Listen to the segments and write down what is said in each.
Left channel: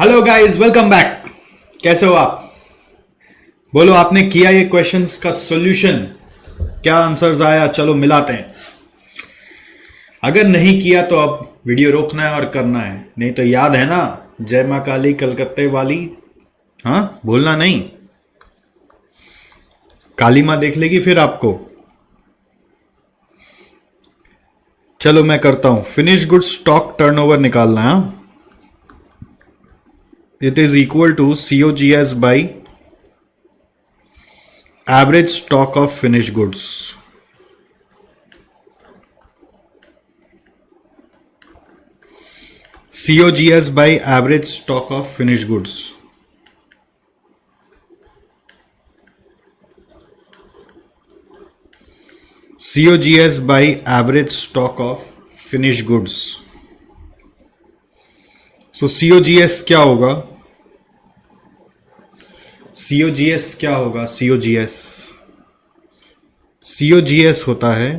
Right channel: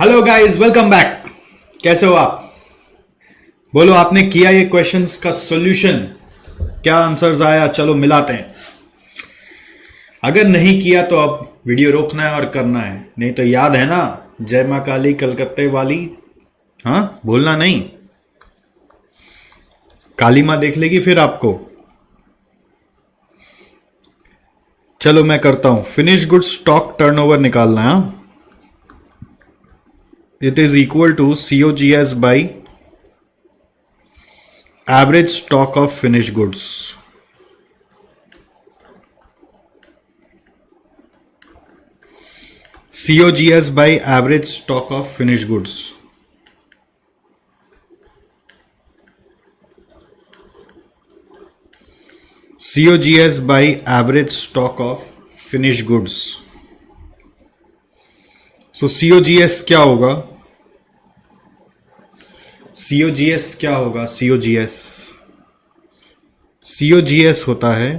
Hello guys, welcome back. कैसे हो आप? बोलो, आपने किया ये क्वेश्चंस का सॉल्यूशन? क्या आंसर्स आया? चलो मिलाते हैं। अगर नहीं किया तो अब वीडियो रोकना है और करना है, नहीं तो याद है ना, जय माँ काली कलकत्ते वाली। हाँ, भूलना नहीं। काली माँ देख लेगी फिर आपको। चलो मैं करता हूं। फिनिश गुड स्टॉक टर्नओवर निकालना है। It is equal to COGS by average stock of finish goods. COGS by average stock of finished goods. COGS by average stock of finished goods. So COGS क्या होगा? COGS क्या होगा? COGS होता है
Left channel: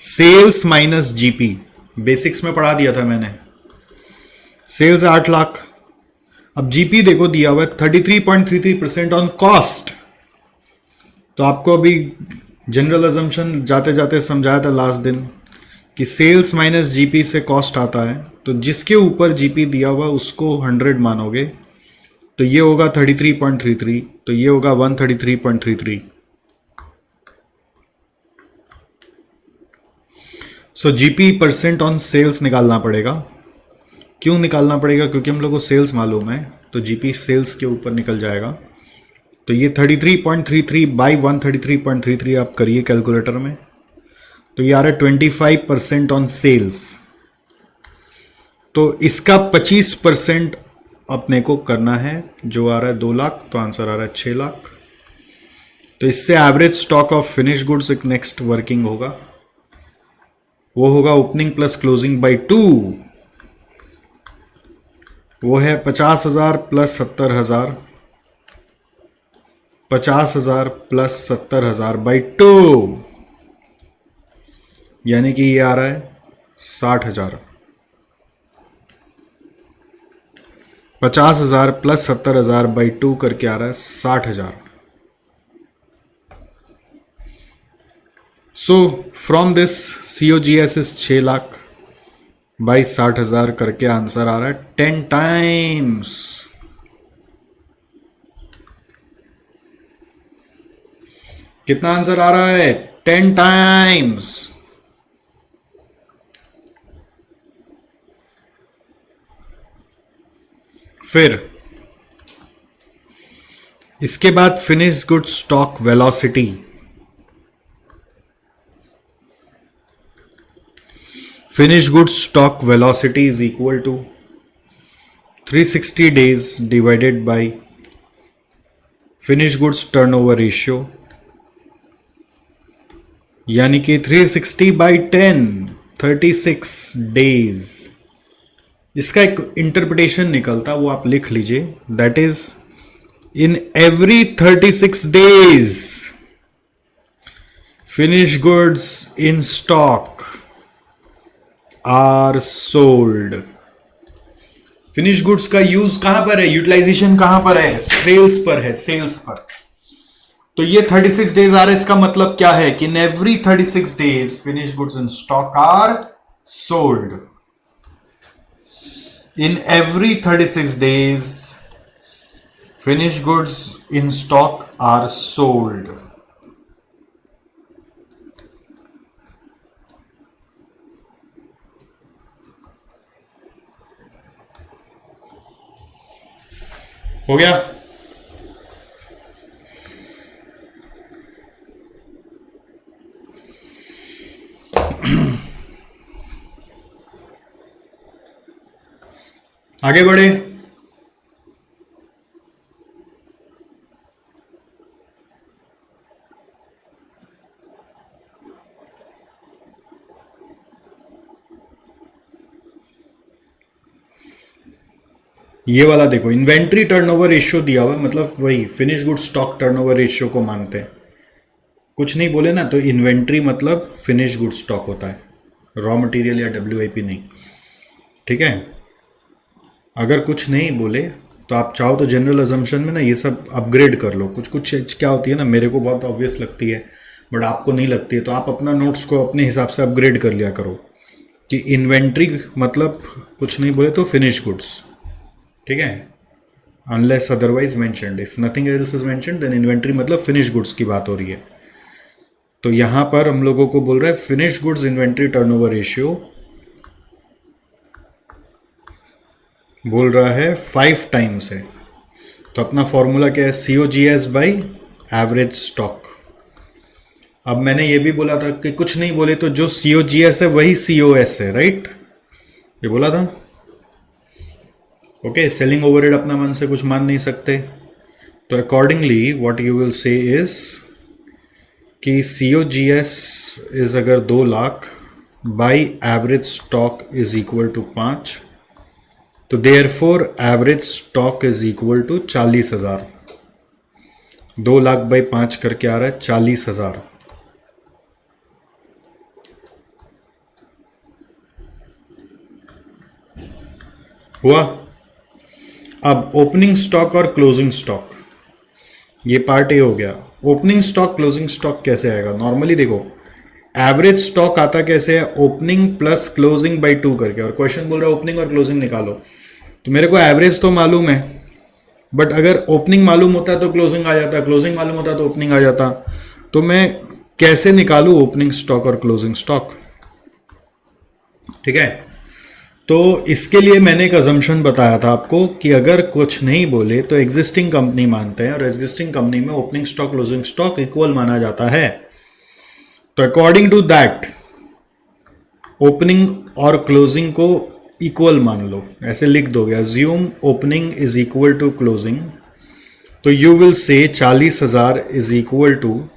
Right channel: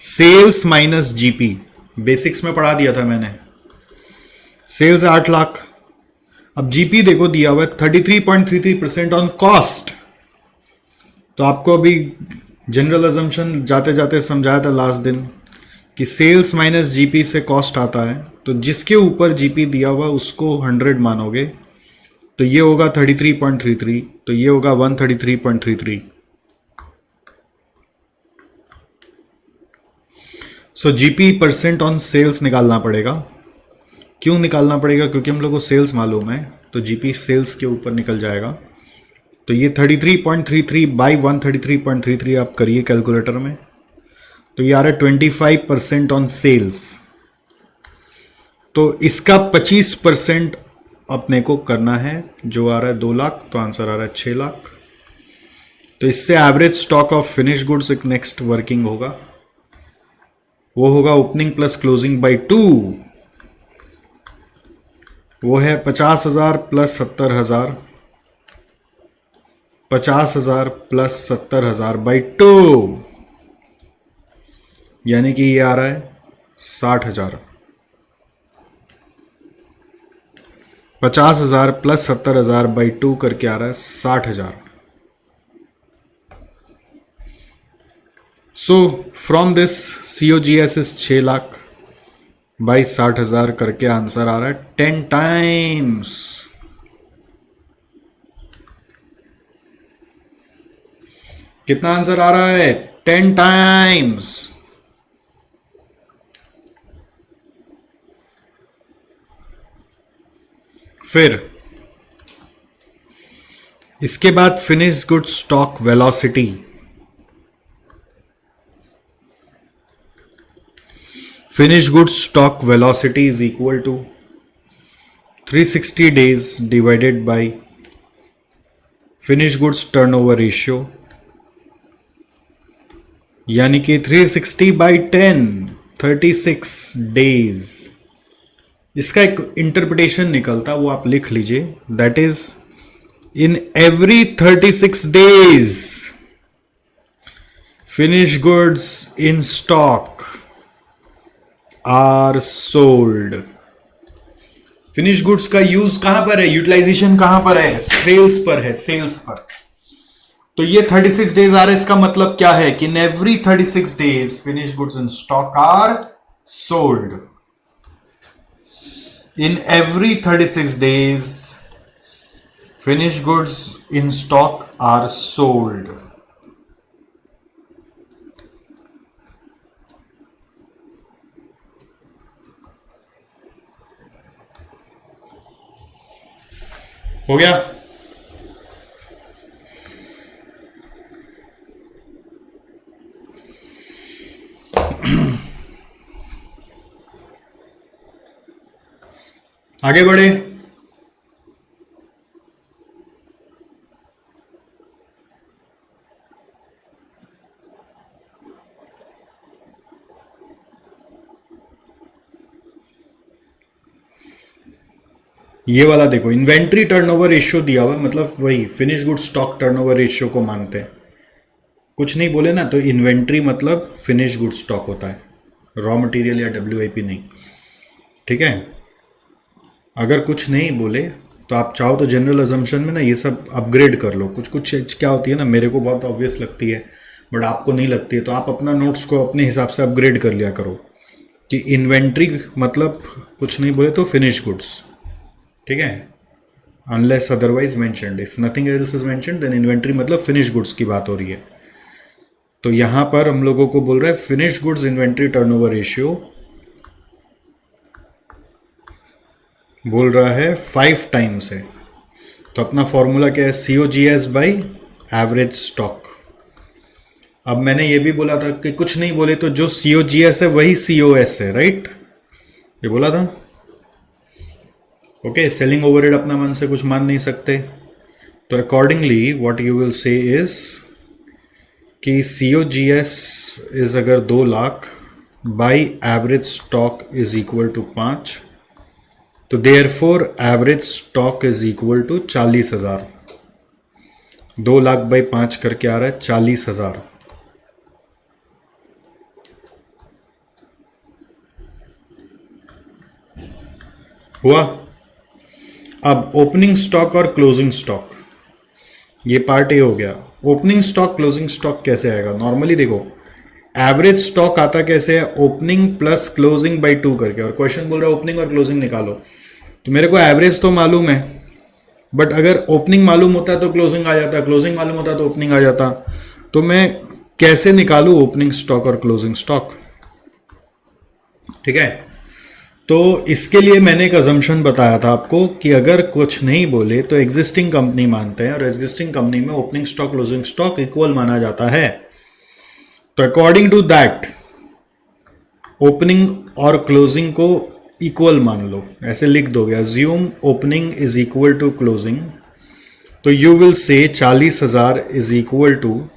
sales minus GP. Basics में पढ़ा दिया था मैंने। सेल्स 8 लाख। अब जीपी देखो दिया हुआ है 33.33% ऑन कॉस्ट। तो आपको अभी जनरल अजम्पशन जाते जाते समझाया था लास्ट दिन कि सेल्स माइनस जीपी से कॉस्ट आता है। तो जिसके ऊपर जीपी दिया हुआ उसको 100 मानोगे, तो ये होगा 33.33, तो ये होगा 133.33। सो जीपी परसेंट ऑन सेल्स निकालना पड़ेगा। क्यों निकालना पड़ेगा? क्योंकि हम लोग को सेल्स मालूम है, तो जीपी सेल्स के ऊपर निकल जाएगा। तो ये 33.33 बाई 133.33 आप करिए कैलकुलेटर में, तो ये आ रहा है 25% ऑन सेल्स। तो इसका 25% अपने को करना है, जो आ रहा है 2 लाख, तो आंसर आ रहा है 6 लाख। तो इससे average stock of finish goods एक नेक्स्ट वर्किंग होगा, वो होगा ओपनिंग प्लस क्लोजिंग बाई 2। वो है 50,000 प्लस 70,000, 50,000 प्लस 70,000 बाई 2, यानी कि ये आ रहा है 60,000। 50,000 प्लस 70,000 बाई 2 करके आ रहा है 60,000। सो from this COGS is 6 lakh by 60,000 करके आंसर आ रहा है 10 टाइम्स। कितना आंसर आ रहा है? 10 टाइम्स। फिर इसके बाद finish good stock velocity. Finish good stock velocity is equal to 360 days divided by finish goods turnover ratio, यानी कि 360 बाई 10, 36 डेज। इसका एक इंटरप्रिटेशन निकलता, वो आप लिख लीजिए। That is in every 36 days finish goods in stock are sold. Finish goods का यूज कहां पर है? यूटिलाइजेशन कहां पर है? सेल्स पर है, सेल्स पर। तो ये 36 डेज आ रहा है। इसका मतलब क्या है कि in every 36 days finish goods in stock are sold. In every 36 days finish goods in stock are sold. हो गया? आगे बढ़े। ये वाला देखो, इन्वेंट्री टर्नओवर रेशियो दिया हुआ, मतलब वही finish good stock turnover ratio को मानते हैं। कुछ नहीं बोले ना, तो इन्वेंट्री मतलब फिनिश गुड स्टॉक होता है, रॉ मटेरियल या WIP नहीं। ठीक है? अगर कुछ नहीं बोले तो आप चाहो तो जनरल अजम्पशन में ना ये सब अपग्रेड कर लो। कुछ कुछ चीज क्या होती है ना, मेरे को बहुत ऑब्वियस लगती है बट आपको नहीं लगती है, तो आप अपना नोट्स को अपने हिसाब से अपग्रेड कर लिया करो कि इन्वेंट्री मतलब कुछ नहीं बोले तो फिनिश गुड्स, ठीक है, unless otherwise mentioned, if nothing else is mentioned then inventory मतलब फिनिश गुड्स की बात हो रही है। तो यहां पर हम लोगों को बोल रहा है finish goods inventory turnover ratio बोल रहा है 5 टाइम्स है। तो अपना फॉर्मूला क्या है, COGS बाई एवरेज स्टॉक। अब मैंने ये भी बोला था कि कुछ नहीं बोले तो जो COGS है वही COS है, राइट, ये बोला था। ओके, सेलिंग ओवरहेड अपना मन से कुछ मान नहीं सकते, तो accordingly what you will say is कि COGS इज अगर 2 lakh by average stock is equal to 5, तो therefore average stock is equal to 40,000। 2 lakh by 5 करके आ रहा है 40,000। हुआ। अब ओपनिंग स्टॉक और क्लोजिंग स्टॉक, ये पार्ट ए हो गया। ओपनिंग स्टॉक क्लोजिंग स्टॉक कैसे आएगा, नॉर्मली देखो एवरेज स्टॉक आता कैसे है, ओपनिंग प्लस क्लोजिंग बाई 2 करके, और क्वेश्चन बोल रहा है ओपनिंग और क्लोजिंग निकालो। तो मेरे को एवरेज तो मालूम है, बट अगर ओपनिंग मालूम होता है तो क्लोजिंग आ जाता, क्लोजिंग मालूम होता तो ओपनिंग आ जाता। तो मैं कैसे निकालू ओपनिंग स्टॉक और क्लोजिंग स्टॉक, ठीक है। तो इसके लिए मैंने एक अजम्पशन बताया था आपको कि अगर कुछ नहीं बोले तो एग्जिस्टिंग कंपनी मानते हैं, और एग्जिस्टिंग कंपनी में opening stock closing stock equal माना जाता है। तो अकॉर्डिंग टू दैट ओपनिंग और क्लोजिंग को इक्वल मान लो, ऐसे लिख दोगे, assume opening is equal to closing, तो you will say 40,000 is equal to,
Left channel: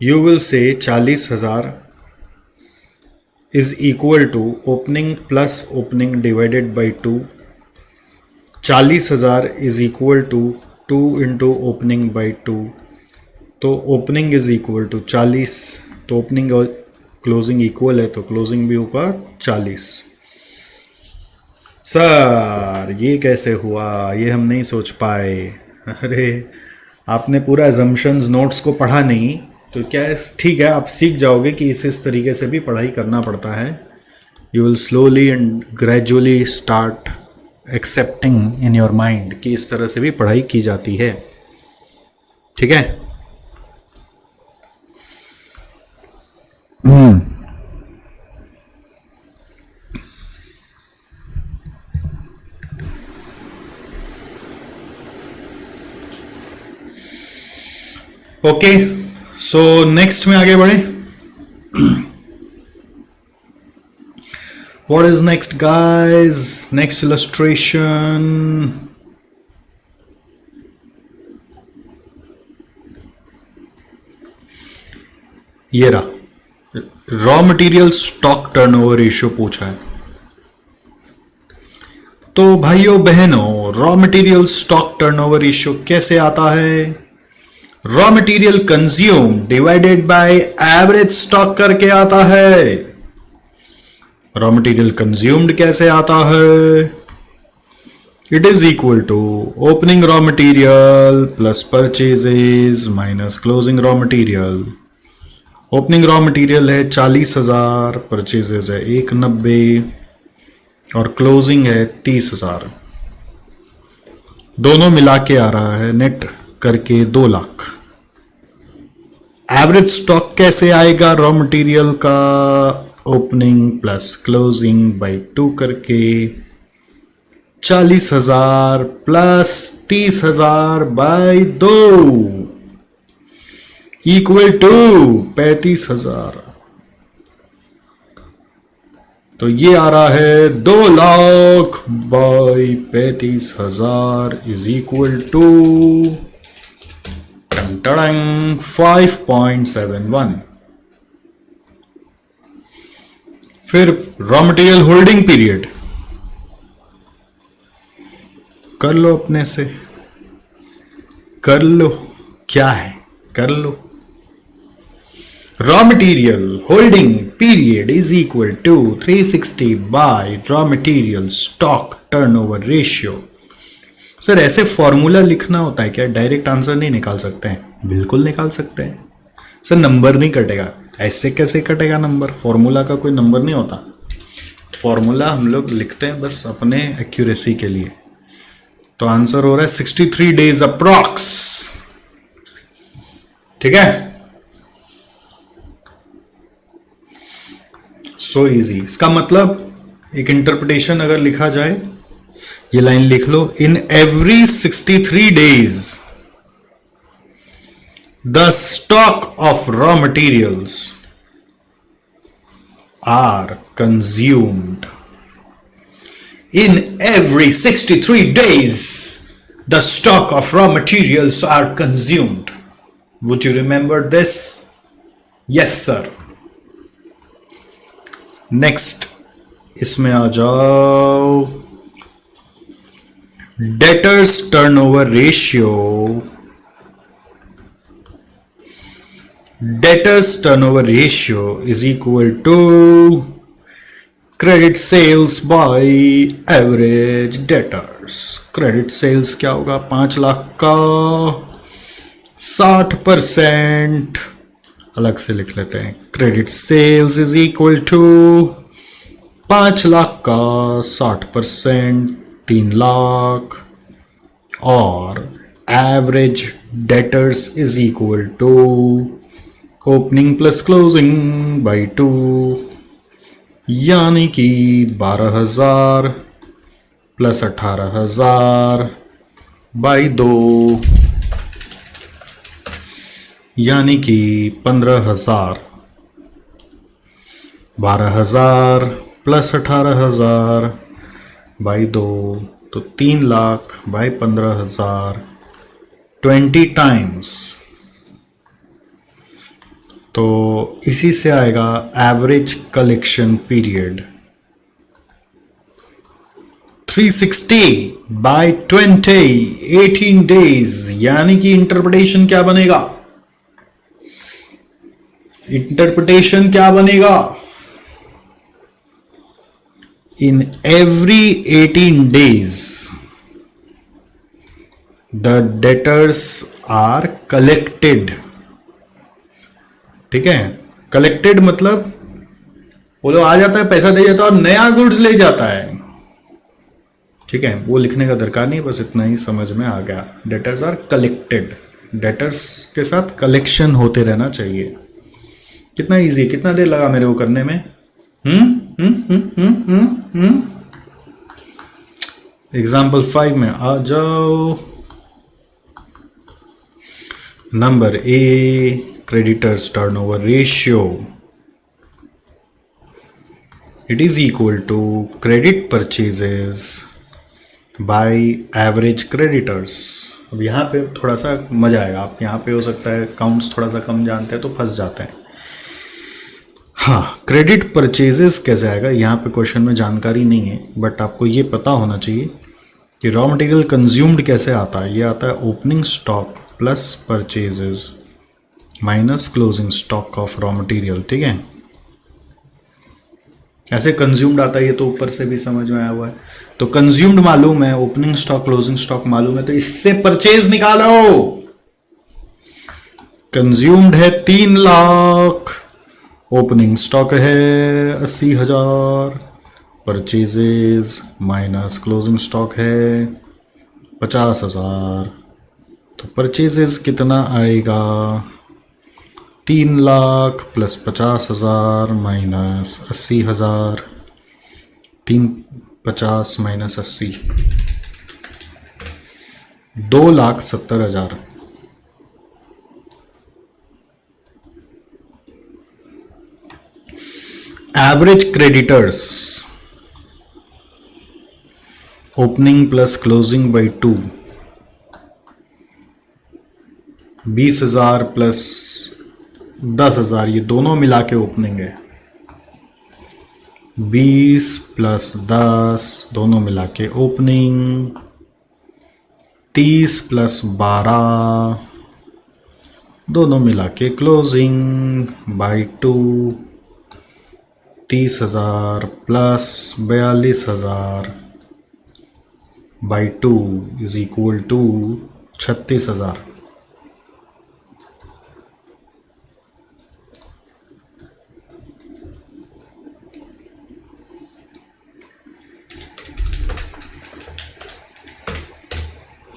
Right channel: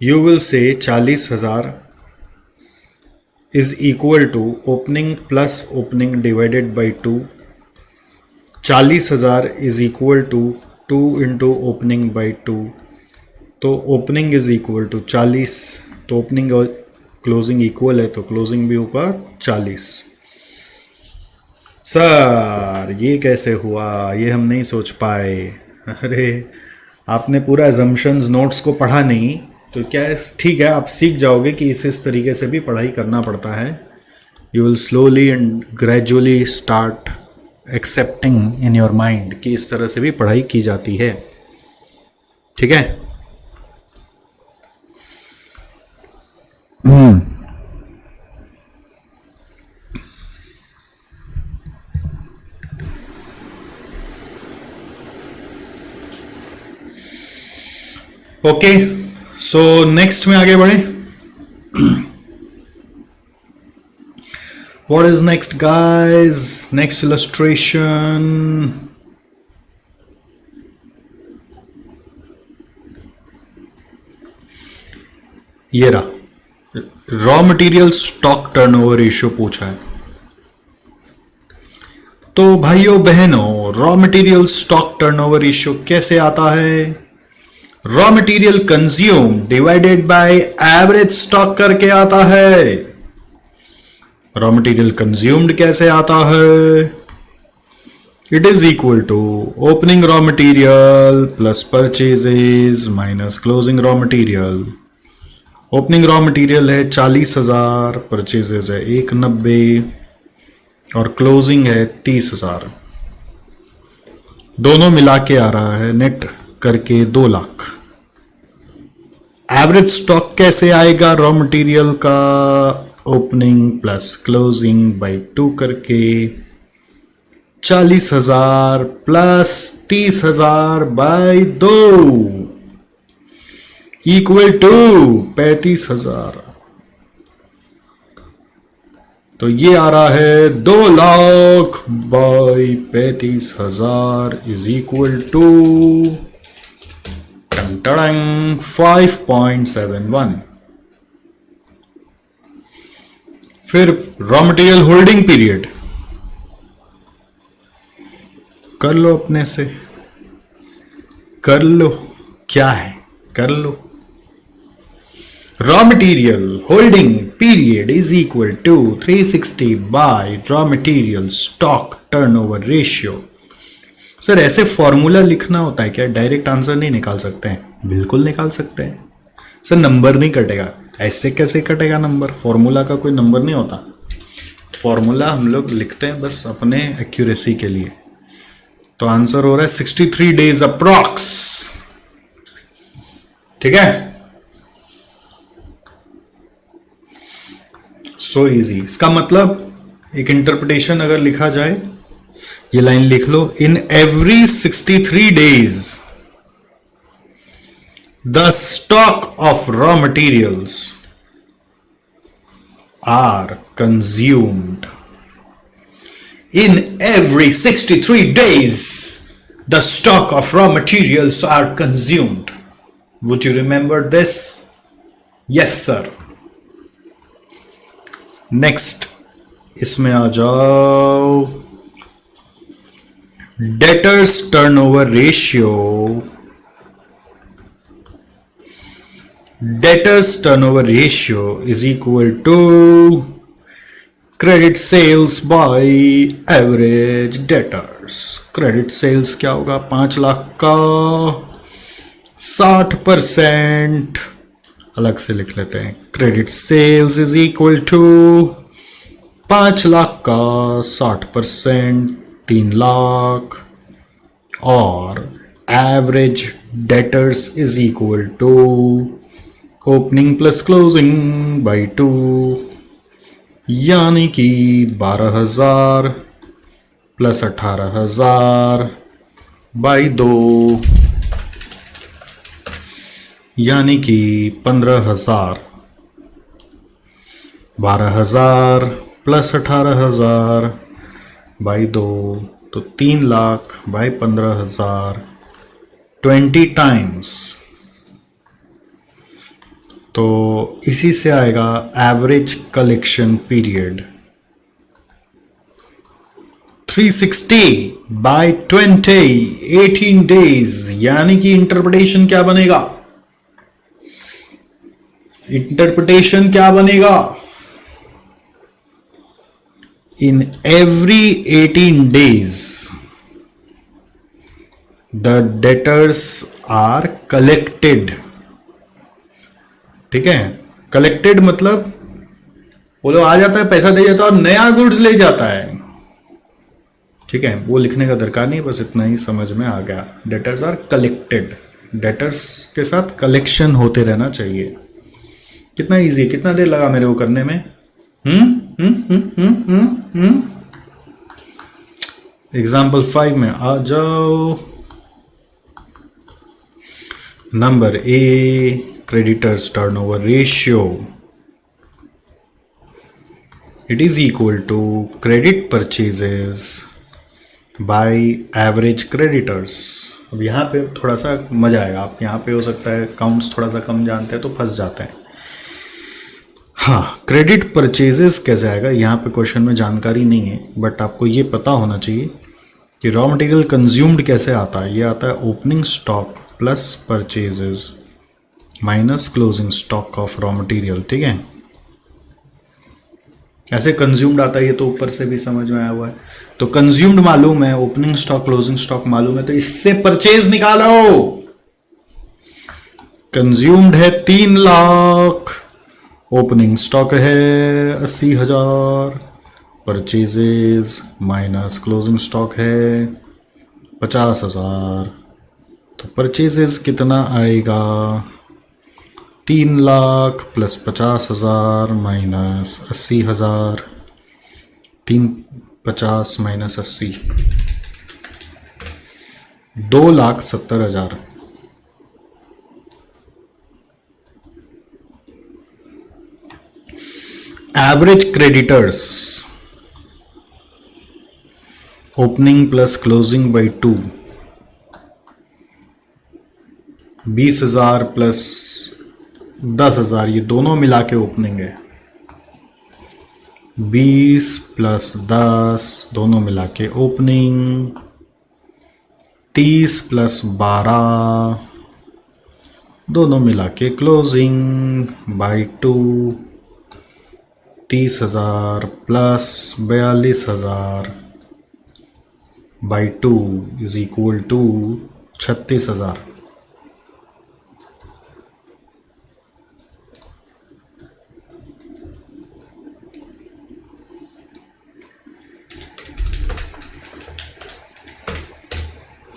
you will say 40,000 is equal to opening plus opening divided by 2। 40,000 is equal to 2 into opening by 2, तो opening is equal to 40, तो opening और closing equal है तो closing भी होगा 40। Sir ये कैसे हुआ, ये हम नहीं सोच पाए। अरे आपने पूरा एजम्पशंस नोट्स को पढ़ा नहीं, तो क्या है, ठीक है, आप सीख जाओगे कि इस तरीके से भी पढ़ाई करना पड़ता है। You will slowly and gradually start accepting in your mind कि इस तरह से भी पढ़ाई की जाती है, ठीक है। ओके, सो नेक्स्ट में आगे बढ़े। What is next, guys? Next illustration. ये रहा, raw material stock turnover ratio पूछा है। तो भाइयों बहनों, raw material stock turnover ratio कैसे आता है, raw material consume divided by average stock करके आता है। रॉ मटेरियल कंज्यूम्ड कैसे आता है, it is equal to opening raw material plus purchases minus closing raw material. Opening raw material है 40,000, परचेजेस है 190 और क्लोजिंग है 30,000, दोनों मिला के आ रहा है नेट करके 2 लाख। एवरेज स्टॉक कैसे आएगा रॉ मटेरियल का, ओपनिंग प्लस क्लोजिंग बाई 2 करके 40,000 प्लस 30,000 बाई 2 इक्वल टू 35,000। तो ये आ रहा है 2 lakh by 35,000 is equal to 5.71। फिर रॉ मटेरियल होल्डिंग पीरियड कर लो, अपने से कर लो, क्या है कर लो। Raw material holding period is equal to 360 by raw material stock turnover ratio. Sir ऐसे फॉर्मूला लिखना होता है क्या? डायरेक्ट आंसर नहीं निकाल सकते हैं? बिल्कुल निकाल सकते हैं सर, नंबर नहीं कटेगा। ऐसे कैसे कटेगा नंबर? फॉर्मूला का कोई नंबर नहीं होता। फॉर्मूला हम लोग लिखते हैं बस अपने एक्यूरेसी के लिए। तो आंसर हो रहा है 63 डेज अप्रॉक्स। ठीक है, सो इजी। इसका मतलब एक इंटरप्रिटेशन अगर लिखा जाए, ये लाइन लिख लो, in every 63 days the stock of raw materials are consumed. In every 63 days, the stock of raw materials are consumed. Would you remember this? Yes, sir. Next, इसमें आ जाओ। Debtors turnover ratio. Debtors turnover ratio is equal to credit sales by average debtors. Credit sales क्या होगा? 5 लाख का 60% अलग से लिख लेते हैं। Credit sales is equal to 5 lakh का 60% 3 लाख, और average debtors is equal to opening plus closing by 2, यानी कि 12,000 प्लस 18,000 बाई 2, यानी कि 15,000। 12,000 प्लस 18,000 बाई 2, तो 3 लाख बाई 15,000, 20 टाइम्स। तो इसी से आएगा average collection period 360 by 20, 18 days. यानी कि इंटरप्रिटेशन क्या बनेगा? इंटरप्रिटेशन क्या बनेगा? In every 18 days the debtors are collected. ठीक है, कलेक्टेड मतलब वो लोग आ जाता है, पैसा दे जाता है और नया गुड्स ले जाता है। ठीक है, वो लिखने का दरकार नहीं, बस इतना ही समझ में आ गया। डेटर्स आर कलेक्टेड, डेटर्स के साथ कलेक्शन होते रहना चाहिए। कितना इजी, कितना देर लगा मेरे को करने में? एग्जाम्पल 5 में आ जाओ। Number A, creditors turnover ratio, it is equal to credit purchases by average creditors। अब यहाँ पे थोड़ा सा मजा आएगा। आप यहाँ पे हो सकता है काउंट्स थोड़ा सा कम जानते हैं तो फंस जाते हैं। हाँ, क्रेडिट परचेजेस कैसे आएगा? यहाँ पे क्वेश्चन में जानकारी नहीं है, बट आपको ये पता होना चाहिए कि रॉ मटेरियल कंज्यूम्ड कैसे आता है। ये आता है opening stock plus purchases minus closing stock of raw material. ठीक है, ऐसे कंज्यूम्ड आता है, ये तो ऊपर से भी समझ में आया हुआ है। तो कंज्यूम्ड मालूम है, ओपनिंग स्टॉक क्लोजिंग स्टॉक मालूम है, तो इससे परचेज निकालो। कंज्यूम्ड है 3 लाख, ओपनिंग स्टॉक है 80,000, परचेजेस माइनस क्लोजिंग स्टॉक है 50,000। तो परचेजेस कितना आएगा? 3 lakh plus 50,000 minus 80,000, 350 minus 80, 2,70,000। Average creditors opening plus closing by 2, 20,000 plus 10,000, ये दोनों मिला के ओपनिंग है। 20 प्लस 10 दोनों मिला के ओपनिंग, 30 प्लस 12 दोनों मिला के closing, by 2 30,000 plus 42,000 by 2 is equal to 36,000।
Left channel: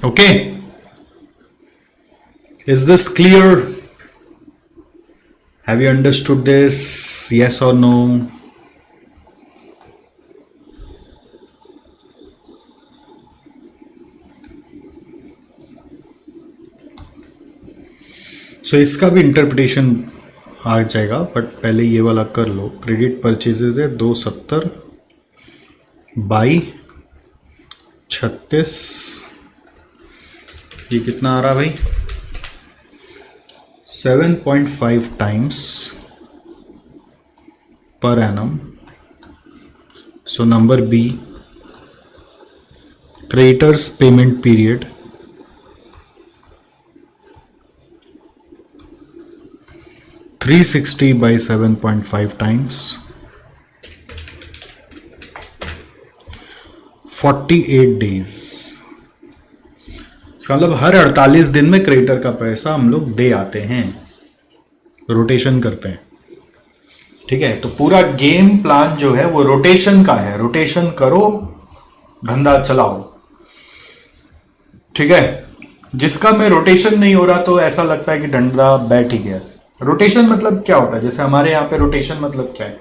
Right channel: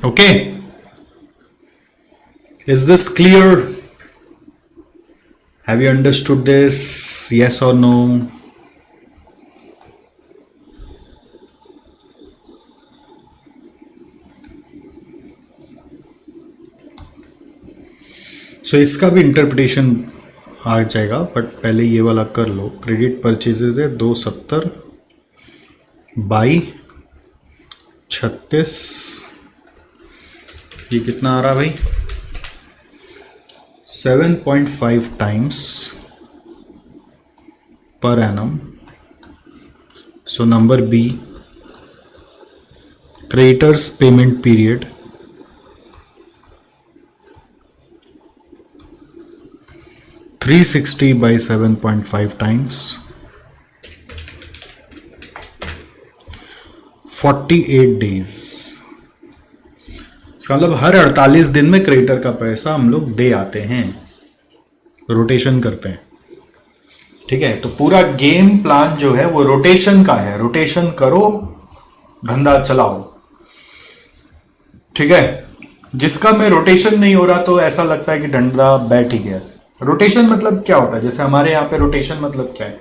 Okay, is this clear? Have you understood this? Yes or no? So इसका भी इंटरप्रिटेशन आ जाएगा, बट पहले ये वाला कर लो। क्रेडिट परचेजेज है 270 बाई 36, ये कितना आ रहा भाई? 7.5 times per annum. So number B, creditors payment period 360 by 7.5 times 48 days. इसका मतलब हर 48 दिन में क्रेडिटर का पैसा हम लोग दे आते हैं, रोटेशन करते हैं। ठीक है, तो पूरा गेम प्लान जो है वो रोटेशन का है। रोटेशन करो, धंधा चलाओ। ठीक है, जिसका में रोटेशन नहीं हो रहा तो ऐसा लगता है कि धंधा बैठ ही गया। रोटेशन मतलब क्या होता है? जैसे हमारे यहाँ पे रोटेशन मतलब क्या है?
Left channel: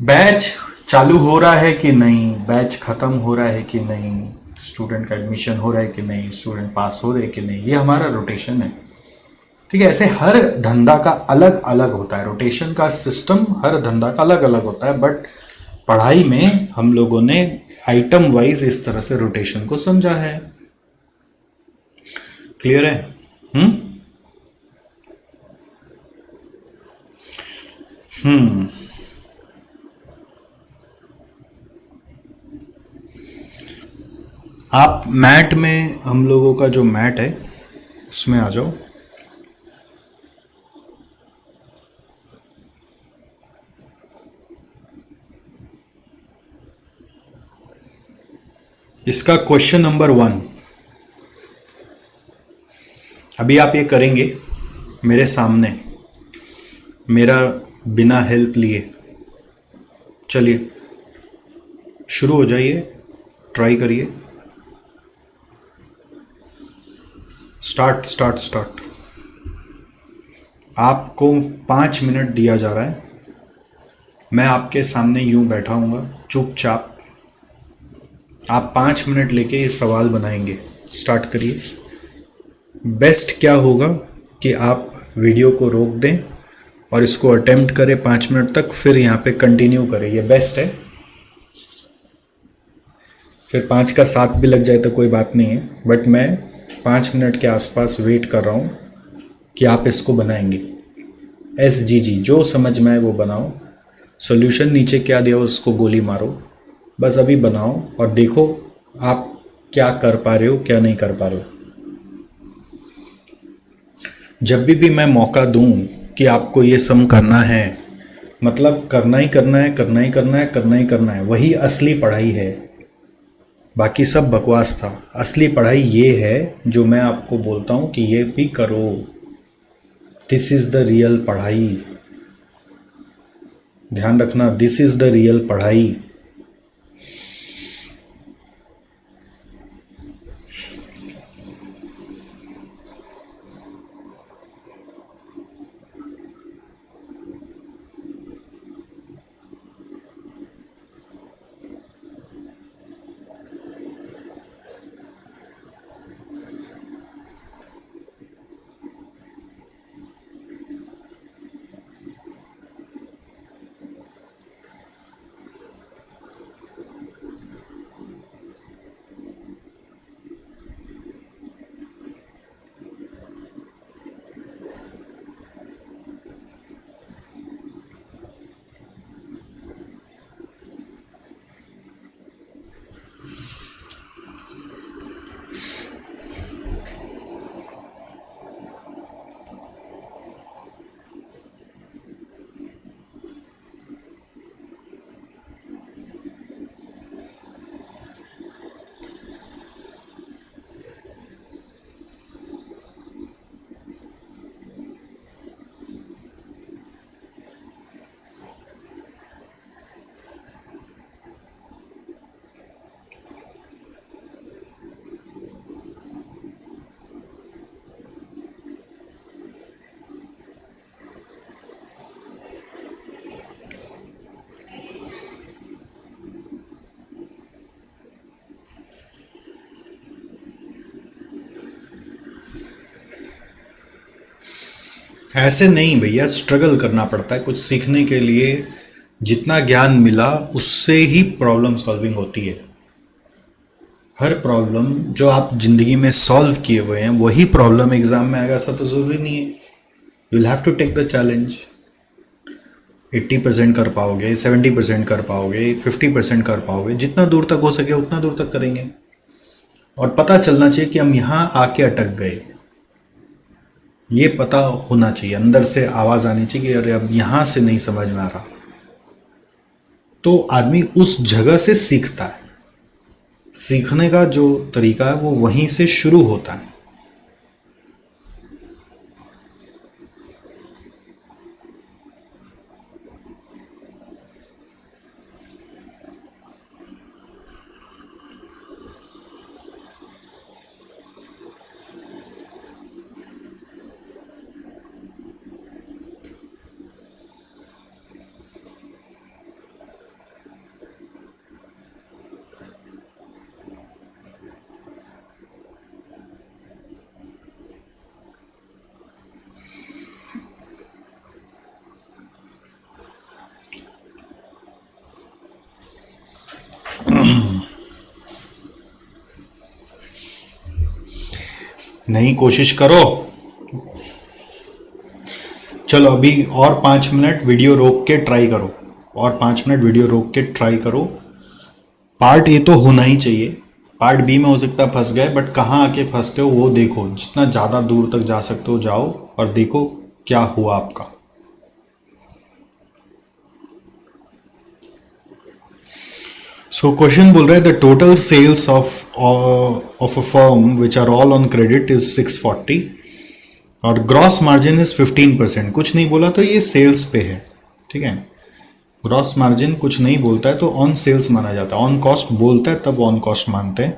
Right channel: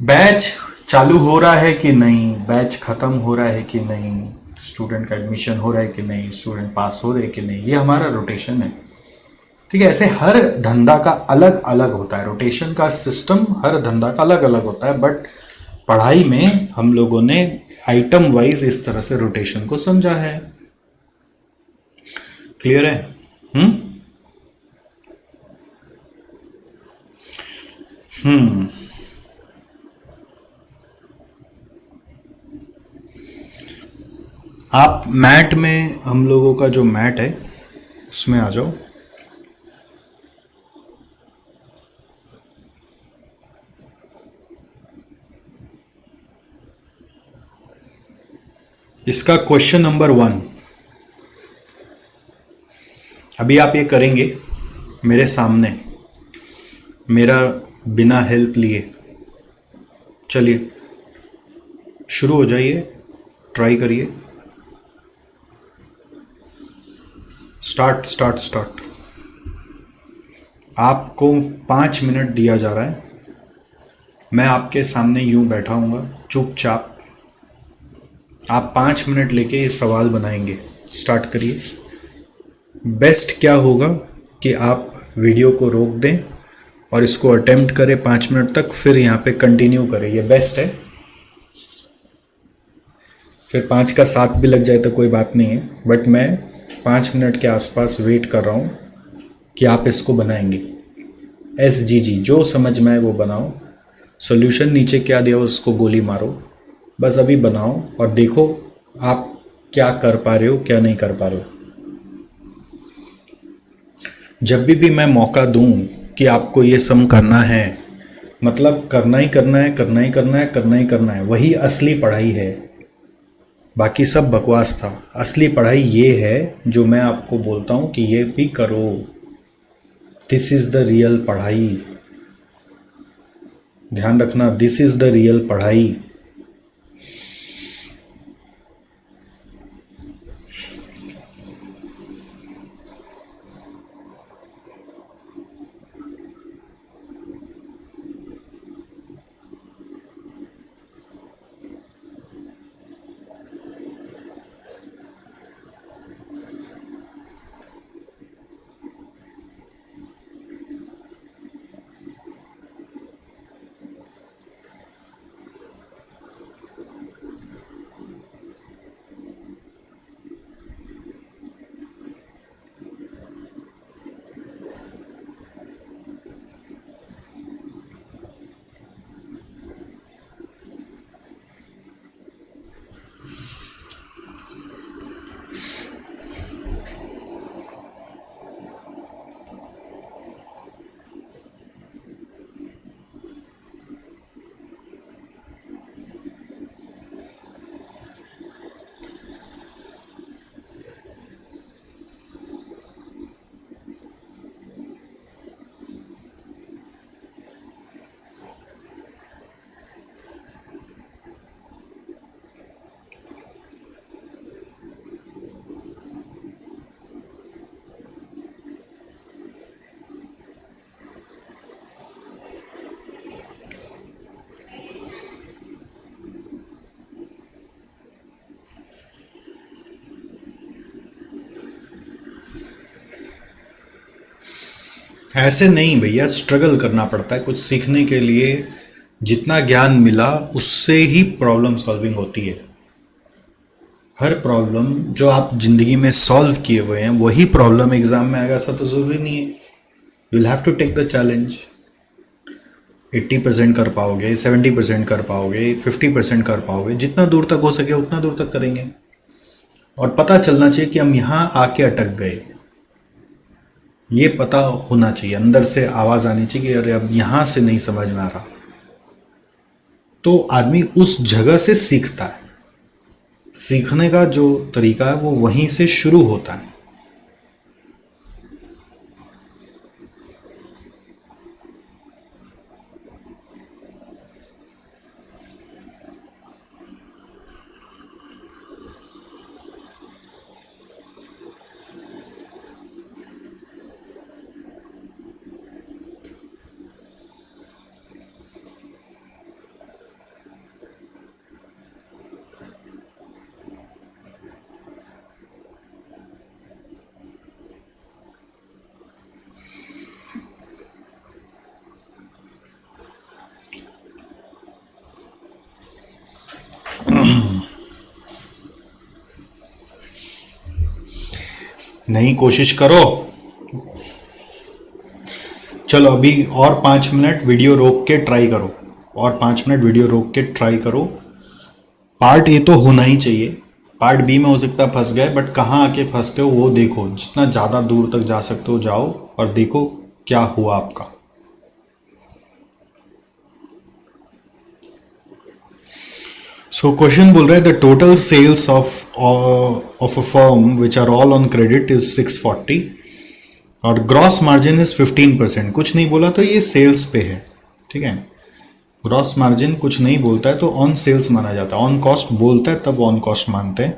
बैच चालू हो रहा है कि नहीं, बैच खत्म हो रहा है कि नहीं, स्टूडेंट का एडमिशन हो रहा है कि नहीं, स्टूडेंट पास हो रहे हैं कि नहीं, ये हमारा रोटेशन है। ठीक है, ऐसे हर धंधा का अलग अलग होता है, रोटेशन का सिस्टम हर धंधा का अलग अलग होता है। बट पढ़ाई में हम लोगों ने आइटम वाइज इस तरह से रोटेशन को समझा है। क्लियर है? हम्म हम्म आप मैट में, हम लोगों का जो मैट है उसमें आ जाओ। इसका क्वेश्चन नंबर 1, अभी आप ये करेंगे मेरे सामने, मेरा बिना हेल्प लिए। चलिए शुरू हो जाइए, ट्राई करिए। Start start start. आपको 5 मिनट दिया जा रहा है। मैं आपके सामने यूं बैठा हूँगा चुपचाप। आप 5 मिनट लेके ये सवाल बनाएंगे। स्टार्ट करिए। बेस्ट क्या होगा कि आप वीडियो को रोक दें और इसको अटेम्प्ट करें 5 मिनट तक, फिर यहाँ पे कंटिन्यू करें, ये बेस्ट है। फिर 5 का 7 भी लग जाए तो कोई बात नहीं है, बट मैं 5 मिनट के आसपास वेट कर रहा हूँ कि आप इसको बनाएंगे। SGG जो समझ में आए वो बनाओ। सॉल्यूशन नीचे क्या दिया उसको गोली मारो, बस अभी बनाओ और देखो आप क्या कर पा रहे हो, क्या नहीं कर पा रहे हो। जब भी मैं मौका दूं कि आपको ये सम करना है, मतलब करना ही करना है, करना ही करना है, करना ही करना है, वही असली पढ़ाई है। बाकी सब बकवास था। असली पढ़ाई ये है जो मैं आपको बोलता हूँ कि ये भी करो। दिस इज द रियल पढ़ाई। ध्यान रखना, दिस इज द रियल पढ़ाई। ऐसे नहीं भैया, स्ट्रगल करना पड़ता है कुछ सीखने के लिए। जितना ज्ञान मिला उससे ही प्रॉब्लम सॉल्विंग होती है। हर प्रॉब्लम जो आप जिंदगी में सॉल्व किए हुए हैं वही प्रॉब्लम एग्जाम में आएगा ऐसा तो जरूरी नहीं है। You will have to take the challenge. 80% कर पाओगे, 70% कर पाओगे, 50% कर पाओगे, जितना दूर तक हो सके उतना दूर तक करेंगे। और पता चलना चाहिए कि हम यहाँ आके अटक गए, ये पता होना चाहिए, अंदर से आवाज आनी चाहिए कि अरे अब यहां से नहीं समझ में आ रहा। तो आदमी उस जगह से सीखता है। सीखने का जो तरीका है वो वहीं से शुरू होता है। नहीं, कोशिश करो। चलो अभी और 5 मिनट वीडियो रोक के ट्राई करो, और 5 मिनट वीडियो रोक के ट्राई करो। पार्ट ए तो होना ही चाहिए, पार्ट बी में हो सकता है फंस गए, बट कहाँ आके फंसते हो वो देखो। जितना ज़्यादा दूर तक जा सकते हो जाओ और देखो क्या हुआ आपका। सो क्वेश्चन बोल रहा है the total sales of a firm which are all on credit is 640 और ग्रॉस मार्जिन इज 15%। कुछ नहीं बोला तो ये सेल्स पे है, ठीक है। ग्रॉस मार्जिन कुछ नहीं बोलता है तो ऑन सेल्स माना जाता है, ऑन कॉस्ट बोलता है तब ऑन कॉस्ट मानते हैं।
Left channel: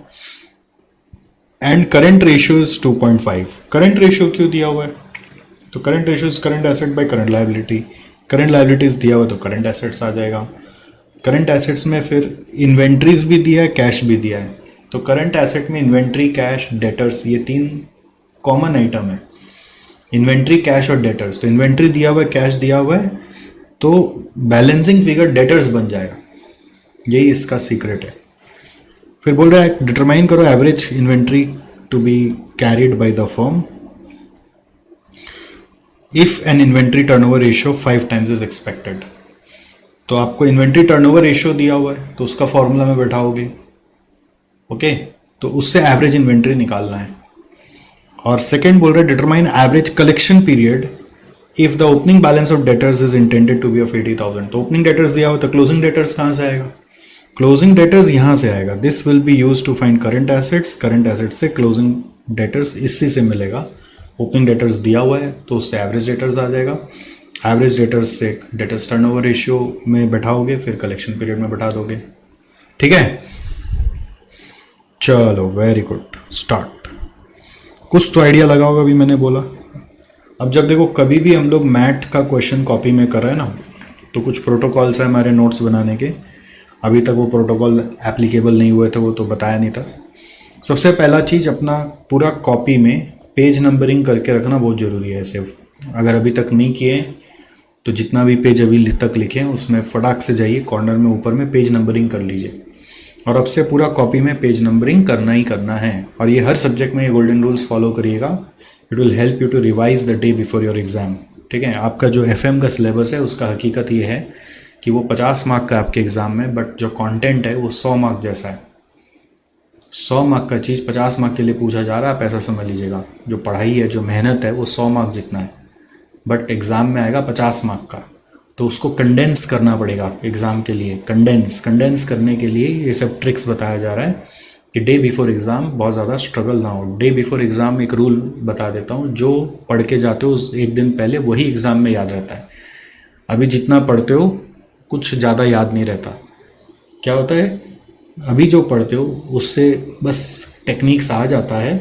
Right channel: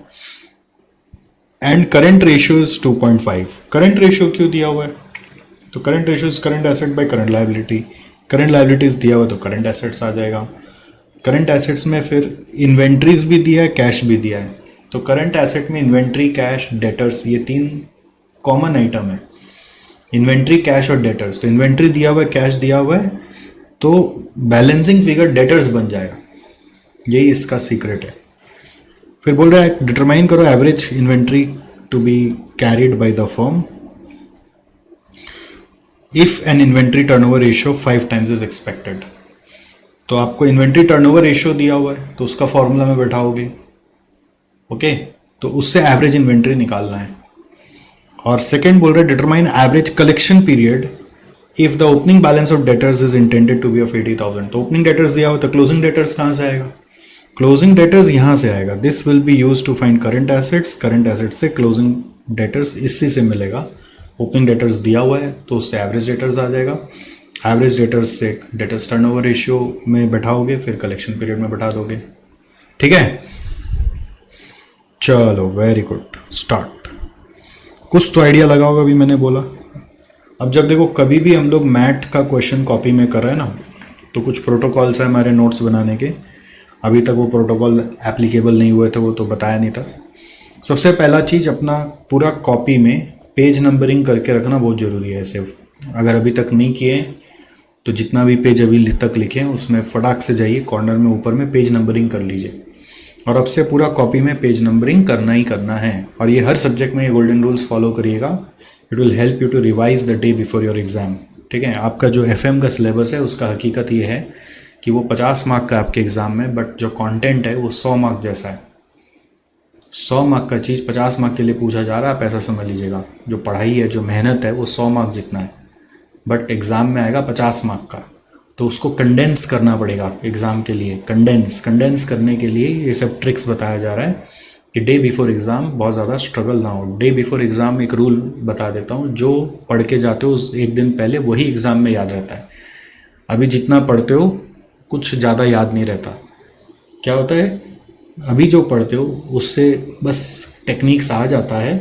And current ratio is 2.5। Current ratio क्यों दिया हुआ है? तो current ratio is current asset by current liability. Current liabilities दिया हुआ तो करंट एसेट्स आ जाएगा। करंट एसेट्स में फिर इन्वेंट्रीज भी दिया है, कैश भी दिया है। तो करंट एसेट में इन्वेंट्री, कैश, डेटर्स, ये 3 कॉमन आइटम है। इन्वेंट्री, कैश और डेटर्स। तो इन्वेंट्री दिया हुआ है, कैश दिया हुआ है, तो बैलेंसिंग फिगर डेटर्स बन जाएगा। यही इसका सीक्रेट है। फिर बोल रहा है डिटरमाइन करो average inventory to be carried by the firm if an inventory turnover ratio 5 times is expected. तो आपको इन्वेंट्री टर्नओवर रेशियो दिया हुआ है तो उसका फॉर्मूला में बैठाओगे, ओके। तो उससे एवरेज इन्वेंट्री निकालना है। और सेकेंड बोल रहा है determine average collection period if the opening balance of debtors is intended to be of 80,000। तो ओपनिंग डेटर्स दिया हुआ तो क्लोजिंग डेटर्स कहाँ से आएगा? क्लोजिंग डेटर्स यहां से आएगा। This will be use to find current assets. Current assets से क्लोजिंग डेटर्स इसी से मिलेगा। ओपनिंग डेटर्स दिया हुआ है तो उससे एवरेज डेटर्स आ जाएगा। एवरेज डेटर्स से डेटर्स टर्नओवर रेशियो में बैठाओगे, फिर कलेक्शन पीरियड में बैठा दोगे, ठीक है। चलो वेरी गुड, स्टार्ट। कुछ तो आइडिया लगा होगा अभी मैंने बोला। अब जब देखो कभी भी हम लोग मैथ का क्वेश्चन कॉपी में कर रहे हैं ना, तो कुछ प्रोटोकॉल्स है हमारे नोट्स बनाने के। अभी तक वो प्रोटोकॉल एप्लीकेबल नहीं हुए थे, वो तो बताया नहीं था। सबसे पहला चीज़, अपना पूरा कॉपी में पेज नंबरिंग करके रखना बहुत ज़रूरी है। सिर्फ अगर अभी तक नहीं किए तो जितना भी पेज अभी तक लिखे उसमें फटाक से जाइए, कॉर्नर में ऊपर में पेज नंबरिंग कर लीजिए। और अब से पूरा कॉपी में पेज नंबरिंग करना ही करना है। और ये हर सब्जेक्ट में ये गोल्डन रूल्स फॉलो करिएगा। It will help you to revise the day before your exam, ठीक है। आपका जो एफएम का सिलेबस है उसका हकीकत ये है कि वो 50 मार्क का आपके एग्जाम में, बट जो कंटेंट है वो 100 मार्क जैसा है। 100 मार्क का चीज़ 50 मार्क के लिए पूछा जा रहा है, आप ऐसा समझ लीजिएगा। जो पढ़ाई है, जो मेहनत है, वो 100 मार्क जितना है, बट एग्ज़ाम में आएगा 50 मार्क का। तो उसको कंडेंस करना पड़ेगा एग्ज़ाम के लिए। कंडेंस करने के लिए ये सब ट्रिक्स बताया जा रहा है कि डे बिफोर एग्ज़ाम बहुत ज़्यादा स्ट्रगल ना हो। डे बिफोर एग्ज़ाम एक रूल बता देता हूँ, जो पढ़ के जाते हो उस एक दिन पहले वही एग्ज़ाम में याद रहता है। अभी जितना पढ़ते हो कुछ ज़्यादा याद नहीं रहता। क्या होता है, अभी जो पढ़ते हो उससे बस टेक्निक्स आ जाता है,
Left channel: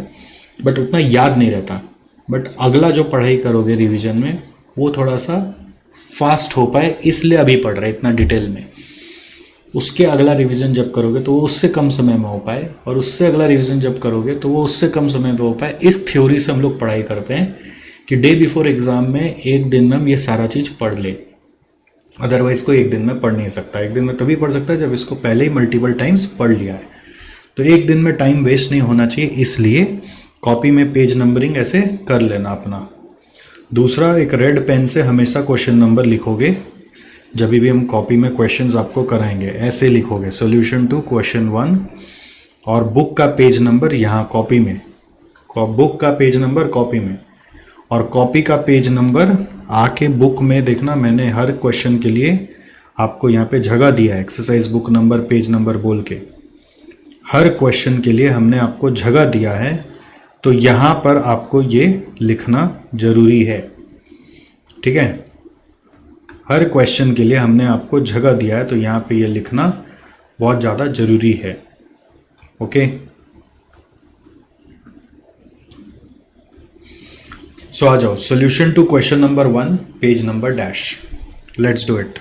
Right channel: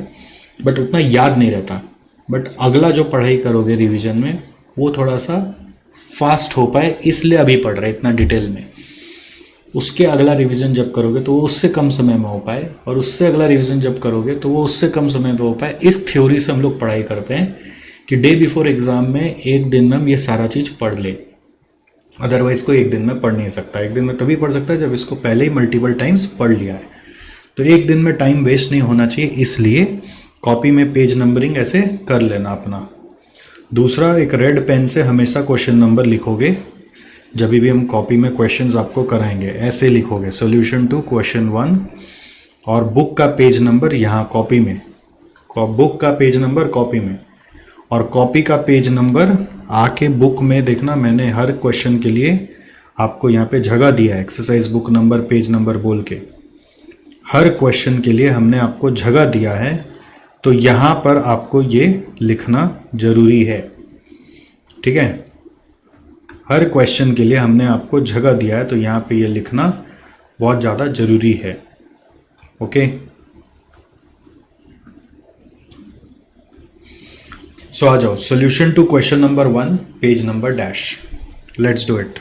बट उतना याद नहीं रहता। बट अगला जो पढ़ाई करोगे रिवीजन में, वो थोड़ा सा फास्ट हो पाए इसलिए अभी पढ़ रहे इतना डिटेल में। उसके अगला रिवीजन जब करोगे तो वो उससे कम समय में हो पाए, और उससे अगला रिवीजन जब करोगे तो वो उससे कम समय में हो पाए। इस थ्योरी से हम लोग पढ़ाई करते हैं कि डे बिफोर एग्जाम में एक दिन में हम ये सारा चीज पढ़ ले, अदरवाइज कोई एक दिन में पढ़ नहीं सकता। एक दिन में तभी पढ़ सकता है जब इसको पहले ही मल्टीपल टाइम्स पढ़ लिया है। तो एक दिन में टाइम वेस्ट नहीं होना चाहिए, इसलिए कॉपी में पेज नंबरिंग ऐसे कर लेना अपना। दूसरा, एक रेड पेन से हमेशा क्वेश्चन नंबर लिखोगे। जब भी हम कॉपी में क्वेश्चंस आपको कराएंगे ऐसे लिखोगे, सॉल्यूशन टू क्वेश्चन 1, और बुक का पेज नंबर यहाँ कॉपी में, बुक का पेज नंबर कॉपी में, और कॉपी का पेज नंबर आके बुक में देखना। मैंने हर क्वेश्चन के लिए आपको यहाँ पे जगह दिया है, exercise book number page number बोल के। हर क्वेश्चन के लिए हमने आपको जगह दिया है, तो यहाँ पर आपको ये लिखना जरूरी है, ठीक है। हर क्वेश्चन के लिए हमने आपको जगह दिया है, तो यहाँ पे ये लिखना बहुत ज़्यादा जरूरी है, ओके। सो आ जाओ, solution to question number 1, page number dash, let's do it.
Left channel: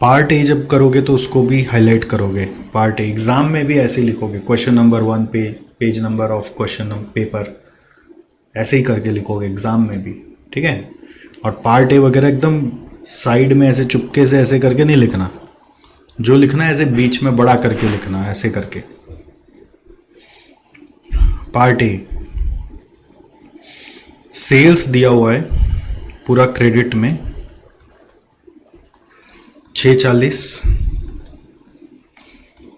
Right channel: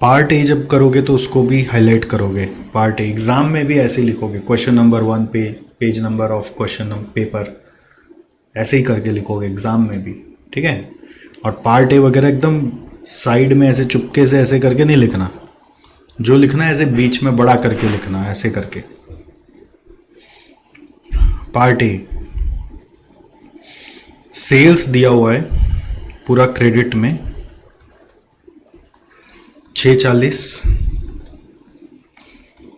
Part A जब करोगे तो उसको भी हाईलाइट करोगे। पार्ट ए एग्जाम में भी ऐसे लिखोगे, क्वेश्चन नंबर 1 पे page number of question paper, ऐसे ही करके लिखोगे एग्जाम में भी, ठीक है। और पार्ट ए वगैरह एकदम साइड में ऐसे चुपके से ऐसे करके नहीं लिखना, जो लिखना है ऐसे बीच में बड़ा करके लिखना, ऐसे करके। पार्ट ए, सेल्स दिया हुआ है पूरा क्रेडिट में 640,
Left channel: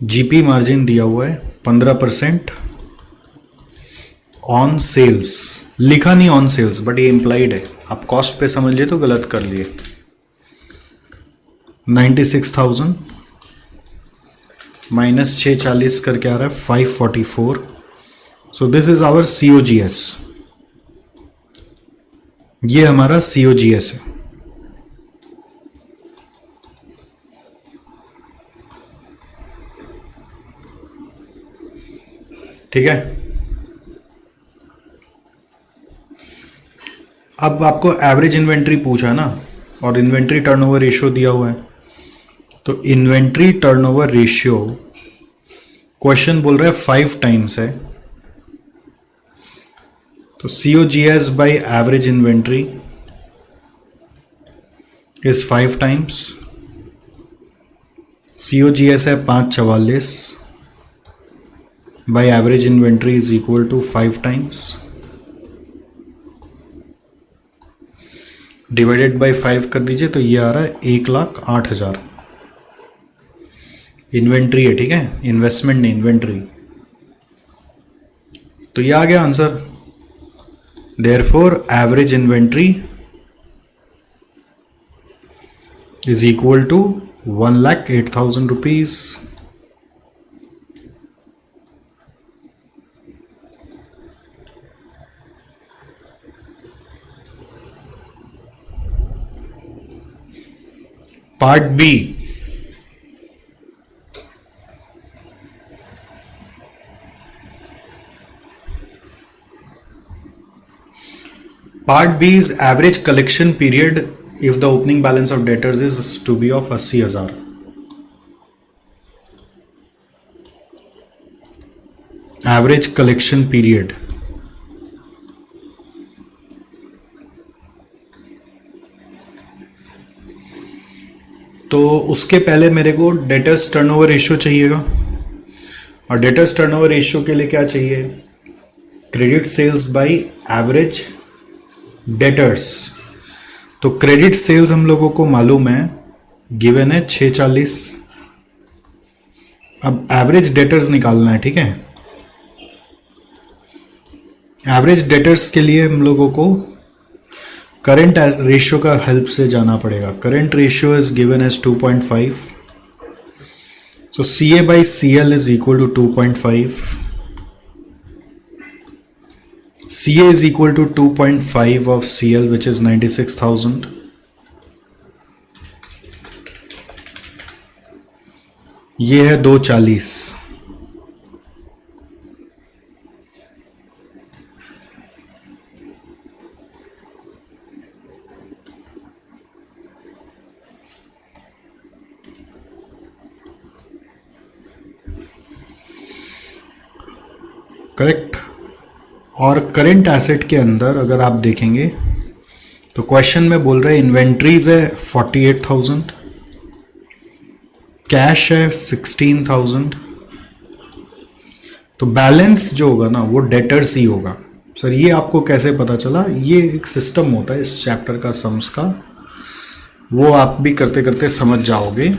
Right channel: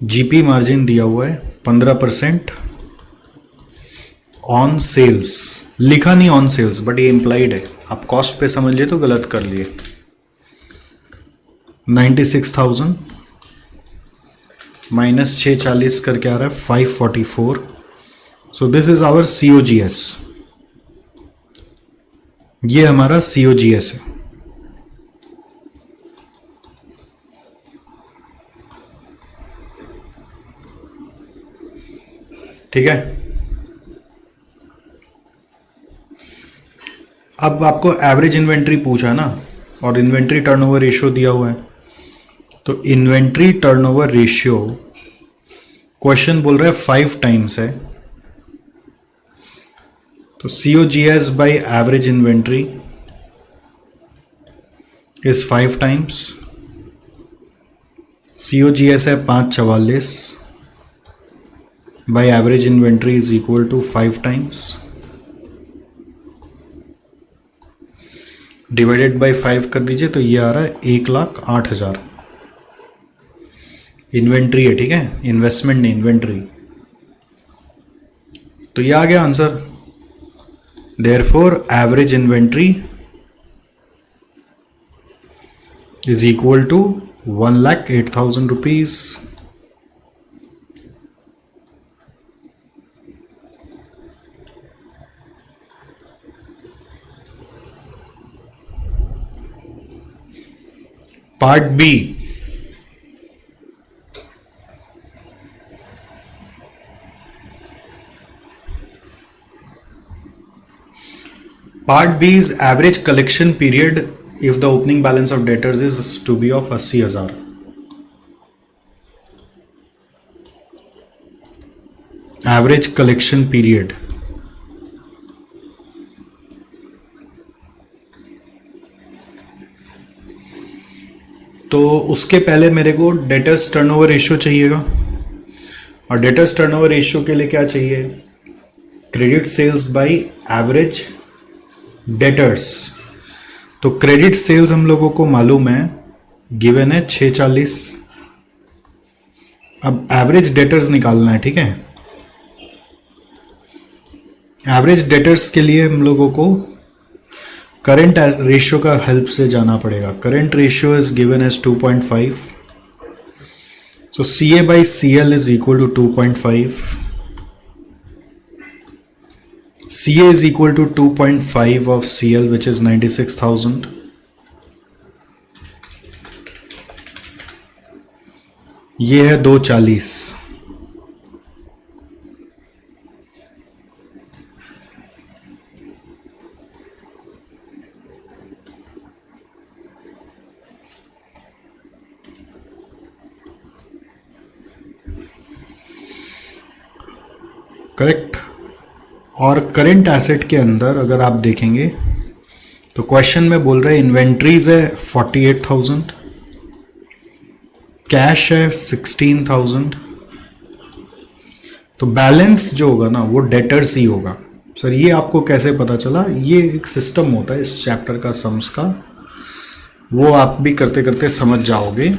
जीपी मार्जिन दिया हुआ है 15% ऑन सेल्स। लिखा नहीं ऑन सेल्स, बट ये इंप्लाइड है, आप कॉस्ट पे समझ लिए तो गलत कर लिए। 96,000 माइनस 640 करके आ रहा है 544। So this is our COGS, ये हमारा COGS है, ठीक है। अब आपको एवरेज इन्वेंट्री पूछा ना, और इन्वेंट्री टर्नओवर रेशियो दिया हुआ है, तो इन्वेंट्री टर्नओवर रेशियो क्वेश्चन बोल रहा है 5 टाइम्स है, तो COGS by average inventory is 5 times. COGS है 544 by average inventory is equal to 5 times, divided by 5 कर दीजिए तो ये आ रहा है 1,08,000। इन्वेंट्री है, ठीक है, इन्वेस्टमेंट नहीं, इन्वेंट्री। तो ये आ गया answer. Therefore average inventory is equal to 1,08,000 rupees. Part B, part B is average collection period if the opening balance of debtors is to be of 80,000. Average collection period, तो उसके पहले मेरे को डेटर्स टर्नओवर रेशियो चाहिएगा, और debtors turnover ratio के लिए क्या चाहिए, credit sales by average debtors. तो क्रेडिट सेल्स हम लोगों को मालूम है, गिवन है 640। अब एवरेज डेटर्स निकालना है, ठीक है। एवरेज डेटर्स के लिए हम लोगों को करंट रेशियो का हेल्प से जाना पड़ेगा। Current ratio is given as 2.5, so CA by CL is equal to 2.5। CA is equal to 2.5 of CL, which is 96,000. ये है 240, करेक्ट। और करेंट एसेट के अंदर अगर आप देखेंगे तो क्वेश्चन में बोल रहे हैं इन्वेंट्रीज है 48,000, कैश है 16,000, तो बैलेंस जो होगा ना वो डेटर्स ही होगा। सर ये आपको कैसे पता चला? ये एक सिस्टम होता है इस चैप्टर का सम्स का, वो आप भी करते करते समझ जाओगे।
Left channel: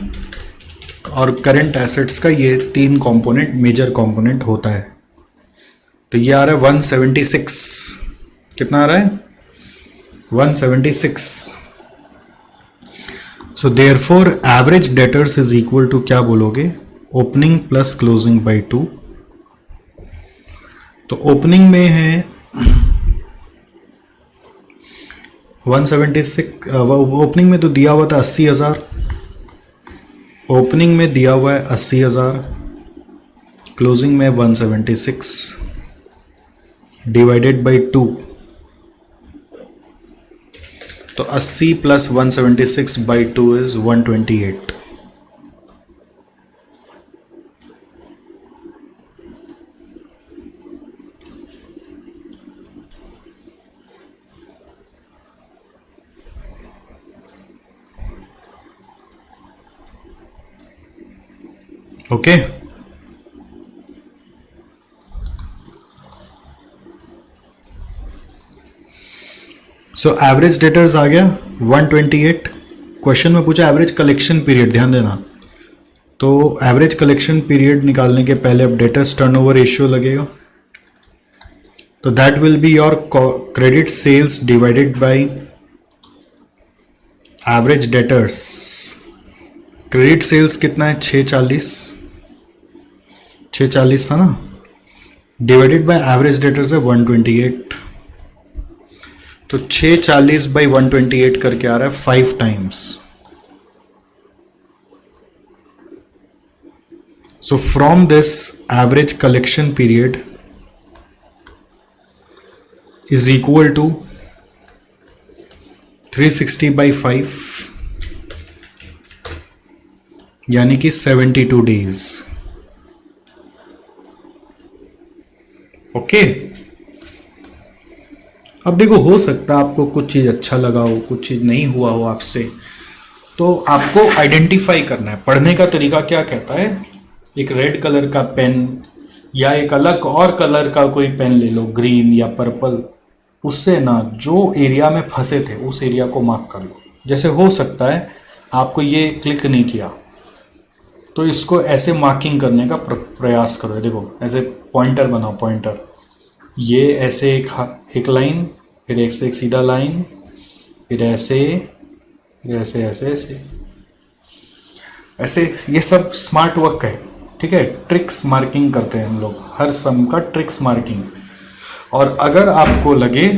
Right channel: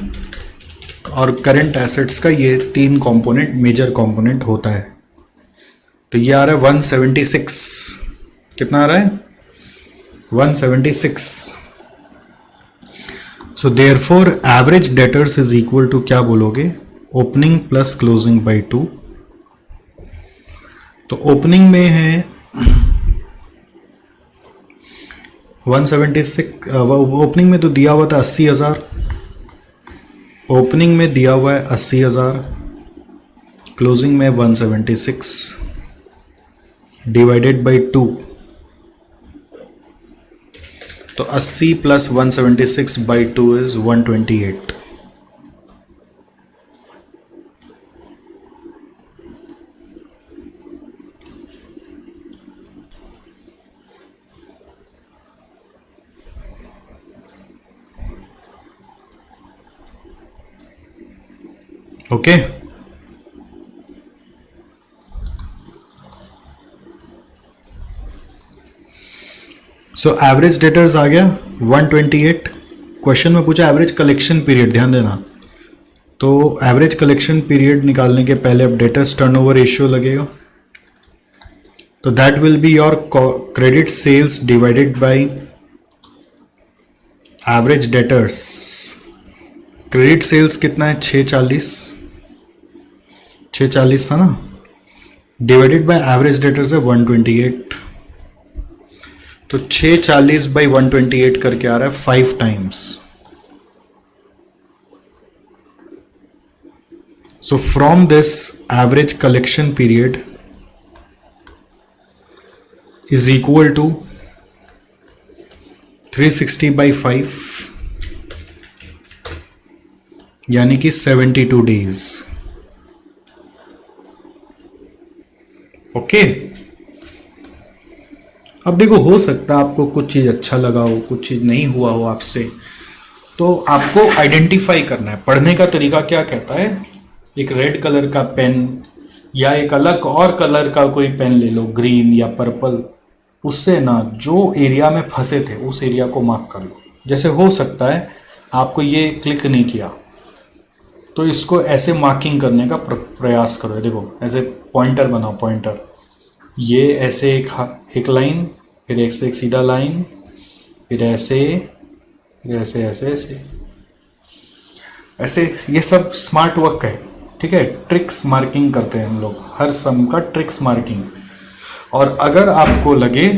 और करंट एसेट्स का ये 3 कंपोनेंट, मेजर कंपोनेंट होता है। तो ये आ रहा है 176, कितना आ रहा है? 176। So therefore average debtors is equal to क्या बोलोगे? Opening plus closing by 2। तो ओपनिंग में है 176, ओपनिंग में तो दिया हुआ था 80,000, ओपनिंग में दिया हुआ है 80,000, क्लोजिंग में 176 डिवाइडेड बाई 2। तो 80 plus 176 by 2 is 128। Okay so average debtors आ गया 128। क्वेश्चन में पूछा एवरेज कलेक्शन पीरियड, ध्यान देना। तो एवरेज कलेक्शन पीरियड निकालने के पहले अब डेटर्स टर्नओवर रेशियो लगेगा। तो that will be your credit sales divided by average debtors. Credit sales कितना है? 640 था ना, डिवाइडेड बाय एवरेज डेटर्स है 128। तो 640 बाई 128 करके आ रहा है 5 times. So from this average collection period is equal to 360 by 5, यानी कि 72 डेज। ओके अब देखो, हो सकता है आपको कुछ चीज अच्छा लगा हो, कुछ चीज नहीं हुआ हो आपसे, तो आपको आइडेंटिफाई करना है। पढ़ने का तरीका क्या कहता है? एक रेड कलर का पेन या एक अलग और कलर का कोई पेन ले लो, ग्रीन या पर्पल, उससे ना जो एरिया में फंसे थे उस एरिया को मार्क कर लो। जैसे हो सकता है आपको ये क्लिक नहीं किया, तो इसको ऐसे मार्किंग करने का प्रयास करो। देखो ऐसे पॉइंटर बनाओ, पॉइंटर, ये ऐसे एक लाइन, फिर ऐसे एक सीधा लाइन, फिर ऐसे, फिर ऐसे ऐसे ऐसे ऐसे। ये सब स्मार्ट वर्क है, ठीक है। ट्रिक्स मार्किंग करते हैं हम लोग, हर सम का ट्रिक्स मार्किंग। और अगर आपको लगे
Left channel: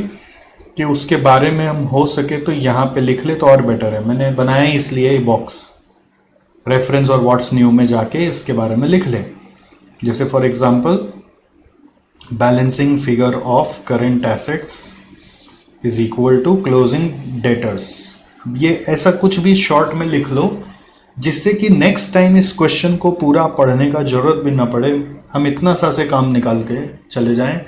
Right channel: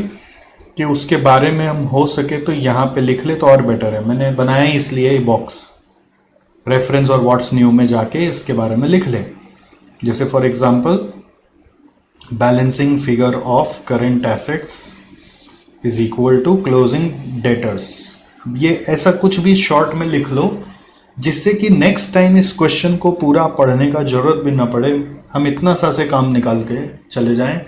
कि उसके बारे में हम हो सके तो यहाँ पे लिख ले तो और बेटर है। मैंने बनाया ही इसलिए ये बॉक्स, रेफरेंस और व्हाट्स न्यू में जाके इसके बारे में लिख ले। जैसे for example balancing figure of current assets is equal to closing debtors. ये ऐसा कुछ भी शॉर्ट में लिख लो जिससे कि नेक्स्ट टाइम इस क्वेश्चन को पूरा पढ़ने का जरूरत भी ना पड़े, हम इतना सा से काम निकाल के चले जाएं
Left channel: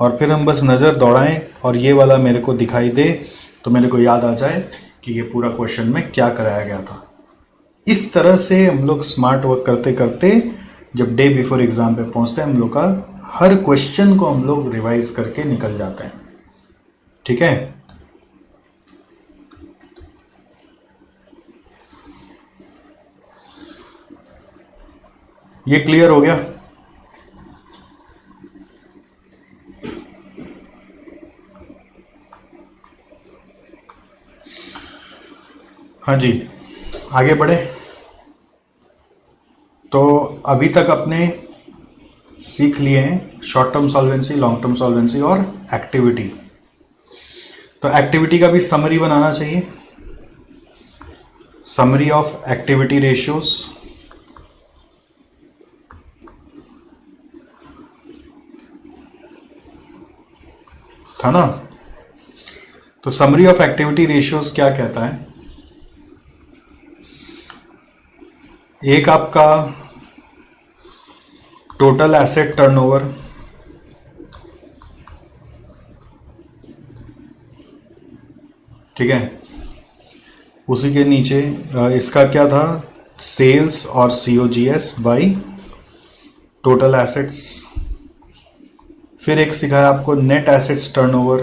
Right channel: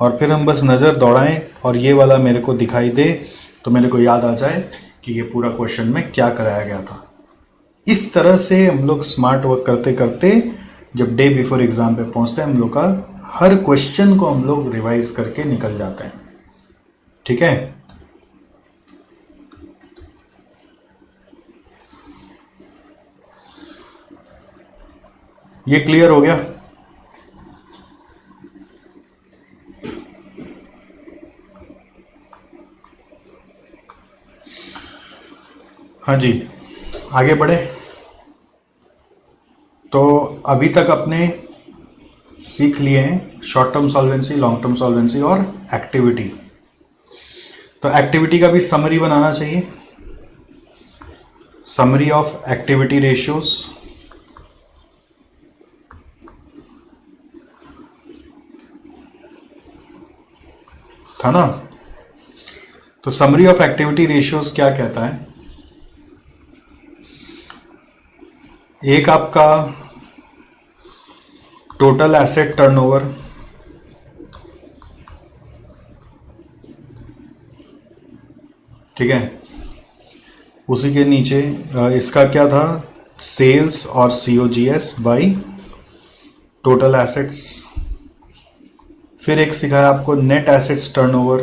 और फिर हम बस नज़र दौड़ाएं और ये वाला मेरे को दिखाई दे तो मेरे को याद आ जाए कि ये पूरा क्वेश्चन में क्या कराया गया था। इस तरह से हम लोग स्मार्ट वर्क करते करते जब डे बिफोर एग्जाम पे पहुंचते हैं, हम लोग का हर क्वेश्चन को हम लोग रिवाइज करके निकल जाते हैं, ठीक है। ये क्लियर हो गया? हाँ जी, आगे बढ़े। तो अभी तक अपने सीख लिए हैं short term solvency, long term solvency और एक्टिविटी। तो एक्टिविटी का भी समरी बनाना चाहिए, समरी ऑफ एक्टिविटी रेशियोज। था ना? तो समरी ऑफ एक्टिविटी रेशियोज क्या कहता है? एक आपका टोटल एसेट टर्नओवर, ठीक है। उसी के नीचे इसका क्या था, सेल्स और COGS बाई टोटल एसेट्स। फिर एक सिखाया आपको net assets turnover,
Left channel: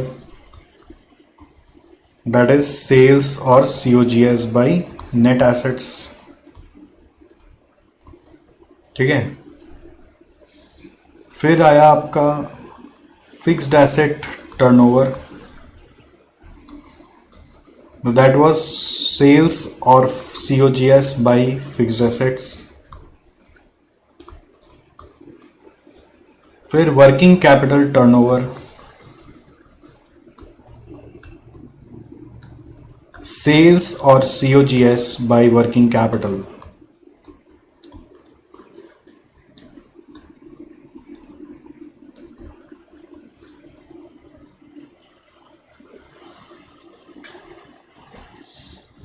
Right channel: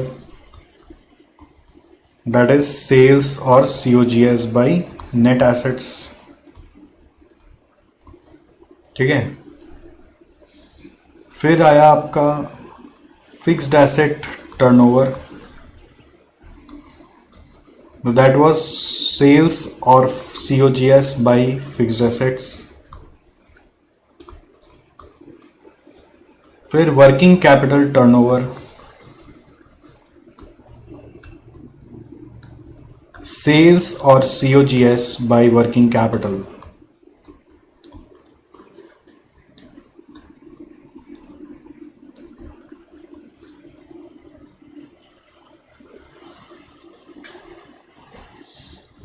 that is sales और COGS बाई नेट एसेट्स। ठीक है। फिर आया आपका fixed asset turnover, that was sales और COGS बाई फिक्स्ड एसेट्स। फिर वर्किंग कैपिटल टर्नओवर, सेल्स और COGS बाई वर्किंग कैपिटल।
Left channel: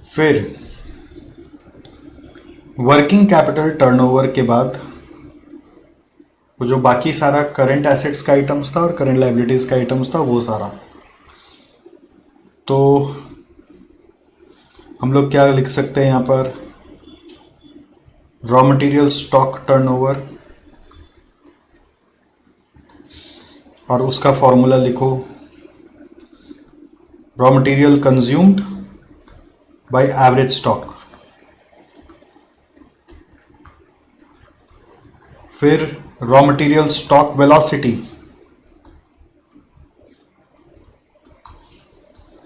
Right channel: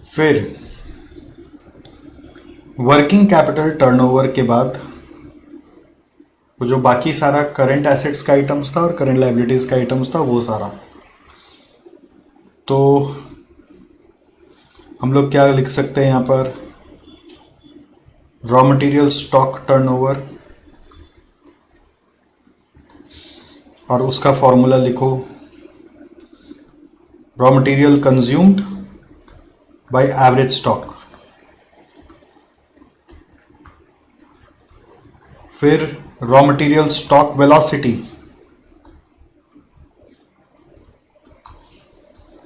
फिर वर्किंग कैपिटल टर्नओवर के बाद वो जो बाकी सारा करंट एसेट्स का आइटम्स था और करंट लायबिलिटीज का आइटम्स था वो सारा, तो हम लोग क्या लिख सकते हैं यहाँ पर, रॉ मटेरियल स्टॉक टर्नओवर, और उसका फॉर्मूला लिखो, raw material consumed by average stock. फिर raw material stock velocity,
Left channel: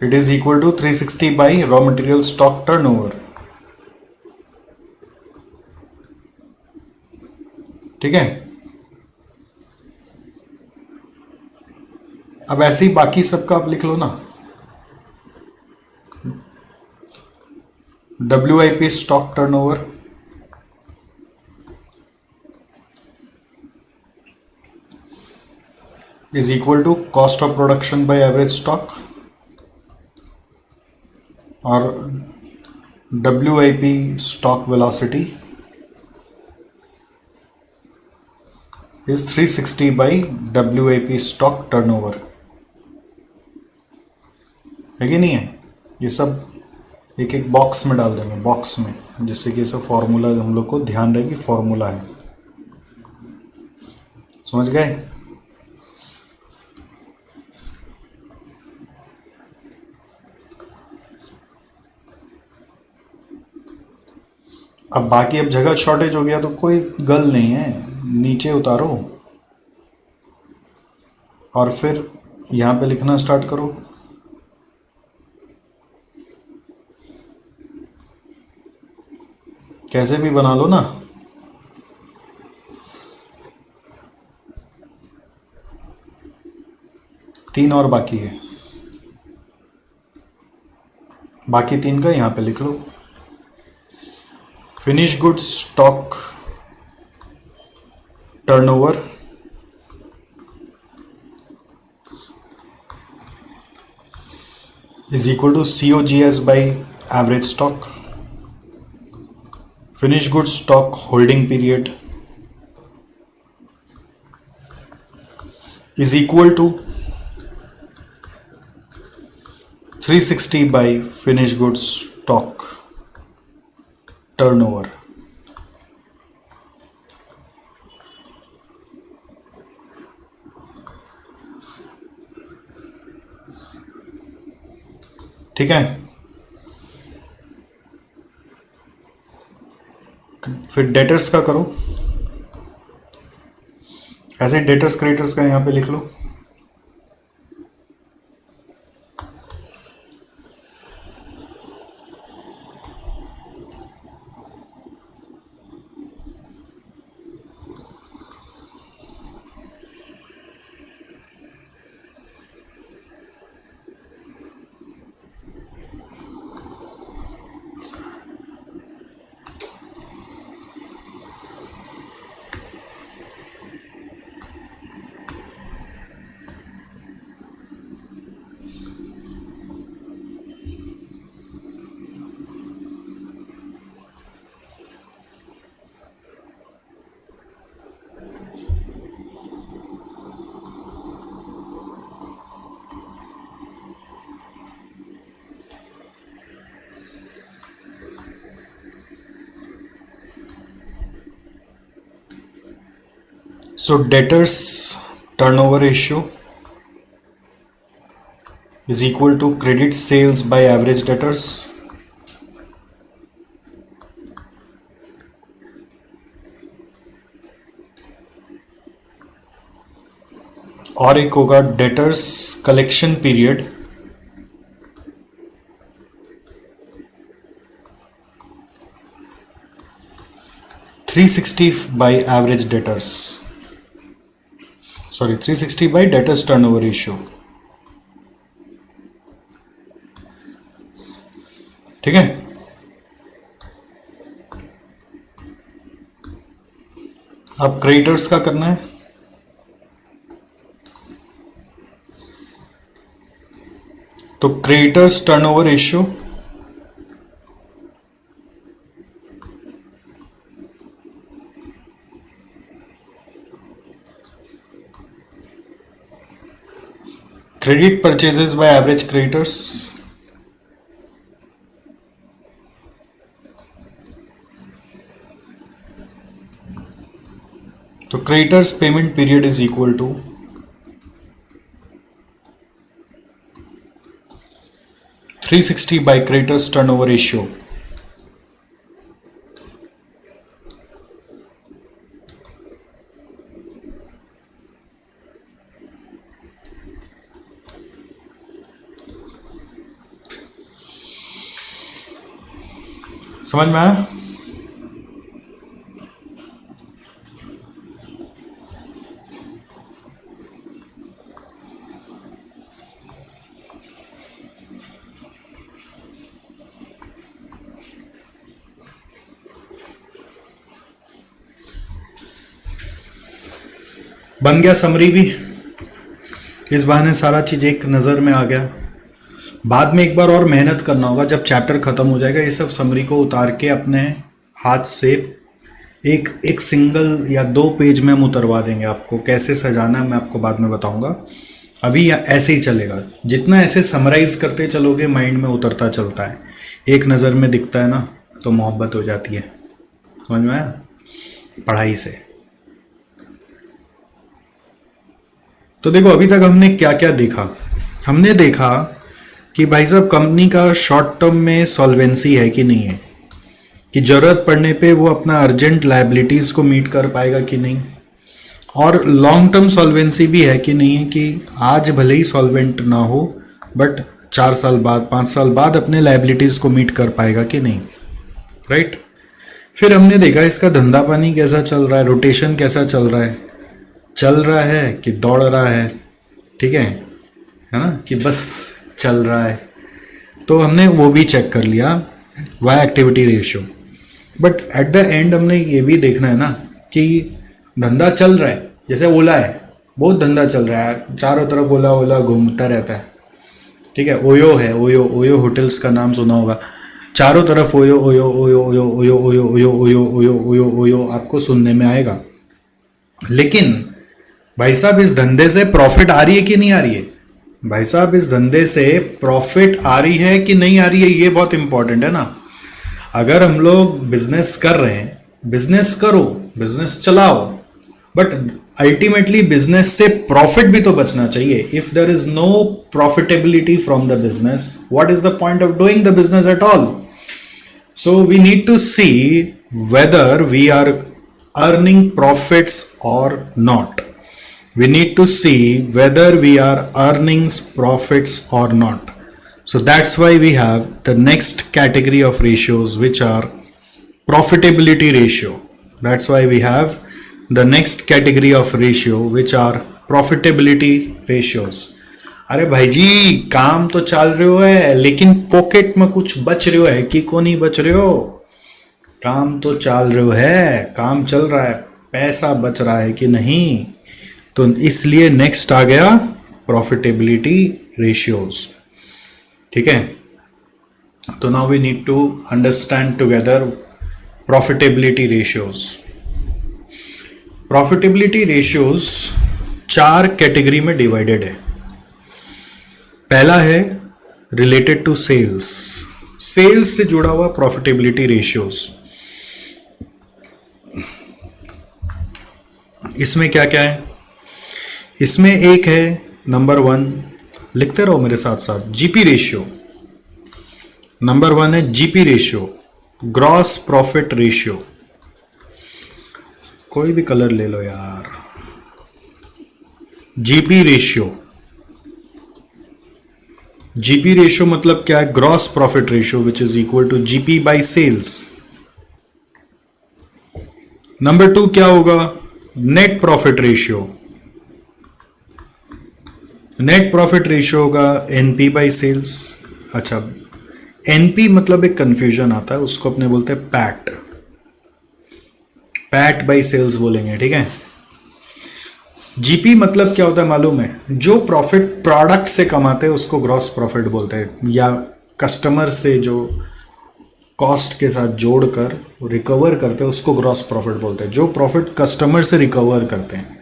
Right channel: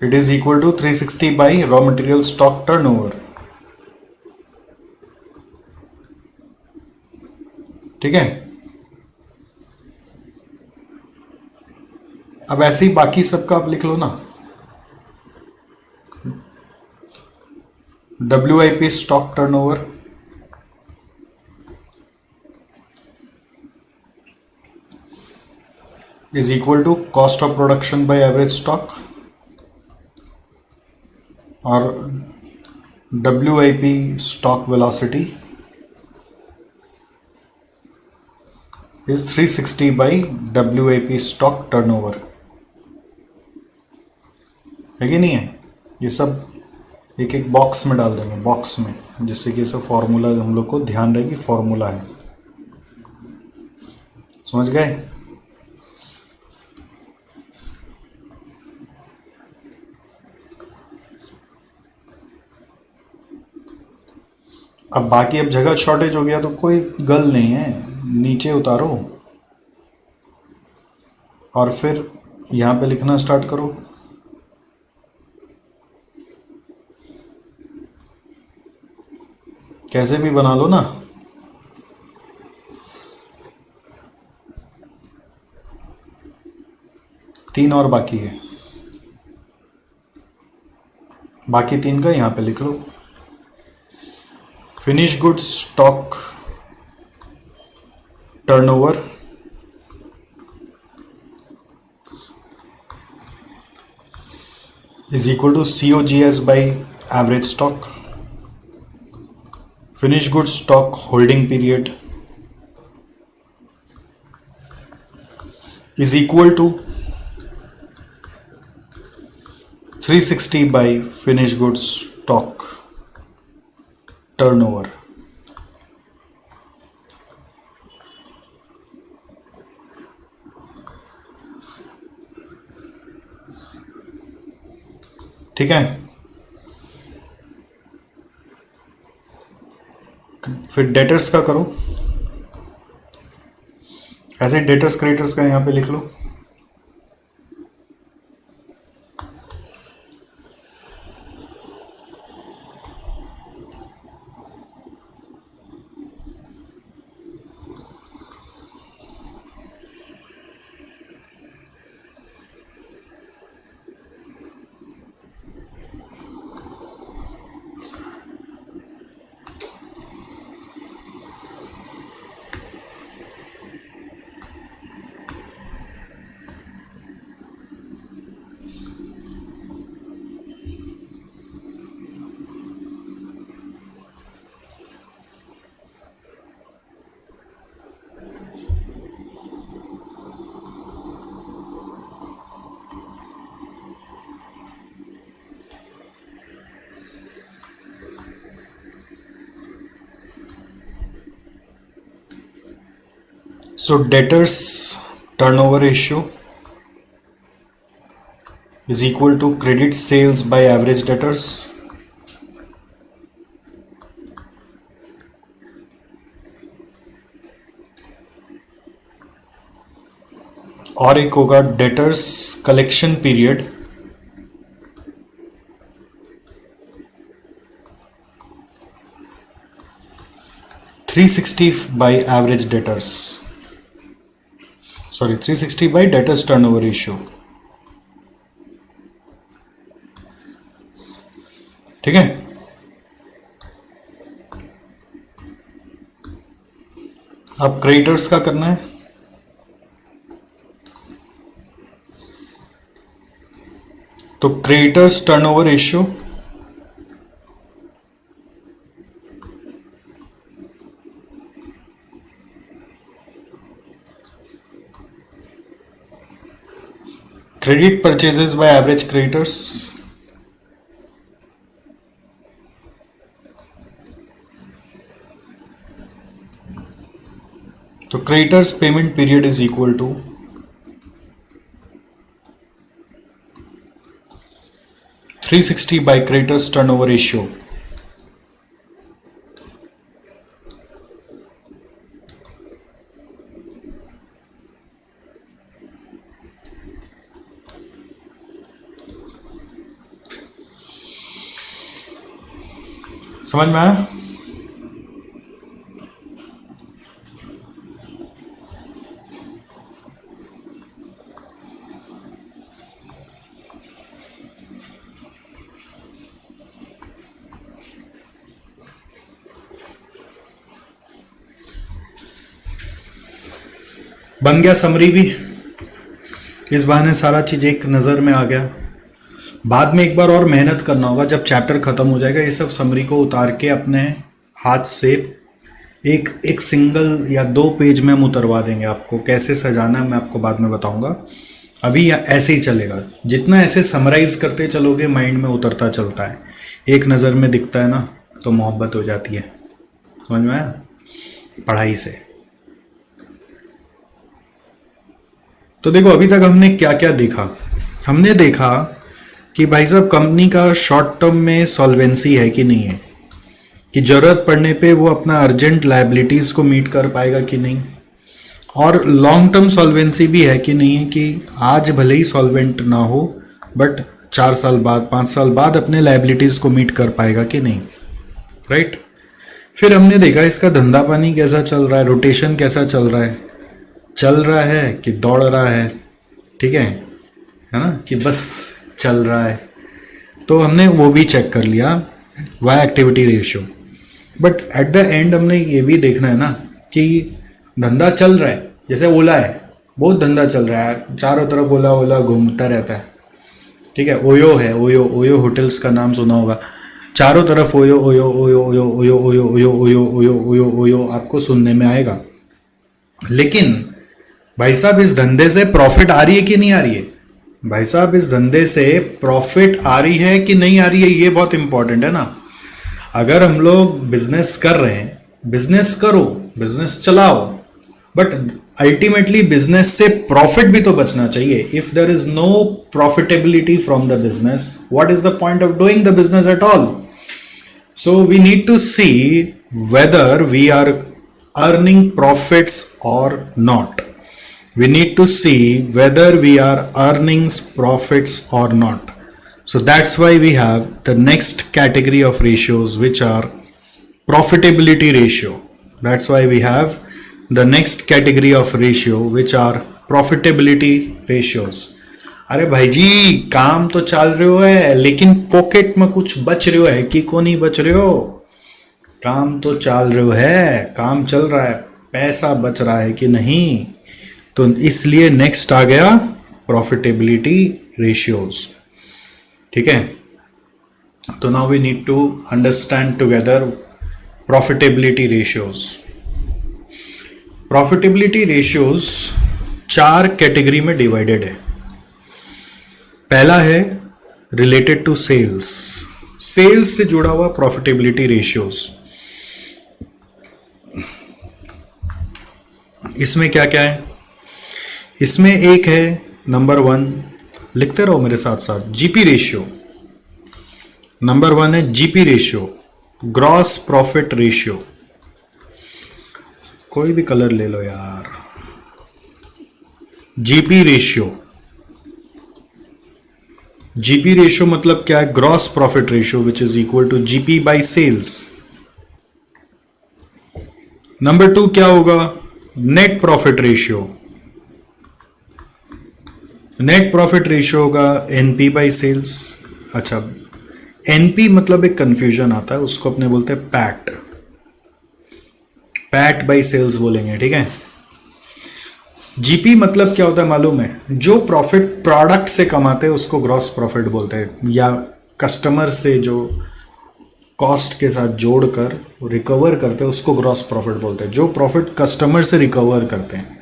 it is equal to 360 by raw material stock turnover. ठीक है। अब ऐसे ही बाकी सबका आप लिख लो ना, WIP stock turnover, is equal to cost of production by average stock, और WIP stock velocity is 360 by WIP stock turnover। है कि नहीं है? ये सब एक एक बॉक्स में डाल देंगे, बॉक्स में, जिससे कि ऐसा फॉर्मूला हम लोग को ध्यान रहे कि फॉर्मूला है। समझ गए? अब बाकी अब जगह शॉर्टेज हो गया तो कोई गल नहीं है, नीचे उतारो और फिर यहाँ पे लिखना स्टार्ट करो। कैसे भी बना लो ना। तीन और बाकी है, बाकी तीन का यहाँ पे लिख लो। Finish goods stock turnover is equal to COGS by average stock. Finished goods stock holding period is equal to 360 by finished goods stock turnover। ठीक है। फिर डेटर्स का करो, ऐसे डेटर्स क्रेडिटर्स का यहां पे लिख लो। So debtors turnover ratio is equal to credit sales by average debtors. और एक होगा debtors collection period, $360 by average debtors, sorry 360 by debtors turnover ratio. ठीक है, अब क्रेडिटर्स का करना है। तो creditors turnover ratio credit purchases by average creditors, तो creditors payment period is equal to 360 by creditors turnover ratio. समझ में आया? बन गया समरी भी, इस बहाने सारा चीज एक नज़र में आ गया। बाद में एक बार और मेहनत करना होगा, जब चैप्टर खत्म हो जाएगा ये सब समरी को उतार के अपने हाथ से एक एक सिंगल या 2 पेज में हम उतरवा देंगे। आपको कैसे सजाना है मैं आपको बाद में बताऊंगा, अभी ऐसे ही चलेगा। जितना ऐसे समराइज करते चलोगे माइंड में उतरता चलता है, एक नज़र में दिखता है ना तो मोहब्बत हो जाती है। समझ में आया? पढ़ाई से। तो देखो अभी तक हमने क्या क्या देखा। हमने देखा कि भाई साहब कंपनी का शॉर्ट टर्म में सॉल्वेंसी है कि नहीं है, कि जरूरत पड़ने पे वो अपना अर्जेंट लायबिलिटीज को मीट कर पाएगा कि नहीं, और लॉन्ग टर्म सॉल्वेंसी भी है कि नहीं है, कि आज भले ही सॉल्वेंट ना हो बट 4 साल बाद 5 साल बाद अपने लायबिलिटीज को मीट कर पाएगा कि नहीं, राइट। फिर हमने देखा इसका धंधा पानी कैसा चल रहा है, रोटेशन कैसा चल रहा है कि दौड़ रहा है, ठीक है ना, कि बस चल रहा है। तो हमने वो भी चेक कर लिया, why activity ratio. But at the end हमने ये भी देखना है ना कि धंधा चल रहा है, जैसे ओला है, बहुत धंधा चल रहा है, चारों तरफ ओला ओला घूमता रहता है, ठीक है। ओयो है, ओयो होटल्स का नाम सुना होगा, चारों तरफ OYO OYO OYO OYO OYO OYO OYO OYO OYO OYO OYO आपको सुनने में आएगा। लेकिन भाई साहब इस धंधे से प्रॉफिट आ रही है कि नहीं आ रही है? भाई साहब इस धंधे से प्रॉफिट आ रही है कि नहीं आ रही है, ये बहुत इंपॉर्टेंट है ना। अगर हम लोग बिजनेस कर रहे हैं, बिजनेस करो, बिजनेस चलाओ, बट अल्टीमेटली बिजनेस से प्रॉफिट भी तो बचना चाहिए। If there is no profitability from the business, what is the point of doing the business at all? So we need to see whether we are earning profits or not. We need to see whether we are earning profits or not. So that's why we have the next category of ratios, which are profitability ratio. That's why we have the next category of ratio, which are profitability ratios. अरे भाई जी काम तो चल रहे है, लेकिन pocket में कुछ बच रहे है कि को नहीं बच रहे हो? काम तो चल रहे है, काम चल रहा है, पैसा बच रहा है कि नहीं? तो इसलिए नेक्स्ट आ गया प्रॉफिटेबिलिटी रेशियोज, ठीक है। तो now we need to understand together profitability ratios. Profitability ratios 4 category में डिवाइडेड है. पहला है रिलेटेड टू सेल्स, सेल्स से जुड़ा हुआ प्रॉफिटेबिलिटी रेशियोज. इसमें क्या क्या है? इसमें एक है नंबर 1, लिखते रहो मेरे साथ साथ, जीपी रेशियो। नंबर 1 है GP ratio, gross profit ratio. कोई भी कलर ले लो यार। जीपी रेशियो, जीपी रेशियो मतलब क्या है? Gross profit ratio which is equal to GP by sales. Number 2 क्या होगा? Net profit ratio. Net profit ratio होगा एनपी बाई सेल्स। अच्छा, एनपी मतलब एक कंफ्यूजन आता है, उसको अपने बोलते हैं पैट, पैट बाई सेल्स बोलेंगे, ठीक है। जीपी मतलब क्या होता है मालूम है? जो प्रॉफिट प्रोडक्ट से कमाते हैं उसको ग्रॉस प्रॉफिट बोलते हैं, या कस्टमर से जो कॉस्ट के साथ जोड़कर रिकवर करते हैं उसको ग्रॉस प्रॉफिट बोलते हैं, जो प्रॉफिट कस्टमर से रिकवर करते हैं,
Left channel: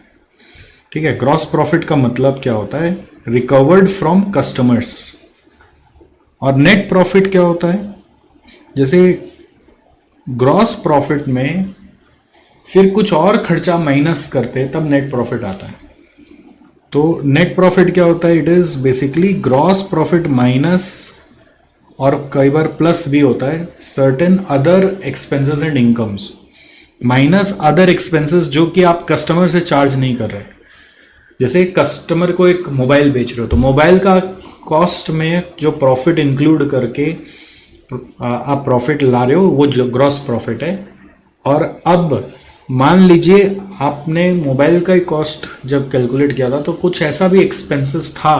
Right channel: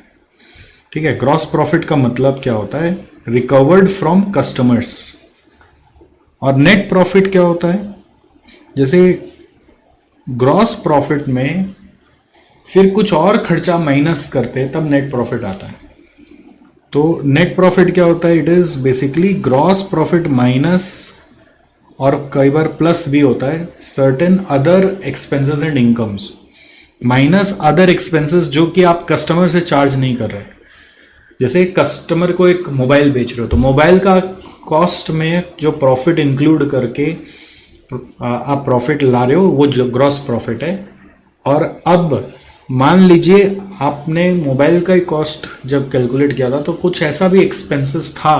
ठीक है। ग्रॉस प्रॉफिट का मतलब क्या होता है? Recovered from customers. और नेट प्रॉफिट क्या होता है? जैसे ग्रॉस प्रॉफिट में फिर कुछ और खर्चा माइनस करते हैं तब नेट प्रॉफिट आता है। तो नेट प्रॉफिट क्या होता है? It is basically gross profit minus, और कई बार प्लस भी होता है, certain other expenses and incomes, minus other expenses जो कि आप कस्टमर से चार्ज नहीं कर रहे। जैसे कस्टमर को एक मोबाइल बेच रहे हो तो मोबाइल का कॉस्ट में जो प्रॉफिट इंक्लूड करके आप प्रॉफिट ला रहे हो वो जो ग्रॉस प्रॉफिट है। और अब मान लीजिए आपने मोबाइल का ही कॉस्ट जब कैलकुलेट किया था तो कुछ ऐसा भी एक्सपेंसेस था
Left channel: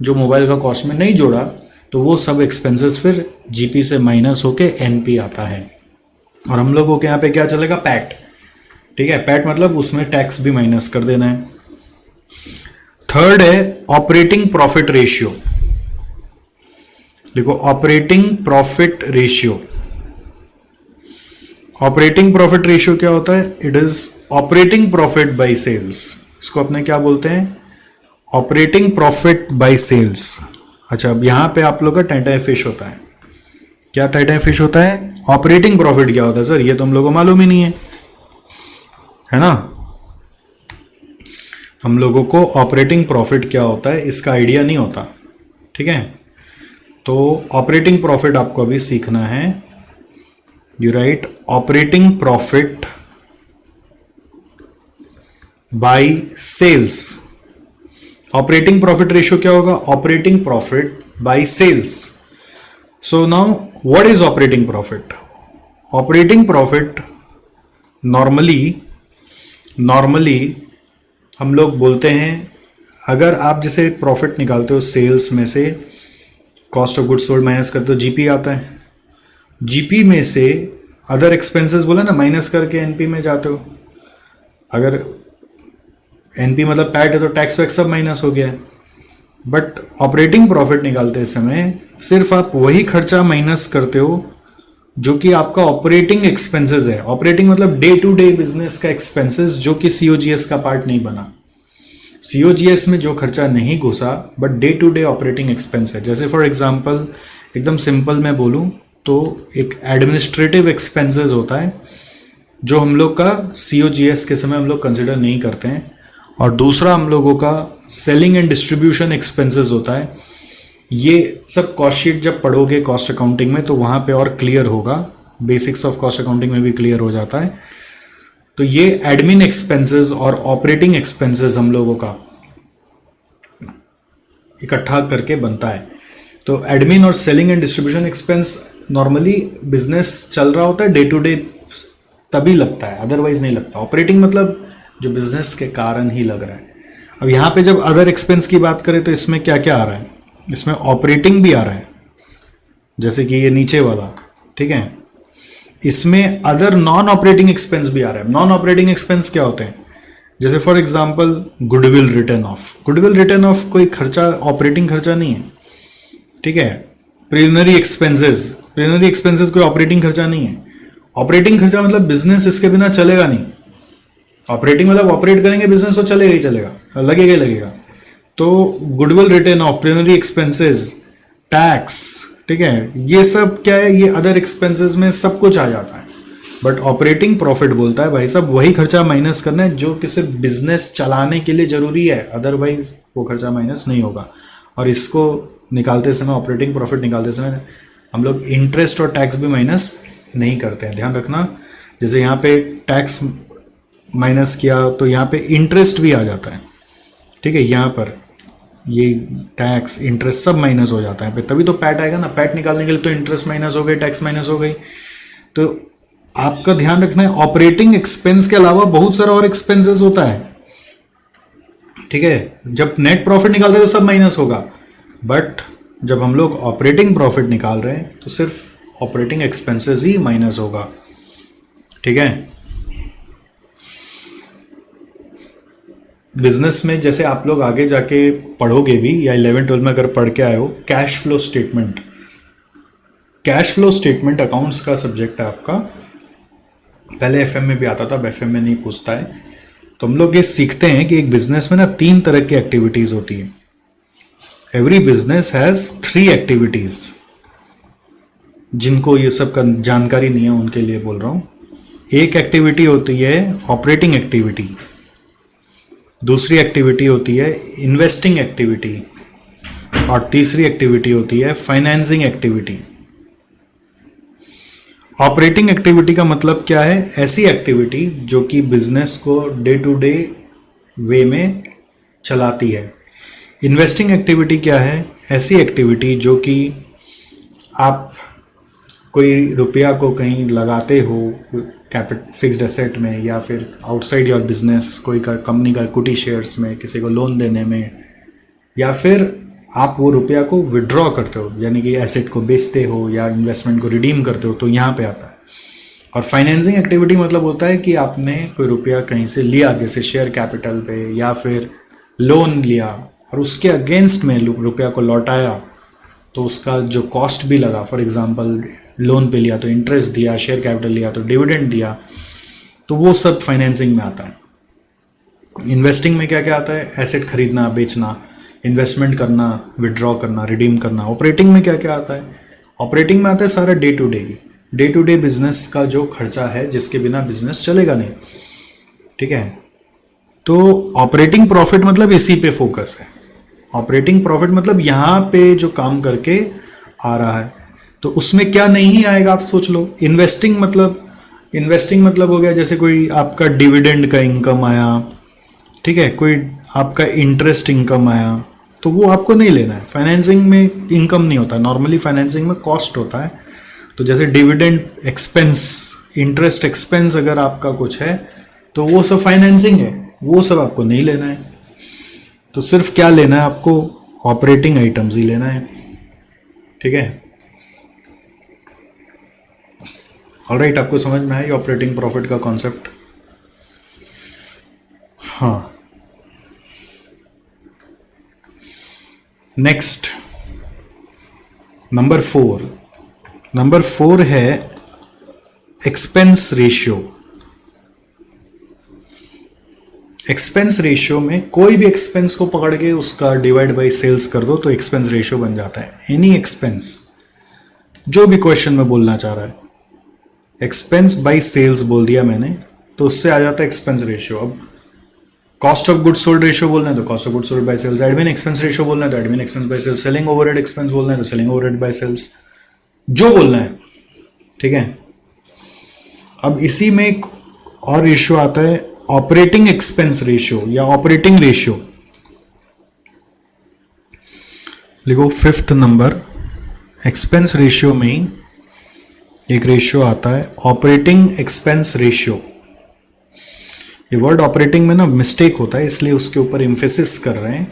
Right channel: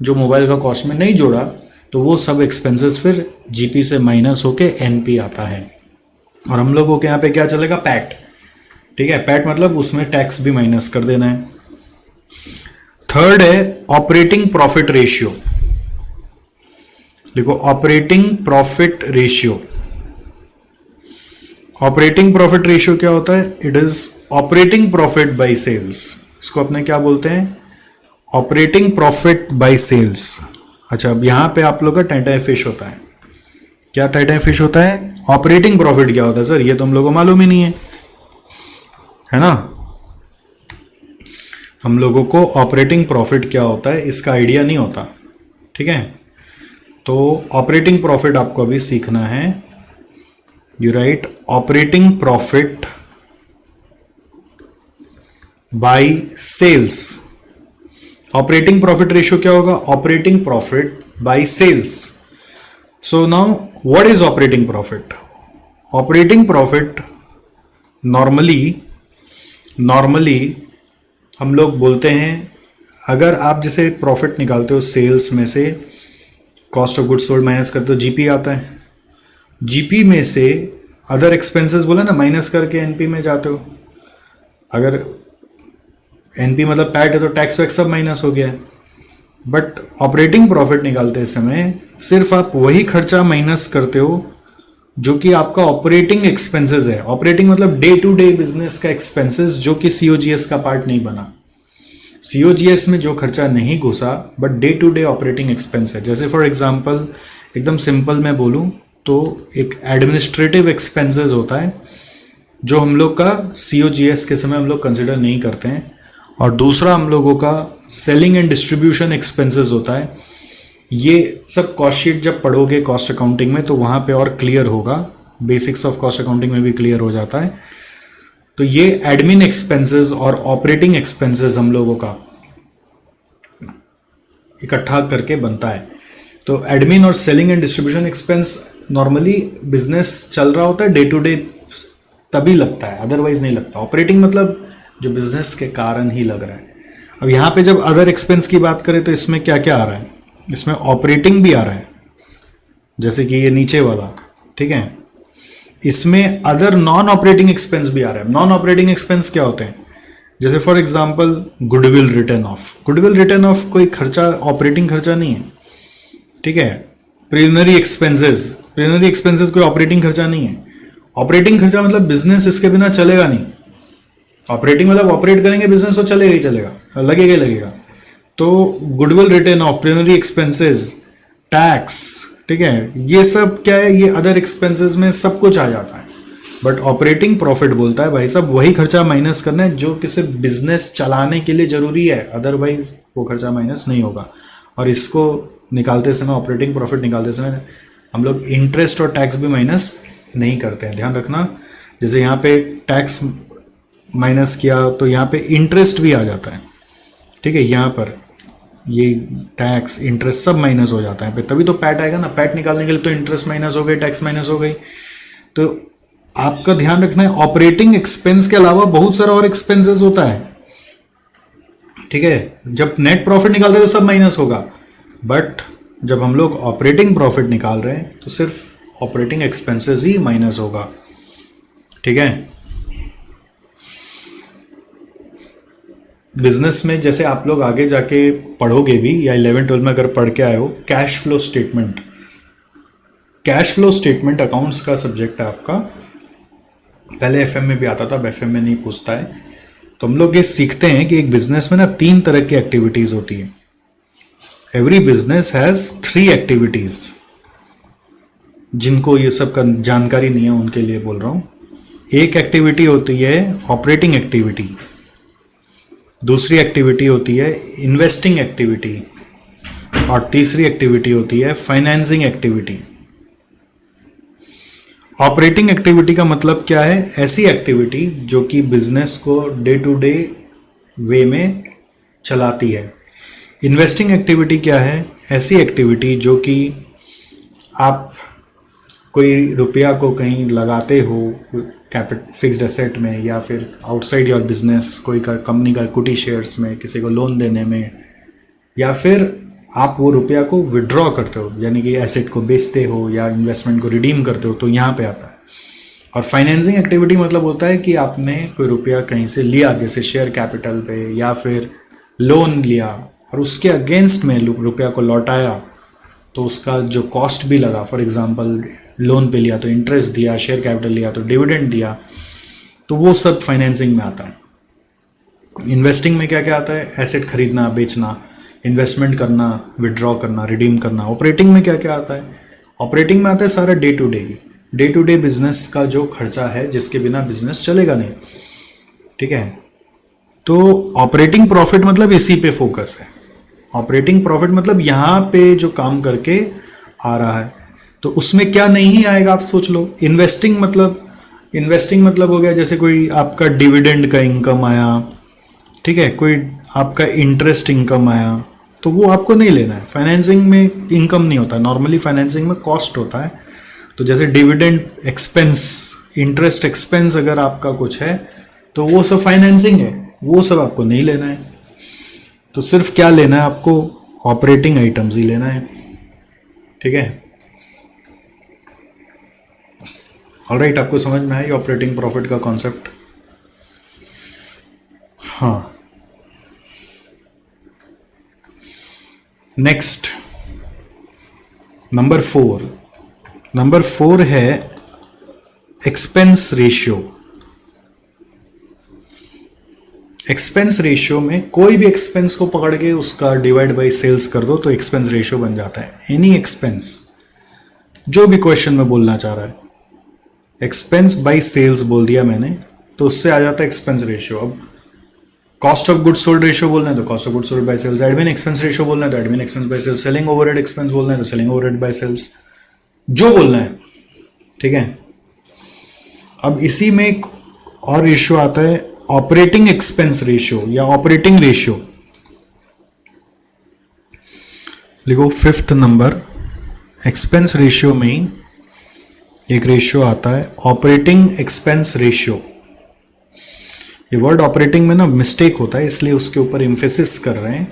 जो मोबाइल का कॉस्ट में नहीं जोड़ा, तो वो सब एक्सपेंसेस फिर जीपी से माइनस होके एनपी आता है। और हम लोगों के यहाँ पे क्या चलेगा? पैट, ठीक है। पैट मतलब उसमें टैक्स भी माइनस कर देना है। थर्ड है ऑपरेटिंग प्रॉफिट रेशियो। देखो, operating profit ratio, operating profit ratio क्या होता है? It is operating profit by sales. इसको अपने क्या बोलते हैं? Operating profit by sales. अच्छा, अब यहां पे आप लोग का टाइटाई फिश होता है। क्या टाइटाई फिश होता है? ऑपरेटिंग प्रॉफिट क्या होता है सर? ये तो हम लोगों को मालूम ही नहीं है ना। हम लोगों को ऑपरेटिंग प्रॉफिट क्या होता है इसका आइडिया नहीं होता, ठीक है। तो ऑपरेटिंग प्रॉफिट आपको अभी सीखना है। You write operating profit by sales. Operating profit ratio क्या होगा? Operating profit by sales. So now what is operating profit? Operating profit normally हम लोग बोलते हैं, अगर आप जैसे प्रॉफिट निकालते हो सेल्स में से, cost of goods sold minus करते हो, जीपी आता है। जीपी में से अदर एक्सपेंसेस बोला ना, माइनस करके एनपी में जाते हो। अगर एनपी मतलब पैट है तो टैक्स वैक्स सब माइनस हो गया। बट ऑपरेटिंग प्रॉफिट निकालते समय सिर्फ आप वही खर्चा माइनस करते हो जो कि आपका ऑपरेटिंग एक्सपेंसेस है। ऑपरेटिंग मतलब डे टू डे बिजनेस का एक्सपेंसेस जो कि सीओजीएस का पार्ट नहीं बना। सीओजीएस में जो खर्चा नहीं घुसा but day to day operating expense है। जैसे फॉर एग्जांपल एकदम सिंपल मैं बोलूं तो एक एडमिनिस्ट्रेटिव एक्सपेंसेस होता है जो हम लोग का सीओजीएस के समय हम लोग कंसिडर नहीं करते हैं, और दूसरा हम लोगों का सेलिंग एंड डिस्ट्रीब्यूशन एक्सपेंसेस होता है। ये सब कॉस्ट शीट जब पढ़ोगे कॉस्ट अकाउंटिंग में तो वहाँ पे और क्लियर होगा, बेसिक्स ऑफ कॉस्ट अकाउंटिंग में भी क्लियर हो जाता है। तो ये एडमिन एक्सपेंसेस और ऑपरेटिंग एक्सपेंसेस हम लोगों का इकट्ठा करके बनता है। तो एडमिन और selling and distribution expense normally business चल रहा होता है डे टू डे तभी लगता है, अदरवाइज नहीं लगता। ऑपरेटिंग मतलब जो बिजनेस के कारण ही लग रहा है। अब यहाँ पे जब अदर एक्सपेंस की बात करें तो इसमें क्या क्या आ रहा है? इसमें ऑपरेटिंग भी आ रहा है, जैसे कि ये नीचे वाला, ठीक है। इसमें अदर नॉन ऑपरेटिंग एक्सपेंस भी आ रहा है। नॉन ऑपरेटिंग एक्सपेंस क्या होते हैं? जैसे for example goodwill return of. Goodwill return of कोई खर्चा, ऑपरेटिंग खर्चा नहीं है, ठीक है। प्रिलिमिनरी एक्सपेंसेस कोई ऑपरेटिंग खर्चा नहीं है। ऑपरेटिंग खर्चा मतलब बिजनेस इसके बिना चलेगा नहीं। ऑपरेटिंग मतलब ऑपरेट करेंगे बिजनेस तो चलेगा ही चलेगा, लगेगा ही लगेगा। तो goodwill return of, preliminary expenses, tax, ठीक है, ये सब क्या है? ये अदर एक्सपेंसेस में सब कुछ आ जाता है। बट ऑपरेटिंग प्रॉफिट बोलता है भाई साहब वही खर्चा माइनस करना है जो किसी बिजनेस चलाने के लिए जरूरी है, अदरवाइज वो खर्चा माइनस नहीं होगा। और इसको निकालते समय, ऑपरेटिंग प्रॉफिट निकालते समय हम लोग इंटरेस्ट और टैक्स भी माइनस नहीं करते हैं, ध्यान रखना। जैसे यहाँ पे टैक्स माइनस किया तो यहाँ पे इंटरेस्ट भी आ जाता है, ठीक है। यहाँ पर ये टैक्स इंटरेस्ट सब माइनस हो जाता है, तभी तो पैट आएगा ना। पैट निकालने के लिए तो इंटरेस्ट माइनस हो गई, टैक्स माइनस हो गई। तो आपका ध्यान रखना है ऑपरेटिंग एक्सपेंस के अलावा बहुत सारा और एक्सपेंसेस होता है, ठीक है। जब नेट प्रॉफिट निकालते हैं तो सब माइनस होगा, बट जब हम लोग ऑपरेटिंग प्रॉफिट निकाल रहे हैं तो सिर्फ ऑपरेटिंग एक्सपेंसेस ही माइनस होगा, ठीक है। बिजनेस में जैसे आप लोग आगे जाके पढ़ोगे भी, या 11-12 में अगर पढ़ के आए हो, cash flow statement, cash flow statement accounts का सब्जेक्ट है आपका। पहले एफएम में भी आता था, अब एफएम में नहीं पूछता है। तो हम लोग ये सीखते हैं कि एक बिजनेस में ना 3 तरह की एक्टिविटीज होती है। Every business has 3 activities. जिनको ये सब का जानकारी नहीं है उनके लिए बोल रहा हूं। एक एक्टिविटी होती है ऑपरेटिंग एक्टिविटी, दूसरी एक्टिविटी होती है इन्वेस्टिंग एक्टिविटी, और तीसरी एक्टिविटी होती है फाइनेंसिंग एक्टिविटी। ऑपरेटिंग एक्टिविटी का मतलब क्या है? ऐसी एक्टिविटी जो कि बिजनेस को डे टू डे वे में चलाती है। इन्वेस्टिंग एक्टिविटी क्या है? ऐसी एक्टिविटी जो कि आप कोई रुपया को कहीं लगाते हो कैपिटल फिक्स्ड एसेट में, या फिर आउटसाइड योर बिजनेस कोई का कंपनी का इक्विटी शेयर्स में, किसी को लोन देने में, या फिर आप वो रुपया को विड्रॉ करते हो, यानी कि एसेट को बेचते हो या इन्वेस्टमेंट को रिडीम करते हो, तो यहाँ पे आता है। और फाइनेंसिंग एक्टिविटी मतलब होता है कि आपने कोई रुपया कहीं से लिया, जैसे शेयर कैपिटल पे, या फिर लोन लिया और उसके अगेंस्ट में रुपया को लौटाया, तो उसका जो कॉस्ट भी लगा, फॉर एग्जांपल लोन पे लिया तो इंटरेस्ट दिया, शेयर कैपिटल लिया तो डिविडेंड दिया, तो वो सब फाइनेंसिंग में आता है। इन्वेस्टिंग में क्या क्या आता है? एसेट खरीदना, बेचना, इन्वेस्टमेंट करना, विड्रॉ करना, रिडीम करना। ऑपरेटिंग में क्या क्या आता है? ऑपरेटिंग में आता है सारा डे टू डे बिजनेस का जो खर्चा है, जिसके बिना बिजनेस चलेगा नहीं, ठीक है। तो ऑपरेटिंग प्रॉफिट मतलब इसी पे फोकस है। ऑपरेटिंग प्रॉफिट मतलब यहाँ पे जो काम करके आ रहा है, तो उसमें क्या नहीं आएगा आप सोच लो। इन्वेस्टिंग मतलब हो गया जैसे कोई आपका डिविडेंड का इनकम आया, ठीक है, कोई आपका इंटरेस्ट इनकम आया, तो वो आपको नहीं लेना है। फाइनेंसिंग में इनकम नहीं होता, नॉर्मली फाइनेंसिंग में कॉस्ट होता है। तो जैसे डिविडेंड एक्सपेंस, इंटरेस्ट एक्सपेंस अगर आपका कुछ है तो वो सब फाइनेंसिंग है, वो सब आपको नहीं लेना है। तो सिर्फ क्या लेना है आपको? ऑपरेटिंग आइटम्स ही लेना है, ठीक है। ऑलराइट, आपको समझ में आया ऑपरेटिंग प्रॉफिट का कॉन्सेप्ट? हाँ। नेक्स्ट नंबर 4 है एक्सपेंस रेशियो। एक्सपेंस रेशियो में कोई भी एक्सपेंस को पकड़ के उसका डिवाइड बाय सेल्स कर दो तो एक्सपेंस रेशियो बन जाता है। एनी एक्सपेंस, जो भी क्वेश्चन में बोलना चाह रहा है, एक्सपेंस बाय सेल्स बोल दिया मैंने तो उससे आ जाता है एक्सपेंस रेशियो। अब cost of goods sold ratio बोलना है तो cost of goods sold by sales, admin expense ratio बोलना है तो admin expense by sales, selling overhead expense बोलना है तो सेलिंग ओवरहेड बाय सेल्स, जो बोलना है, ठीक है। अब इसी में एक और रेशियो आता है ऑपरेटिंग एक्सपेंस रेशियो या ऑपरेटिंग रेशियो। लिखो 5th नंबर, एक्सपेंस रेशियो में एक रेशियो आता है ऑपरेटिंग एक्सपेंस रेशियो। ये वर्ड ऑपरेटिंग में ना मिस्टेक होता है, इसलिए उसके ऊपर एम्फेसिस कर रहे हैं।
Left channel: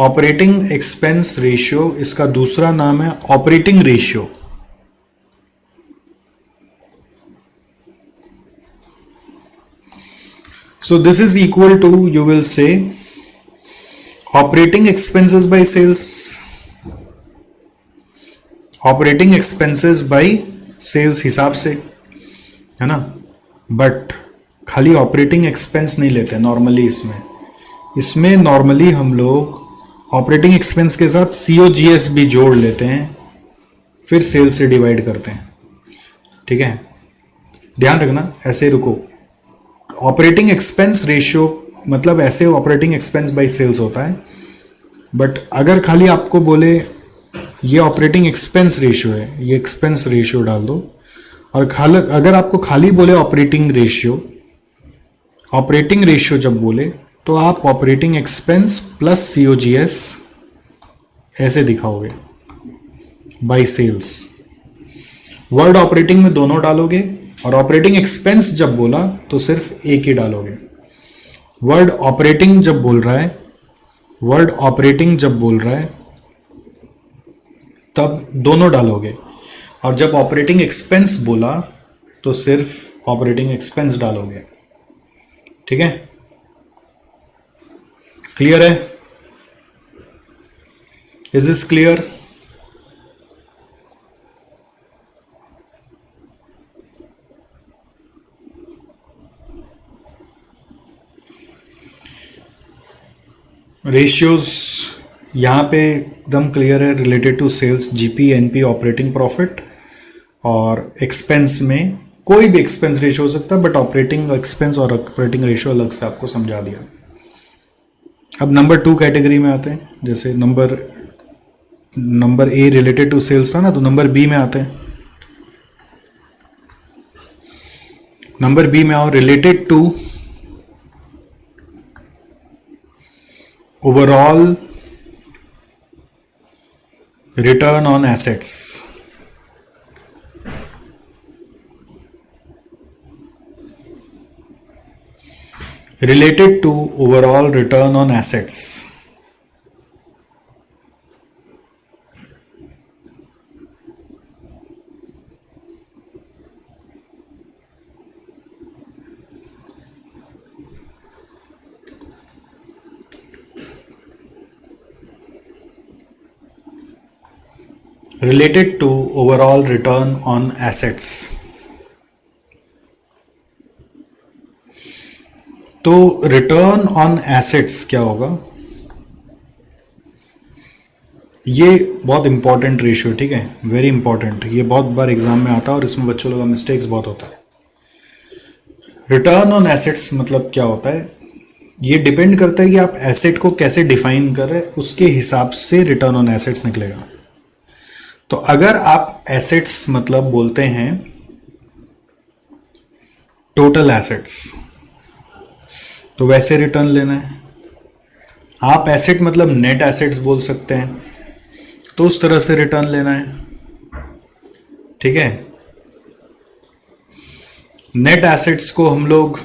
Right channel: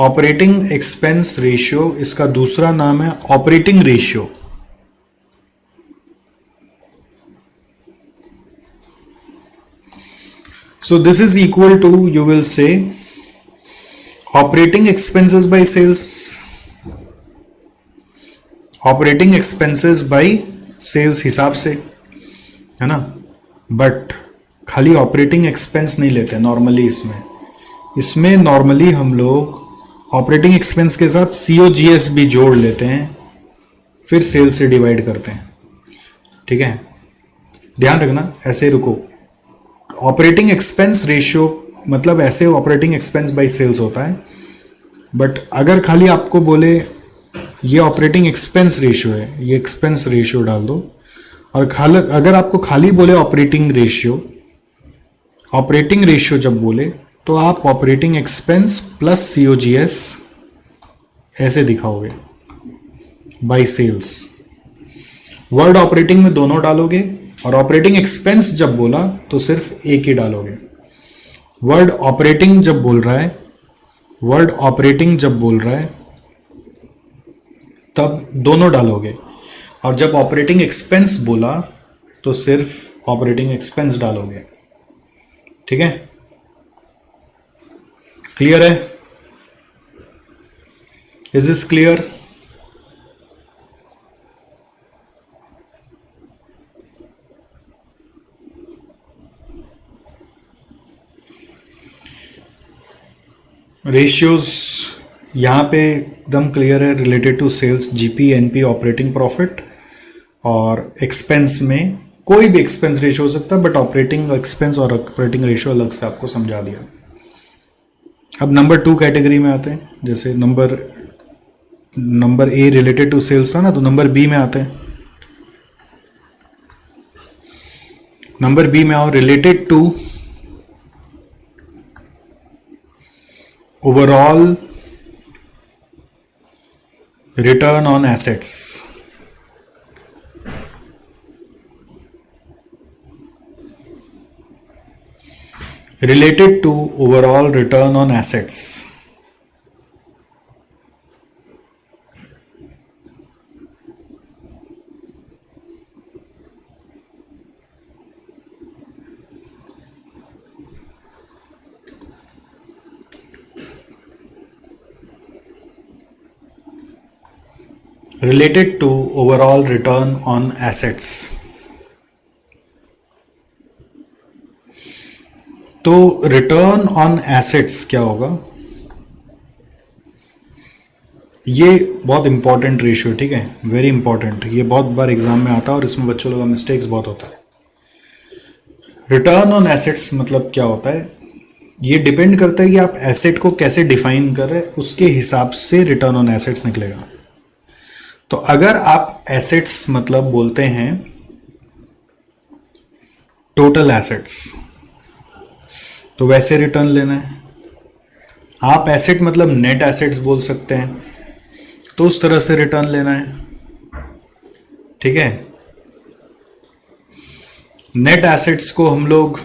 ऑपरेटिंग एक्सपेंस रेशियो, इसका दूसरा नाम है operating ratio. So this is equal to, you will say, operating expenses by sales, operating expenses by sales हिसाब से, है ना। बट खाली ऑपरेटिंग एक्सपेंस नहीं लेते नॉर्मली। इसमें नॉर्मली हम लोग ऑपरेटिंग एक्सपेंस के साथ COGS भी जोड़ लेते हैं, फिर सेल्स से डिवाइड करते हैं, ठीक है। ध्यान रखना, ऐसे रुको। ऑपरेटिंग एक्सपेंस रेशियो मतलब ऐसे ऑपरेटिंग एक्सपेंस बाई सेल्स होता है, बट अगर खाली आपको बोले ये ऑपरेटिंग एक्सपेंस रेशियो है, ये एक्सपेंस रेशियो डाल दो, और खाली अगर आपको खाली बोले ऑपरेटिंग रेशियो, ऑपरेटिंग रेशियो जब बोले तो आप ऑपरेटिंग एक्सपेंस प्लस COGS ऐसे दिखाओगे बाई सेल्स। वर्ड ऑपरेटिंग में दोनों डालोगे, और ऑपरेटिंग एक्सपेंस जब बोला तो सिर्फ एक ही डालोगे। वर्ड ऑपरेटिंग जब बोल रहा है, वर्ड ऑपरेटिंग जब बोल रहा है तब दोनों डालोगे, और जब ऑपरेटिंग एक्सपेंस बोला तो सिर्फ ऑपरेटिंग एक्सपेंस डालोगे। ठीक है, क्लियर है? Is this clear? रेशियोज यहाँ पे एकदम क्लियर है, related to sales, GP, NP, operating profit, और एक्सपेंस में कोई भी एक्सपेंस रेशियो हो सकता है, बट ऑपरेटिंग एक्सपेंस और ऑपरेटिंग रेशियो अलग से आपको समझा दिया। अब नंबर 2 कैटेगरी में आते हैं। जैसे number A related to sales था ना, तो नंबर B में आते हैं। नंबर B में आओ, related to overall return on assets. Related to overall return on assets. Related to overall return on assets. तो रिटर्न ऑन एसेट्स क्या होगा? ये बहुत इंपॉर्टेंट रेशियो, ठीक है, वेरी इंपॉर्टेंट। ये बहुत बार एग्जाम में आता है और इसमें बच्चों लोगों का मिस्टेक्स बहुत होता है। रिटर्न ऑन एसेट्स मतलब क्या होता है? ये डिपेंड करता है कि आप एसेट को कैसे डिफाइन कर रहे हैं, उसके हिसाब से रिटर्न ऑन एसेट्स निकलेगा। तो अगर आप एसेट्स मतलब बोलते हैं टोटल एसेट्स, तो वैसे रिटर्न लेना है। आप एसेट मतलब नेट एसेट्स बोल सकते हैं, तो उस तरह से रिटर्न लेना है। ठीक है, नेट एसेट्स को हम लोग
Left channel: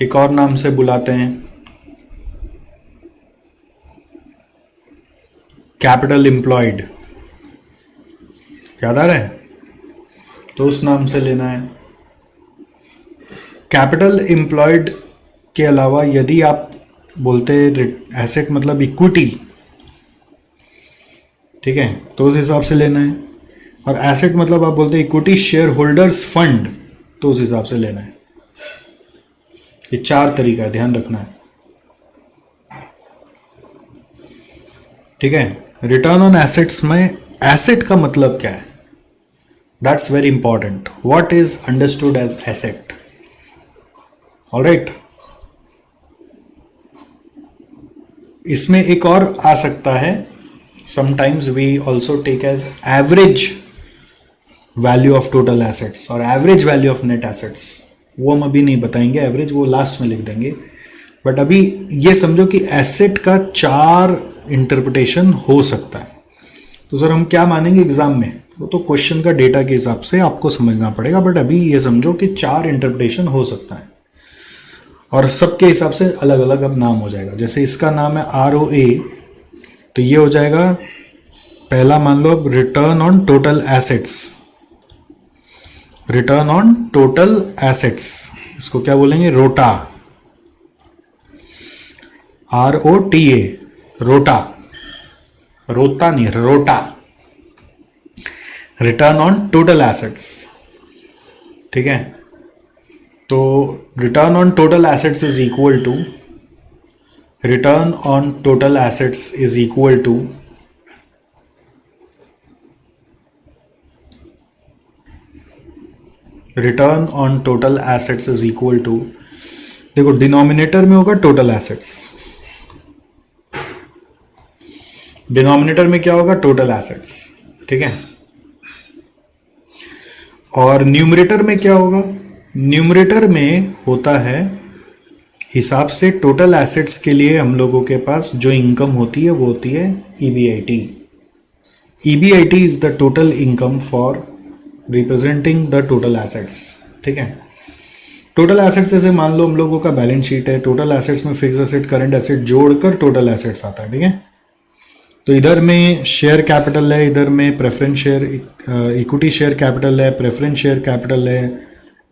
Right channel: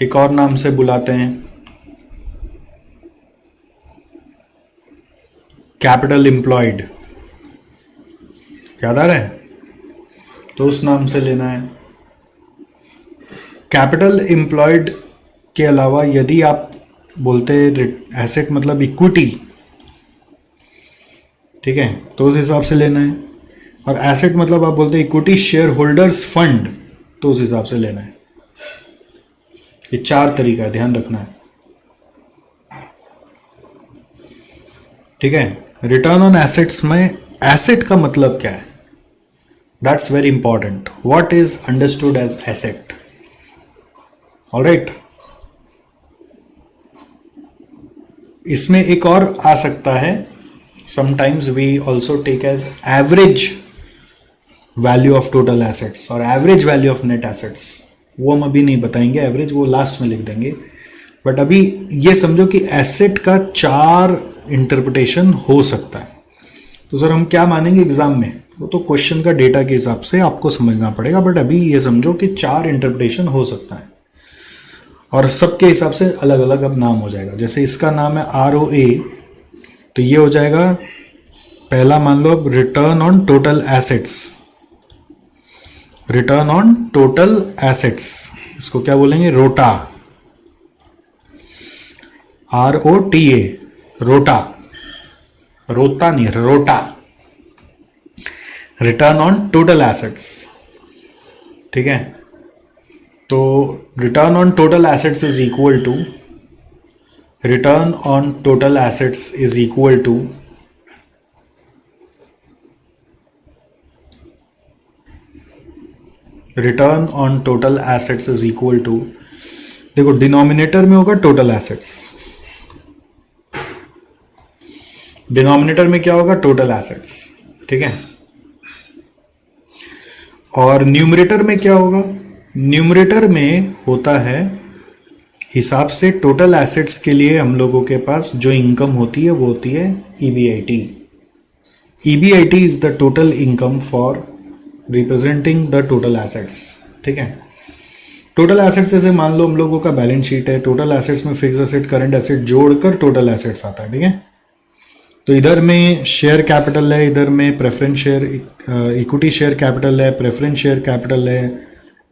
एक और नाम से बुलाते हैं, कैपिटल एम्प्लॉयड। याद आ रहा है? तो उस नाम से लेना है। कैपिटल एम्प्लॉयड के अलावा यदि आप बोलते हैं एसेट मतलब इक्विटी, ठीक है, तो उस हिसाब से लेना है। और एसेट मतलब आप बोलते हैं इक्विटी शेयर होल्डर्स फंड, तो उस हिसाब से लेना है। ये 4 तरीका है, ध्यान रखना है। ठीक है, रिटर्न ऑन एसेट्स में एसेट का मतलब क्या है? That's very important. What is understood as asset? Alright, इसमें एक और आ सकता है, sometimes we also take as average value of total assets और average value of net assets. वो हम अभी नहीं बताएंगे, एवरेज वो लास्ट में लिख देंगे। बट अभी ये समझो कि एसेट का 4 इंटरप्रिटेशन हो सकता है। तो सर हम क्या मानेंगे एग्जाम में, वो तो क्वेश्चन का डेटा के हिसाब से आपको समझना पड़ेगा। बट अभी ये समझो कि 4 इंटरप्रिटेशन हो सकता है, और सबके हिसाब से अलग अलग अब नाम हो जाएगा। जैसे इसका नाम है ROA, तो ये हो जाएगा, पहला मान लो return on total assets. Return on total assets, इसको क्या बोलेंगे? रोटा, ROTA, रोटा, रोता नहीं, रोटा। रिटर्न ऑन टोटल एसेट्स, ठीक है। तो return on total assets is equal to, return on total assets is equal to return on total assets is equal to, देखो डिनोमिनेटर में होगा टोटल एसेट्स, डिनोमिनेटर में क्या होगा टोटल एसेट्स, ठीक है, और न्यूमरेटर में क्या होगा, न्यूमरेटर में होता है हिसाब से टोटल एसेट्स के लिए हम लोगों के पास जो इनकम होती है वो होती है EBIT. EBIT is the total income for representing the total assets, ठीक है। टोटल एसेट्स जैसे मान लो हम लोगों का बैलेंस शीट है, टोटल एसेट्स में फिक्स एसेट करंट एसेट जोड़कर टोटल एसेट्स आता है, ठीक है। तो इधर में शेयर कैपिटल है, इधर में preference share equity share capital है, प्रेफरेंस शेयर कैपिटल है,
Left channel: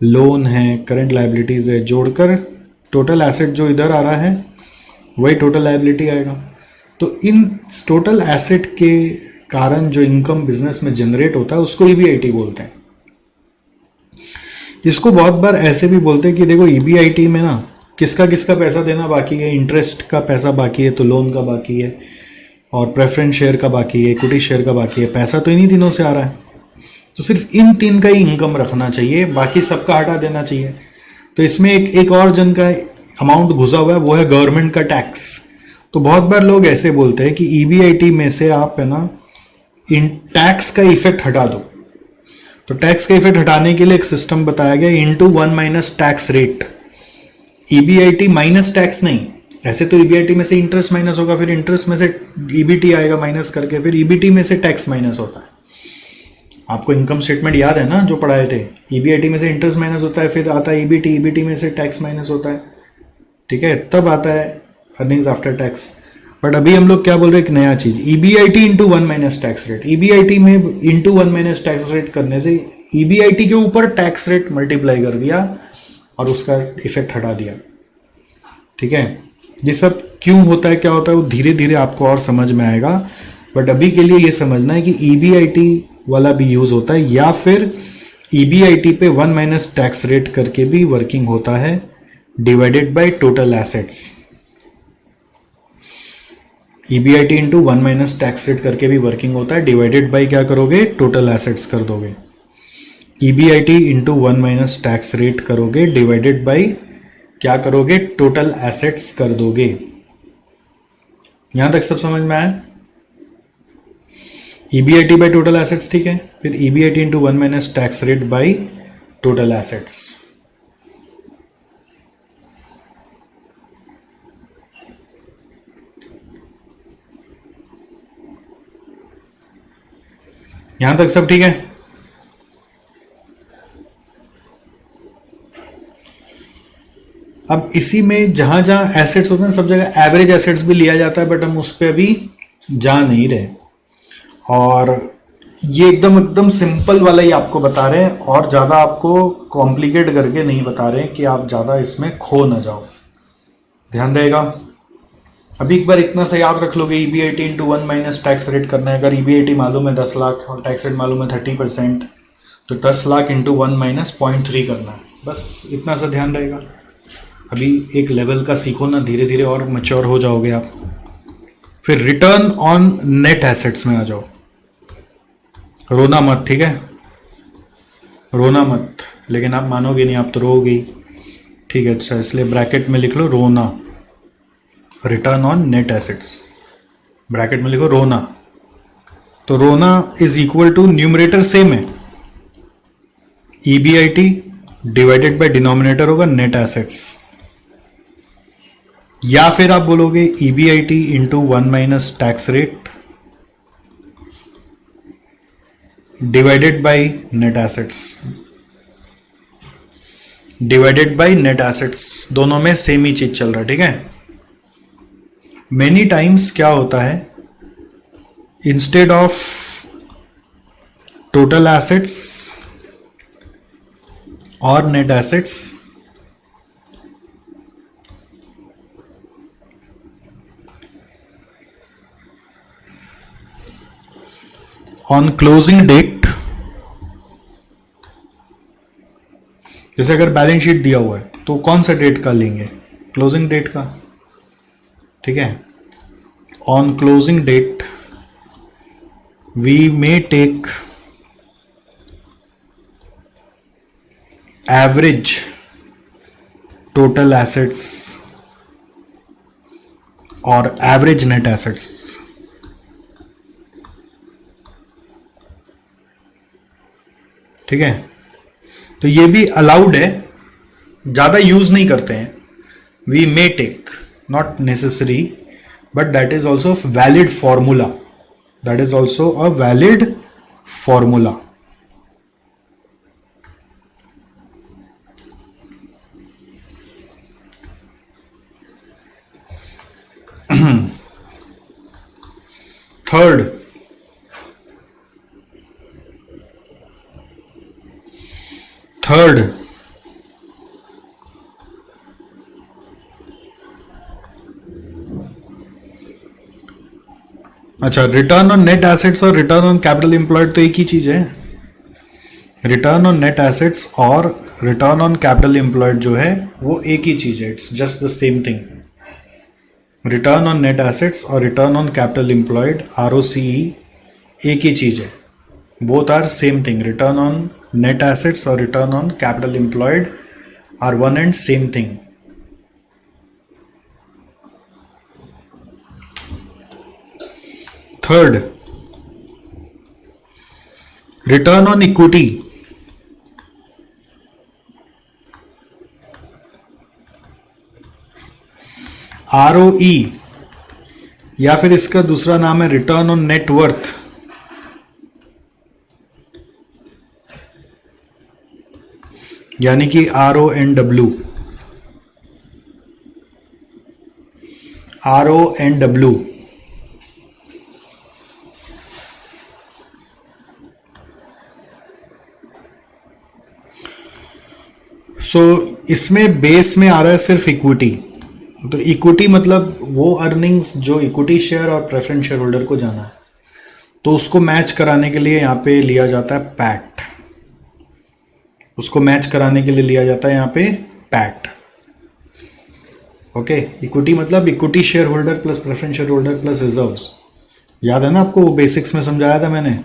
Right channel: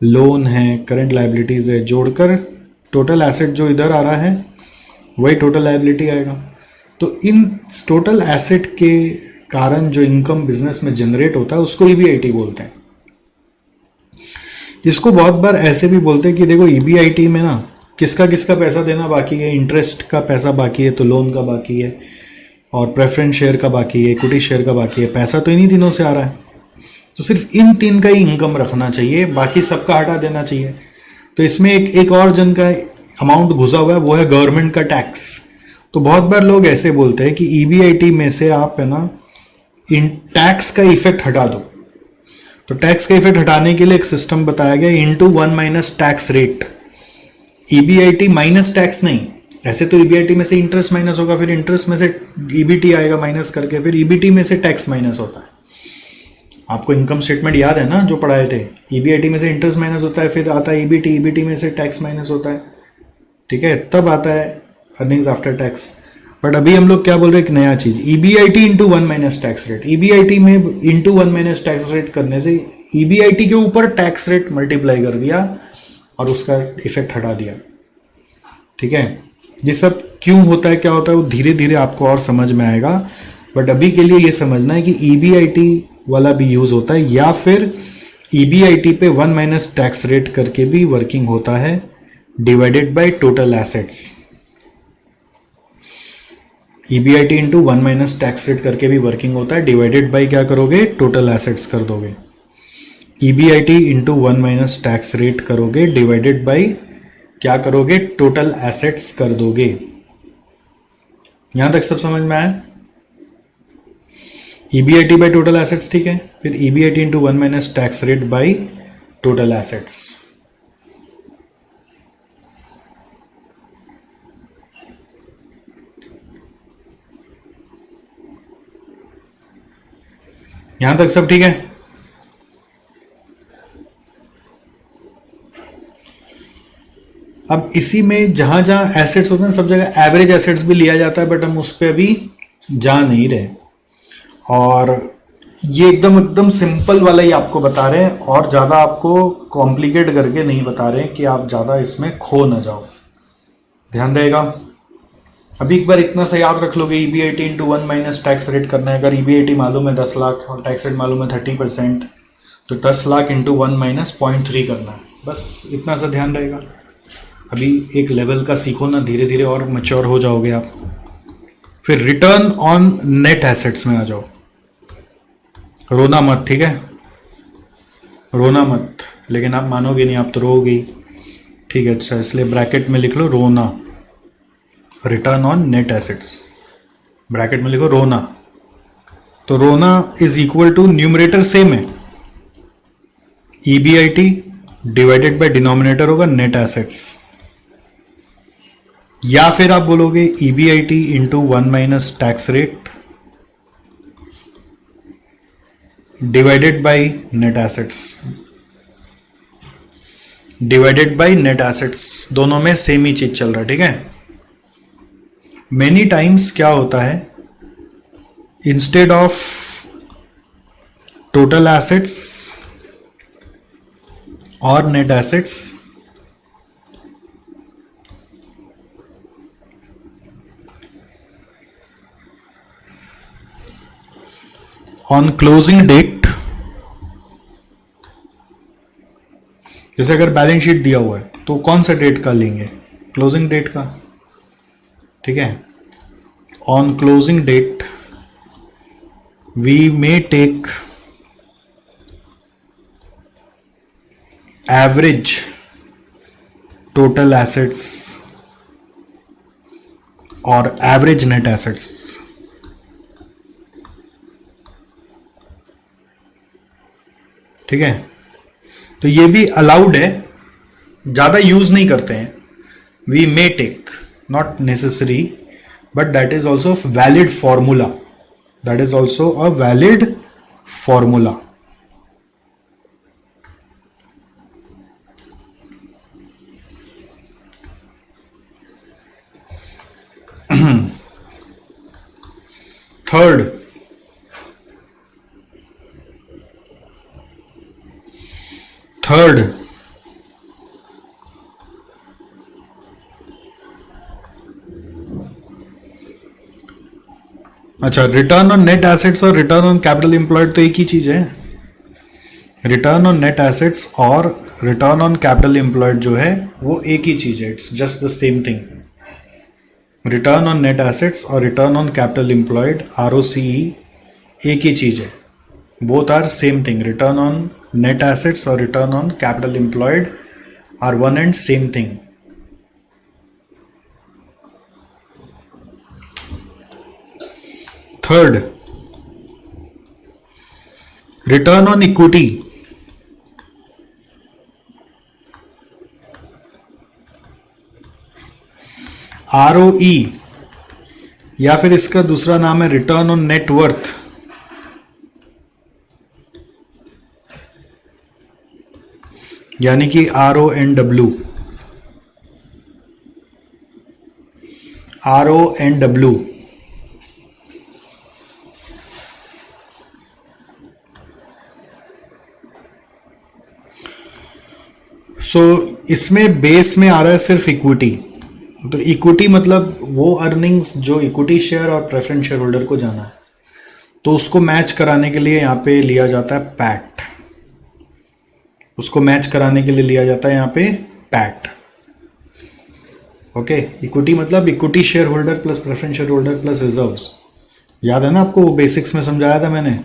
लोन है, करंट लायबिलिटीज है, जोड़कर टोटल एसेट जो इधर आ रहा है वही टोटल लायबिलिटी आएगा। तो इन टोटल एसेट के कारण जो इनकम बिजनेस में जनरेट होता है उसको ईबीआईटी बोलते हैं। इसको बहुत बार ऐसे भी बोलते हैं कि देखो ईबीआईटी में ना किसका किसका पैसा देना बाकी है, इंटरेस्ट का पैसा बाकी है तो लोन का बाकी है, और प्रेफरेंस शेयर का बाकी है, इक्विटी शेयर का बाकी है, पैसा तो इन्हीं तीनों से आ रहा है। तो सिर्फ इन तीन का ही इनकम रखना चाहिए, बाकी सबका हटा देना चाहिए। तो इसमें एक और जन का अमाउंट घुसा हुआ है, वो है गवर्नमेंट का टैक्स। तो बहुत बार लोग ऐसे बोलते हैं कि ईबीआईटी में से आप है ना इन टैक्स का इफेक्ट हटा दो। तो टैक्स का इफेक्ट हटाने के लिए एक सिस्टम बताया गया, into 1 minus tax rate. EBIT minus tax नहीं, ऐसे तो ईबीआईटी में से इंटरेस्ट माइनस होगा, फिर इंटरेस्ट में से ईबीटी आएगा माइनस करके, फिर ईबीटी में से टैक्स माइनस होता है। आपको इनकम स्टेटमेंट याद है ना जो पढ़ाए थे, ईबीआईटी में से इंटरेस्ट माइनस होता है, फिर आता है ईबीटी, ईबीटी में से टैक्स माइनस होता है, ठीक है, तब आता है अर्निंग्स आफ्टर टैक्स। बट अभी हम लोग क्या बोल रहे हैं, एक नया चीज, EBIT into 1 minus tax rate. EBIT में इंटू 1 माइनस टैक्स रेट करने से ईबीआईटी के ऊपर टैक्स रेट मल्टीप्लाई कर दिया और उसका इफेक्ट हटा दिया, ठीक है। ये सब क्यों होता है, क्या होता है, वो धीरे धीरे आपको और समझ में आएगा। बट अभी के लिए ये समझना है कि ईबीआईटी वाला भी यूज होता है, या फिर ईबीआईटी पे 1 माइनस टैक्स रेट करके भी वर्किंग होता है, divided by total assets. EBIT into 1 minus tax rate करके भी वर्किंग होता है, डिवाइडेड बाय क्या करोगे, टोटल एसेट्स कर दोगे। EBIT into 1 minus tax rate करोगे, डिवाइडेड बाय क्या करोगे, टोटल एसेट्स कर दोगे। यहां तक सब समझ में आया? ईबीआईटी बाय टोटल एसेट्स, ठीक है। फिर EBIT into 1 minus tax rate by total assets. यहां तक सब ठीक है? अब इसी में जहां जहां एसेट्स होते हैं सब जगह एवरेज एसेट्स भी लिया जाता है, बट हम उस पर अभी जा नहीं रहे। और ये एकदम एकदम सिंपल वाला ही आपको बता रहे हैं, और ज़्यादा आपको कॉम्प्लिकेट करके नहीं बता रहे हैं कि आप ज़्यादा इसमें खो ना जाओ। ध्यान रहेगा। अभी एक बार इतना सा याद रख लोगे, EBIT into 1 minus tax rate करना है। अगर ईबीआईटी मालूम है 10 लाख और टैक्स रेट मालूम है 30%, तो 10 लाख इंटू 1 माइनस 0.3 करना है, बस इतना सा ध्यान रहेगा। अभी एक लेवल का सीखो ना, धीरे धीरे और मैच्योर हो जाओगे आप। फिर रिटर्न ऑन नेट एसेट्स में आ जाओ। रोना मत, ठीक है, रोना मत, लेकिन आप मानोगे नहीं, आप तो रोगे, ठीक है। अच्छा, इसलिए ब्रैकेट में लिख लो RONA, return on net assets, bracket में लिखो रोना। तो RONA is equal to, numerator same है, ईबीआईटी डिवाइडेड बाय डिनोमिनेटर होगा नेट एसेट्स, या फिर आप बोलोगे EBIT into 1 minus tax rate divided by net assets, divided by net assets, दोनों में सेम ही चीज चल रहा है, ठीक है। मेनी टाइम्स क्या होता है, इंस्टेड ऑफ टोटल एसेट्स और net assets, on closing date, जैसे अगर बैलेंस शीट दिया हुआ है तो कौन सा डेट का लेंगे, क्लोजिंग डेट का, ठीक है। On closing date we may take average total assets और एवरेज नेट एसेट्स। ठीक है, तो ये भी अलाउड है, ज्यादा यूज नहीं करते हैं। We may take, not necessary, but that is also valid formula, that is also a valid formula. Third, अच्छा, रिटर्न ऑन नेट एसेट्स और रिटर्न ऑन कैपिटल एम्प्लॉयड तो एक ही चीज है। रिटर्न ऑन नेट एसेट्स और रिटर्न ऑन कैपिटल एम्प्लॉयड जो है वो एक ही चीज है, it's just the same thing. Return on net assets और return on capital employed, ROCE, एक ही चीज है, both are same thing. Return on net assets और return on capital employed are one and same thing. Third, return on equity, ROE, या फिर इसका दूसरा नाम है रिटर्न ऑन नेट वर्थ। यानी कि RONW, RONW। सो इसमें बेस में आ रहा है सिर्फ इक्विटी। तो इक्विटी मतलब वो अर्निंग्स जो इक्विटी शेयर और प्रेफरेंस शेयर होल्डर को जाना है, तो उसको मैच कराने के लिए यहां पे लिया जाता है पैक्ट। उसको मैच कराने के लिए लिया जाता है यहां पे पैक्ट। ओके, इक्विटी मतलब equity share holder plus preference share holder plus reserves. याद है ना आपको, वो बेसिक्स में समझाया था मैंने।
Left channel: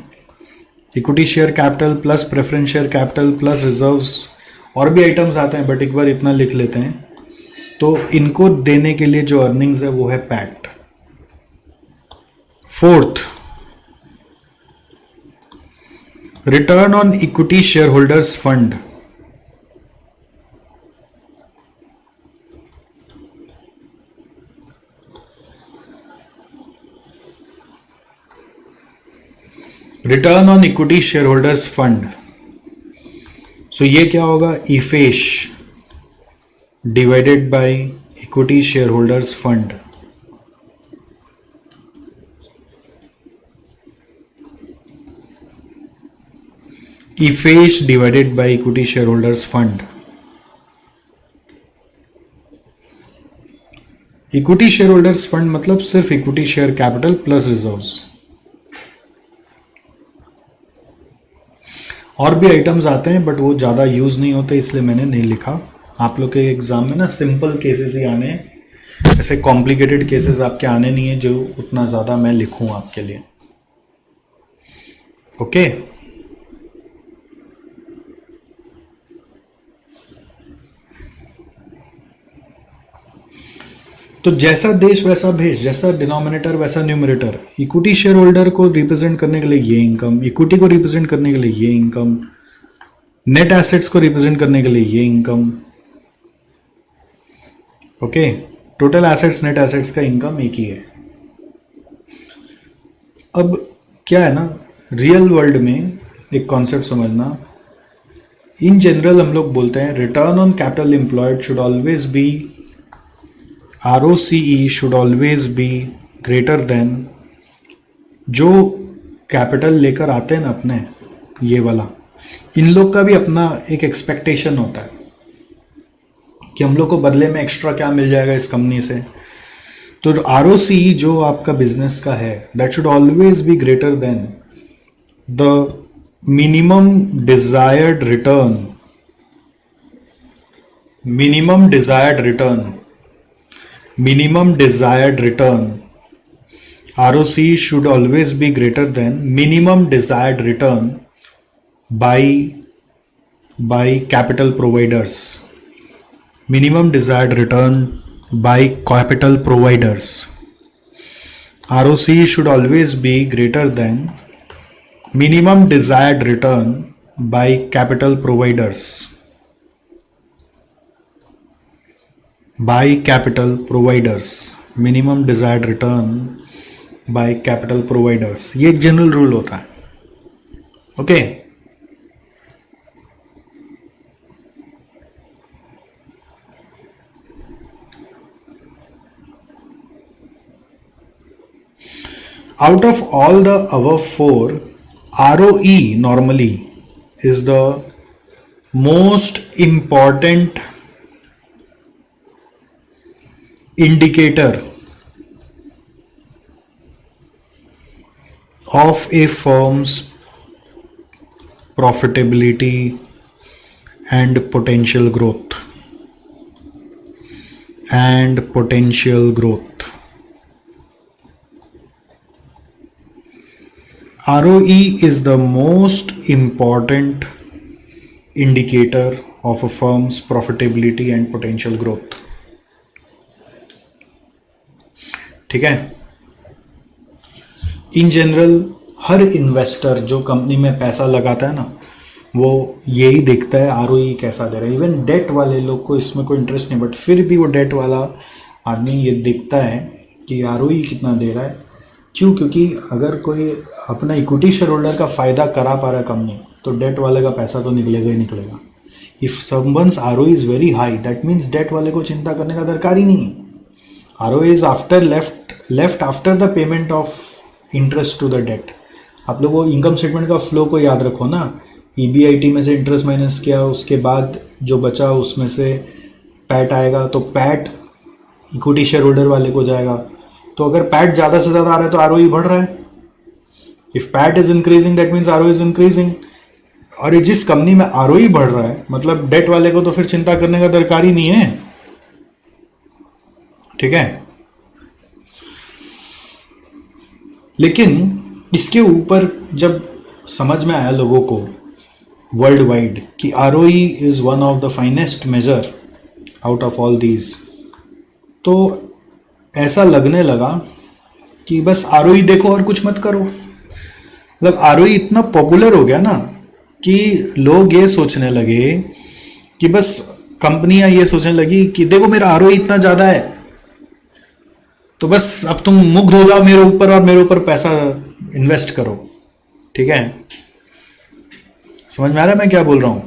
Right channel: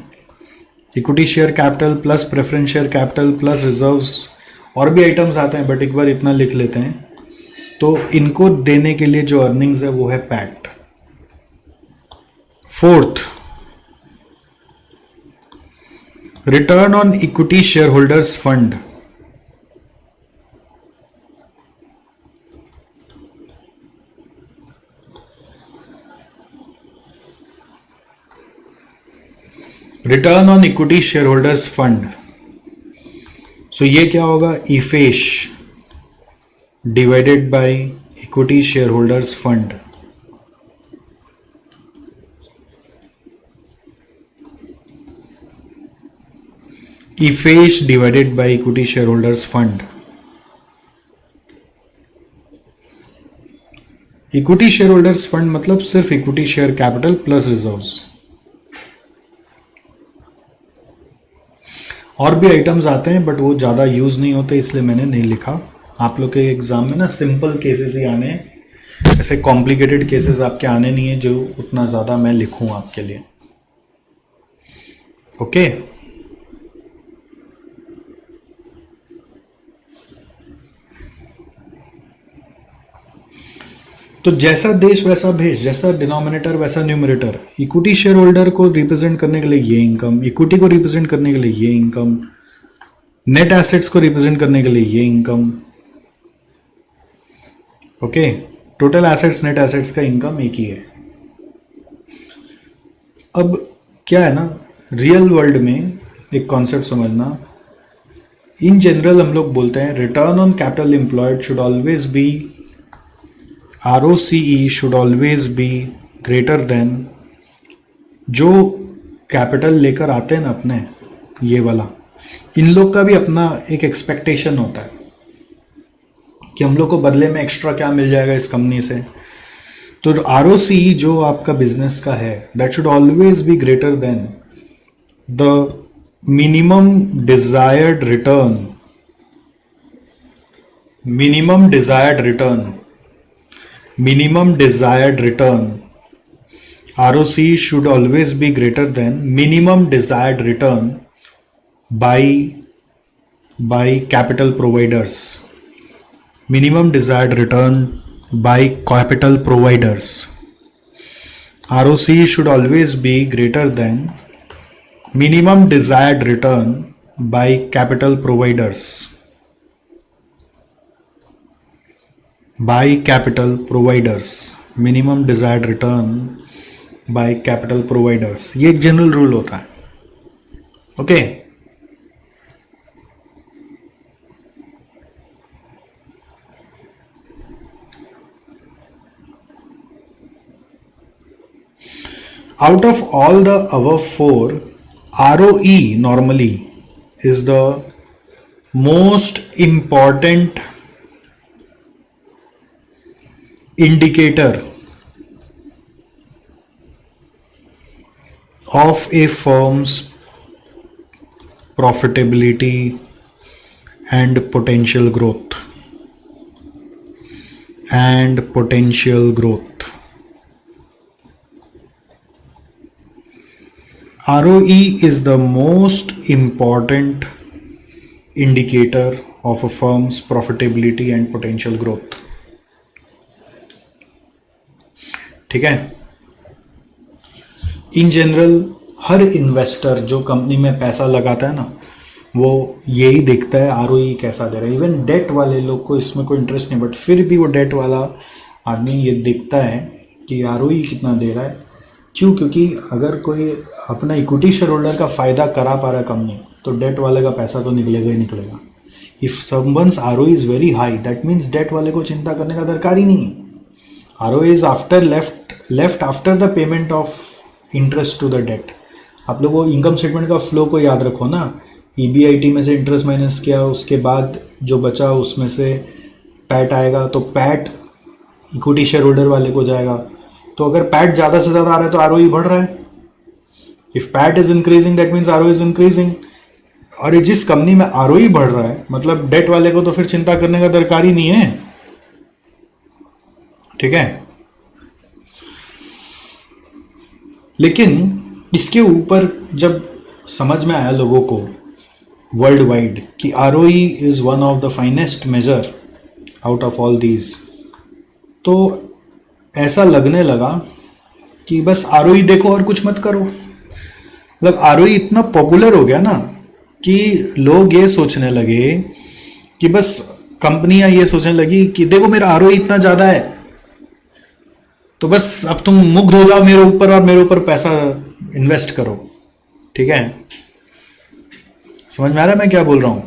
Equity share capital plus preference share capital plus reserves, और भी आइटम्स आते हैं बट एक बार इतना लिख लेते हैं। तो इनको देने के लिए जो अर्निंग्स है वो है पैक्ट। Fourth, return on equity share holders fund. Return on equity share holders fund, so ये क्या होगा, EAFES divided by equity share holders fund. EAFES divided by equity share holders fund. Equity share holders fund मतलब सिर्फ equity share capital plus reserves. और भी items आते हैं but वो ज़्यादा यूज़ नहीं होते, इसलिए मैंने नहीं लिखा। आप लोग के एग्जाम में ना सिंपल केसेस ही आने हैं, ऐसे कॉम्प्लिकेटेड केसेस आपके आने नहीं है जो उतना ज़्यादा मैं लिखूं आपके लिए। ओके, तो जैसा देश वैसा भेष, जैसा डिनोमिनेटर वैसा न्यूमरेटर। इक्विटी शेयर होल्डर को रिप्रेजेंट करने के लिए ये इनकम, इक्विटी को रिप्रेजेंट करने के लिए ये इनकम, नेट एसेट्स को रिप्रेजेंट करने के लिए ये income. Okay, total assets net assets का इनकम एक ही है। अब क्या है ना, रियल वर्ल्ड में एक कॉन्सेप्ट समझना। इन जनरल हम लोग बोलते हैं return on capital employed should always be, ROCE should always be greater than, जो कैपिटल लेकर आते हैं ना अपने, ये वाला, इन लोग का भी अपना एक एक्सपेक्टेशन होता है कि हम लोग को बदले में एक्स्ट्रा क्या मिल जाएगा इस कंपनी से। तो ROCE जो आपका बिजनेस का है, that should always be greater than the minimum desired return, minimum desired return, minimum desired return. ROCE should always be greater than minimum desired return by by capital providers. Minimum desired return by capital providers. ROC should always be greater than minimum desired return by capital providers. By capital providers. Minimum desired return by capital providers. ये एक general rule होता है. Okay Out of all the above four, ROE normally is the most important indicator of a firm's profitability and potential growth. ROE is the most important indicator of a firm's profitability and potential growth. ठीक है. In general her investor जो company में पैसा लगाता है ना, वो यही देखता है आरओई कैसा दे रहा है. इवन डेट वाले लोग को इसमें कोई इंटरेस्ट नहीं, बट फिर भी वो डेट वाला आदमी ये देखता है कि आरओई कितना दे रहा है. क्यों? क्योंकि अगर कोई अपना इक्विटी शेयर होल्डर का फ़ायदा करा पा रहा है कंपनी, तो डेट वाले का पैसा तो निकलेगा ही निकलेगा. If someone's ROE is very high, that means debt वाले को चिंता करने का दरकार ही नहीं. ROE is after left after the payment of interest to the debt. आप लोगों को इनकम स्टेटमेंट का फ्लो को याद रखो ना. ईबीआईटी में से इंटरेस्ट माइनस किया, उसके बाद जो बचा उसमें से पैट आएगा, तो पैट इक्विटी शेयर होल्डर वाले को जाएगा. तो अगर पैट ज़्यादा से ज़्यादा आ रहा है तो आरओई बढ़ रहा है. If PAT is increasing that means ROE is increasing. और जिस कंपनी में आरओई बढ़ रहा है मतलब डेट वाले को तो फिर चिंता करने का दरकार ही नहीं है. ठीक है. लेकिन इसके ऊपर जब समझ में आया लोगों को वर्ल्ड वाइड कि ROE is one of the finest measure out of all these, तो ऐसा लगने लगा कि बस आरओई देखो और कुछ मत करो. मतलब आरओई इतना पॉपुलर हो गया ना कि लोग ये सोचने लगे कि बस कंपनियां ये सोचने लगी कि देखो मेरा आरओई इतना ज़्यादा है, तो बस अब तुम मुग्ध हो जाओ मेरे ऊपर और मेरे ऊपर पैसा इन्वेस्ट करो. ठीक है. समझ में आ रहा है मैं क्या बोल रहा हूं?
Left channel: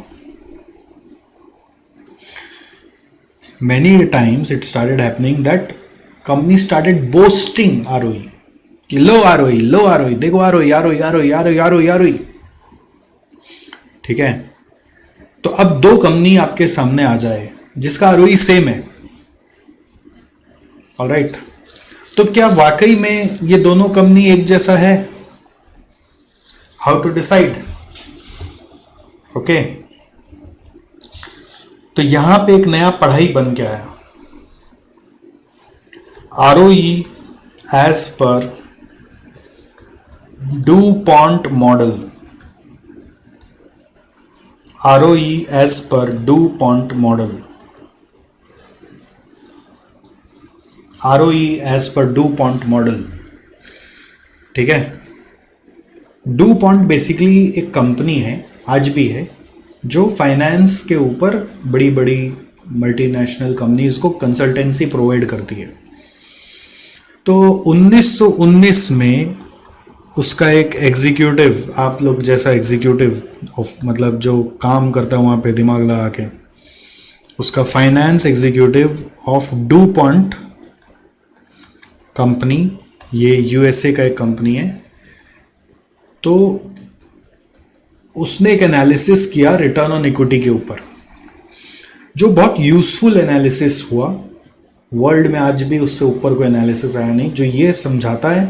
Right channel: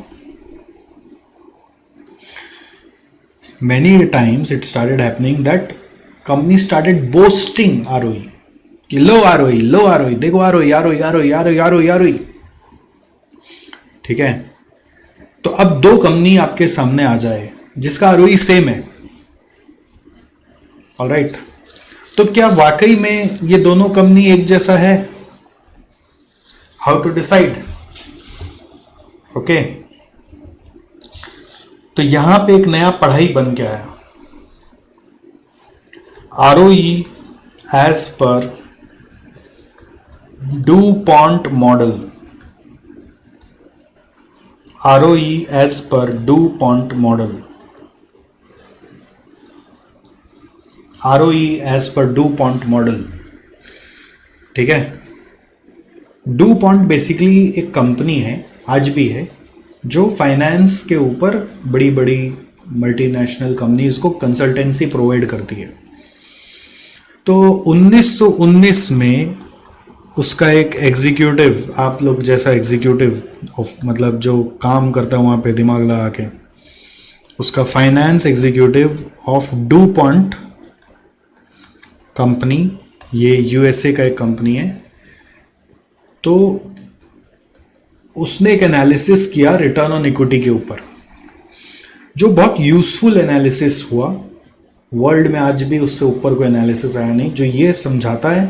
Many times it started happening that companies started boasting ROE कि लो ROE देखो ROE. ठीक है. तो अब दो कंपनी आपके सामने आ जाए जिसका ROE सेम है. ऑलराइट. तो क्या वाकई में ये दोनों कंपनी एक जैसा है? How to decide? ओके. तो यहां पे एक नया पढ़ाई बन के आया. ROE as per DuPont model. ROE as per DuPont model. ROE as per DuPont model. ठीक है. DuPont बेसिकली एक कंपनी है, आज भी है, जो फाइनेंस के ऊपर बड़ी बड़ी मल्टीनेशनल कंपनीज को कंसल्टेंसी प्रोवाइड करती है. तो 1919 में उसका एक एग्जीक्यूटिव, आप लोग जैसा एग्जीक्यूटिव ऑफ मतलब जो काम करता है वहाँ पे दिमाग लगा के, उसका finance executive of DuPont company, ये यूएसए का एक कंपनी है, तो उसने एक एनालिसिस किया रिटर्न ऑन इक्विटी के ऊपर, जो बहुत यूजफुल एनालिसिस हुआ. वर्ल्ड में आज भी उससे ऊपर कोई एनालिसिस आया नहीं जो ये समझाता है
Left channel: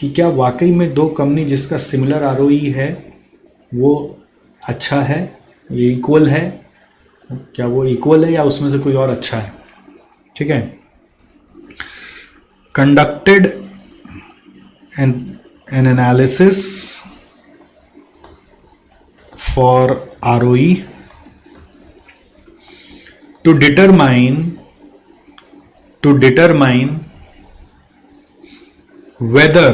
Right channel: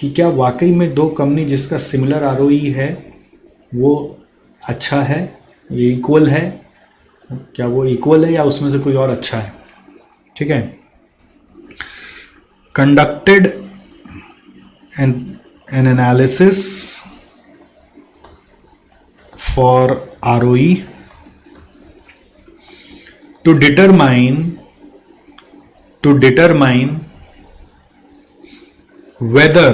कि क्या वाकई में दो कंपनी जिसका सिमिलर आरओई है वो अच्छा है, ये इक्वल है, क्या वो इक्वल है या उसमें से कोई और अच्छा है. ठीक है. Conducted N analysis for ROE to determine whether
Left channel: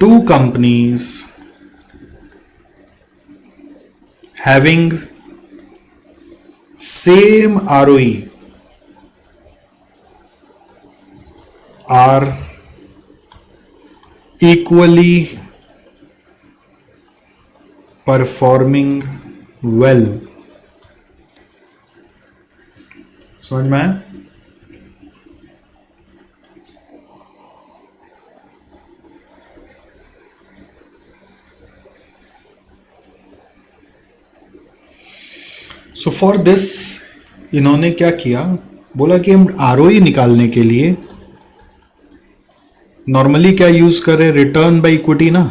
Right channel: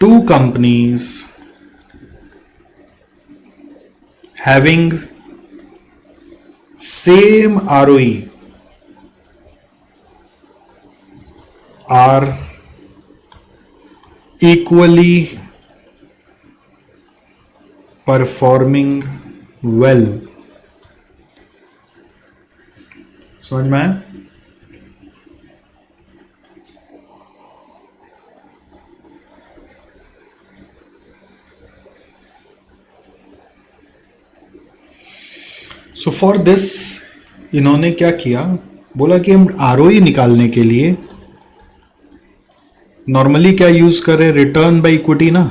two companies having same ROE are equally performing well. समझ में आया? सो फॉर दिस इन्होंने क्या किया, बोला कि हम आरओई निकालने के लिए नॉर्मली क्या यूज कर रहे हैं, रिटर्न बाय इक्विटी ना,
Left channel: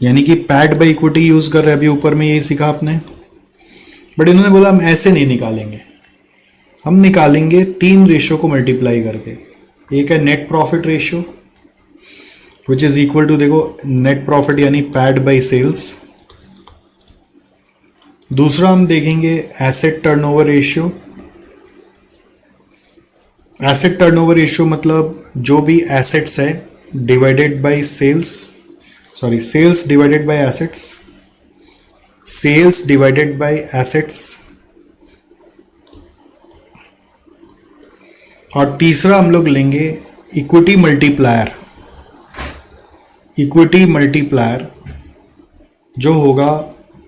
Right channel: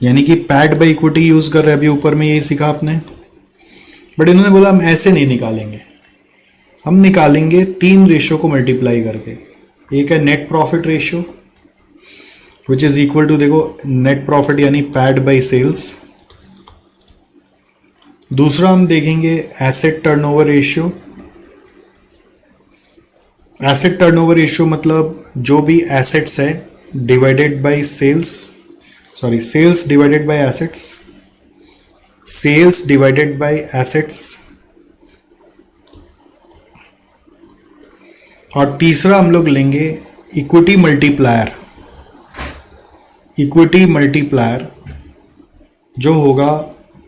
यानी कि पैड बाय इक्विटी यूज कर रहे हैं, अभी ऊपर में यही सीखा आपने। बट इन्होंने बोला हम ऐसे नहीं निकालेंगे, हम निकालेंगे 3 रेशियो को मल्टीप्लाई करके। एक है net profit ratio which is equal to, देखो नेट प्रॉफिट यानी पैड बाय सेल्स। दूसरा हम देखेंगे asset turnover ratio. Asset turnover ratio मतलब जो भी एसेट्स है divided by sales, sorry sales divided by assets, sales divided by assets. और तीसरा हम लोग लेंगे इक्विटी मल्टीप्लायर। इक्विटी मल्टीप्लायर जो होगा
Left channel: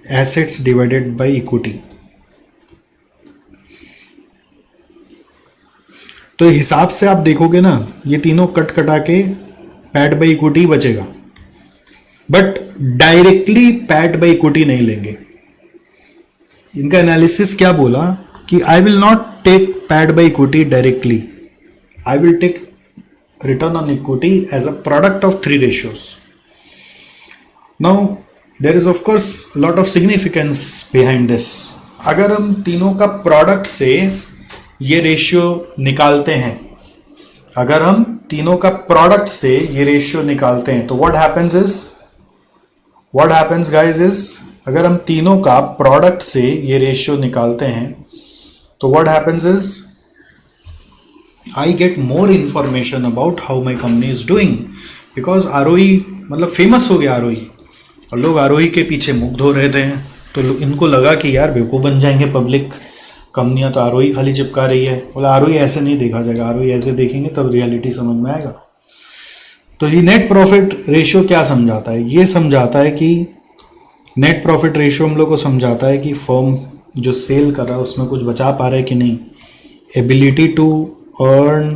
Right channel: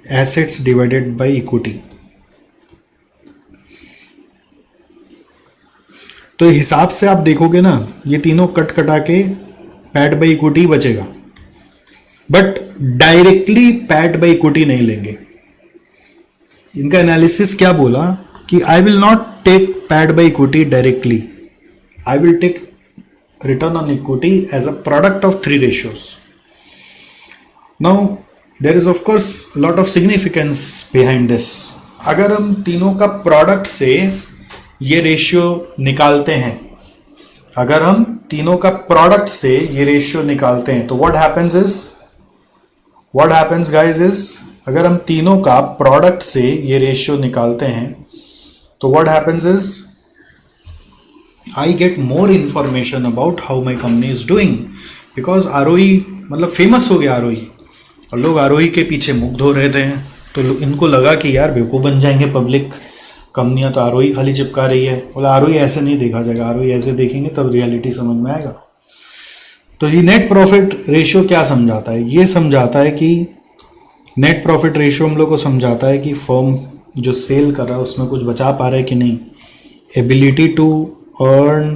एसेट्स डिवाइडेड बाय इक्विटी। तो हिसाब से आप देखोगे ना, ये तीनों कट कटा के पैड बाय इक्विटी बचेगा, but directly PAT by equity नहीं लेंगे। इनका एनालिसिस क्या बोला कि I will not take PAT by equity directly, I will take return on equity as a product of 3 ratios. Now there is of course lot of significance behind this. अगर हम तीनों का प्रोडक्ट से ये ratio निकालते हैं, अगर हम तीनों का प्रोडक्ट से ये रेशियो निकालते हैं तो व्हाट हैपेंस गाइस इज, अगर हम तीनों का प्रोडक्ट से ये रेशियो निकालते हैं तो what happens is I get more information about how my company is doing, because ROE मतलब फेमस हो गया आरओई, और लोग आरओई के पीछे मुख धो रहे थे। तो इनको लगा कि यार बेवकूफ़ बन जाएंगे पब्लिक, कंपनियां तो आरओई खाली चिपका रही है। बोला आरओई ऐसे नहीं देखा जाएगा, आरओई ऐसे देखेंगे तब रियलिटी समझ में आएगा। तो ये नेट प्रॉफिट रेशियो क्या समझाता है, ये समझाता है कि नेट प्रॉफिट रेशियो हम लोग को समझाता है कि फर्म जो सेल कर रहा है उसमें कुछ बचा पा रहा है कि नहीं, ability to earn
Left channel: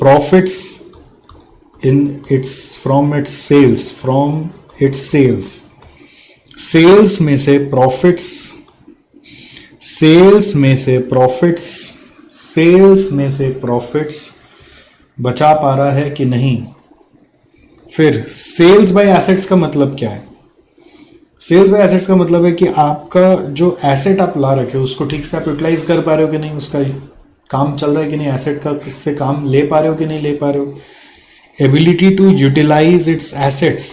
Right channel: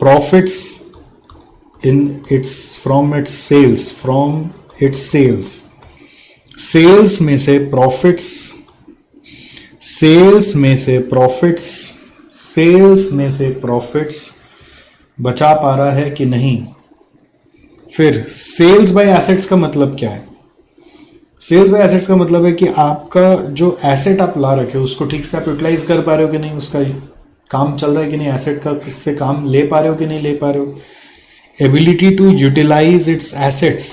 profits in its from its sales, sales में से प्रॉफिट्स, सेल्स में से प्रॉफिट्स बचा पा रहा है कि नहीं। फिर सेल्स बाय एसेट्स का मतलब क्या है, सेल्स बाय एसेट्स का मतलब है कि आपका जो एसेट आप ला रखे हो उसको ठीक से आप यूटिलाइज कर पा रहे हो कि नहीं, उसका काम चल रहा है कि नहीं, एसेट का ठीक से काम ले पा रहे हो कि नहीं ले पा रहे हो। Ability to utilize its assets,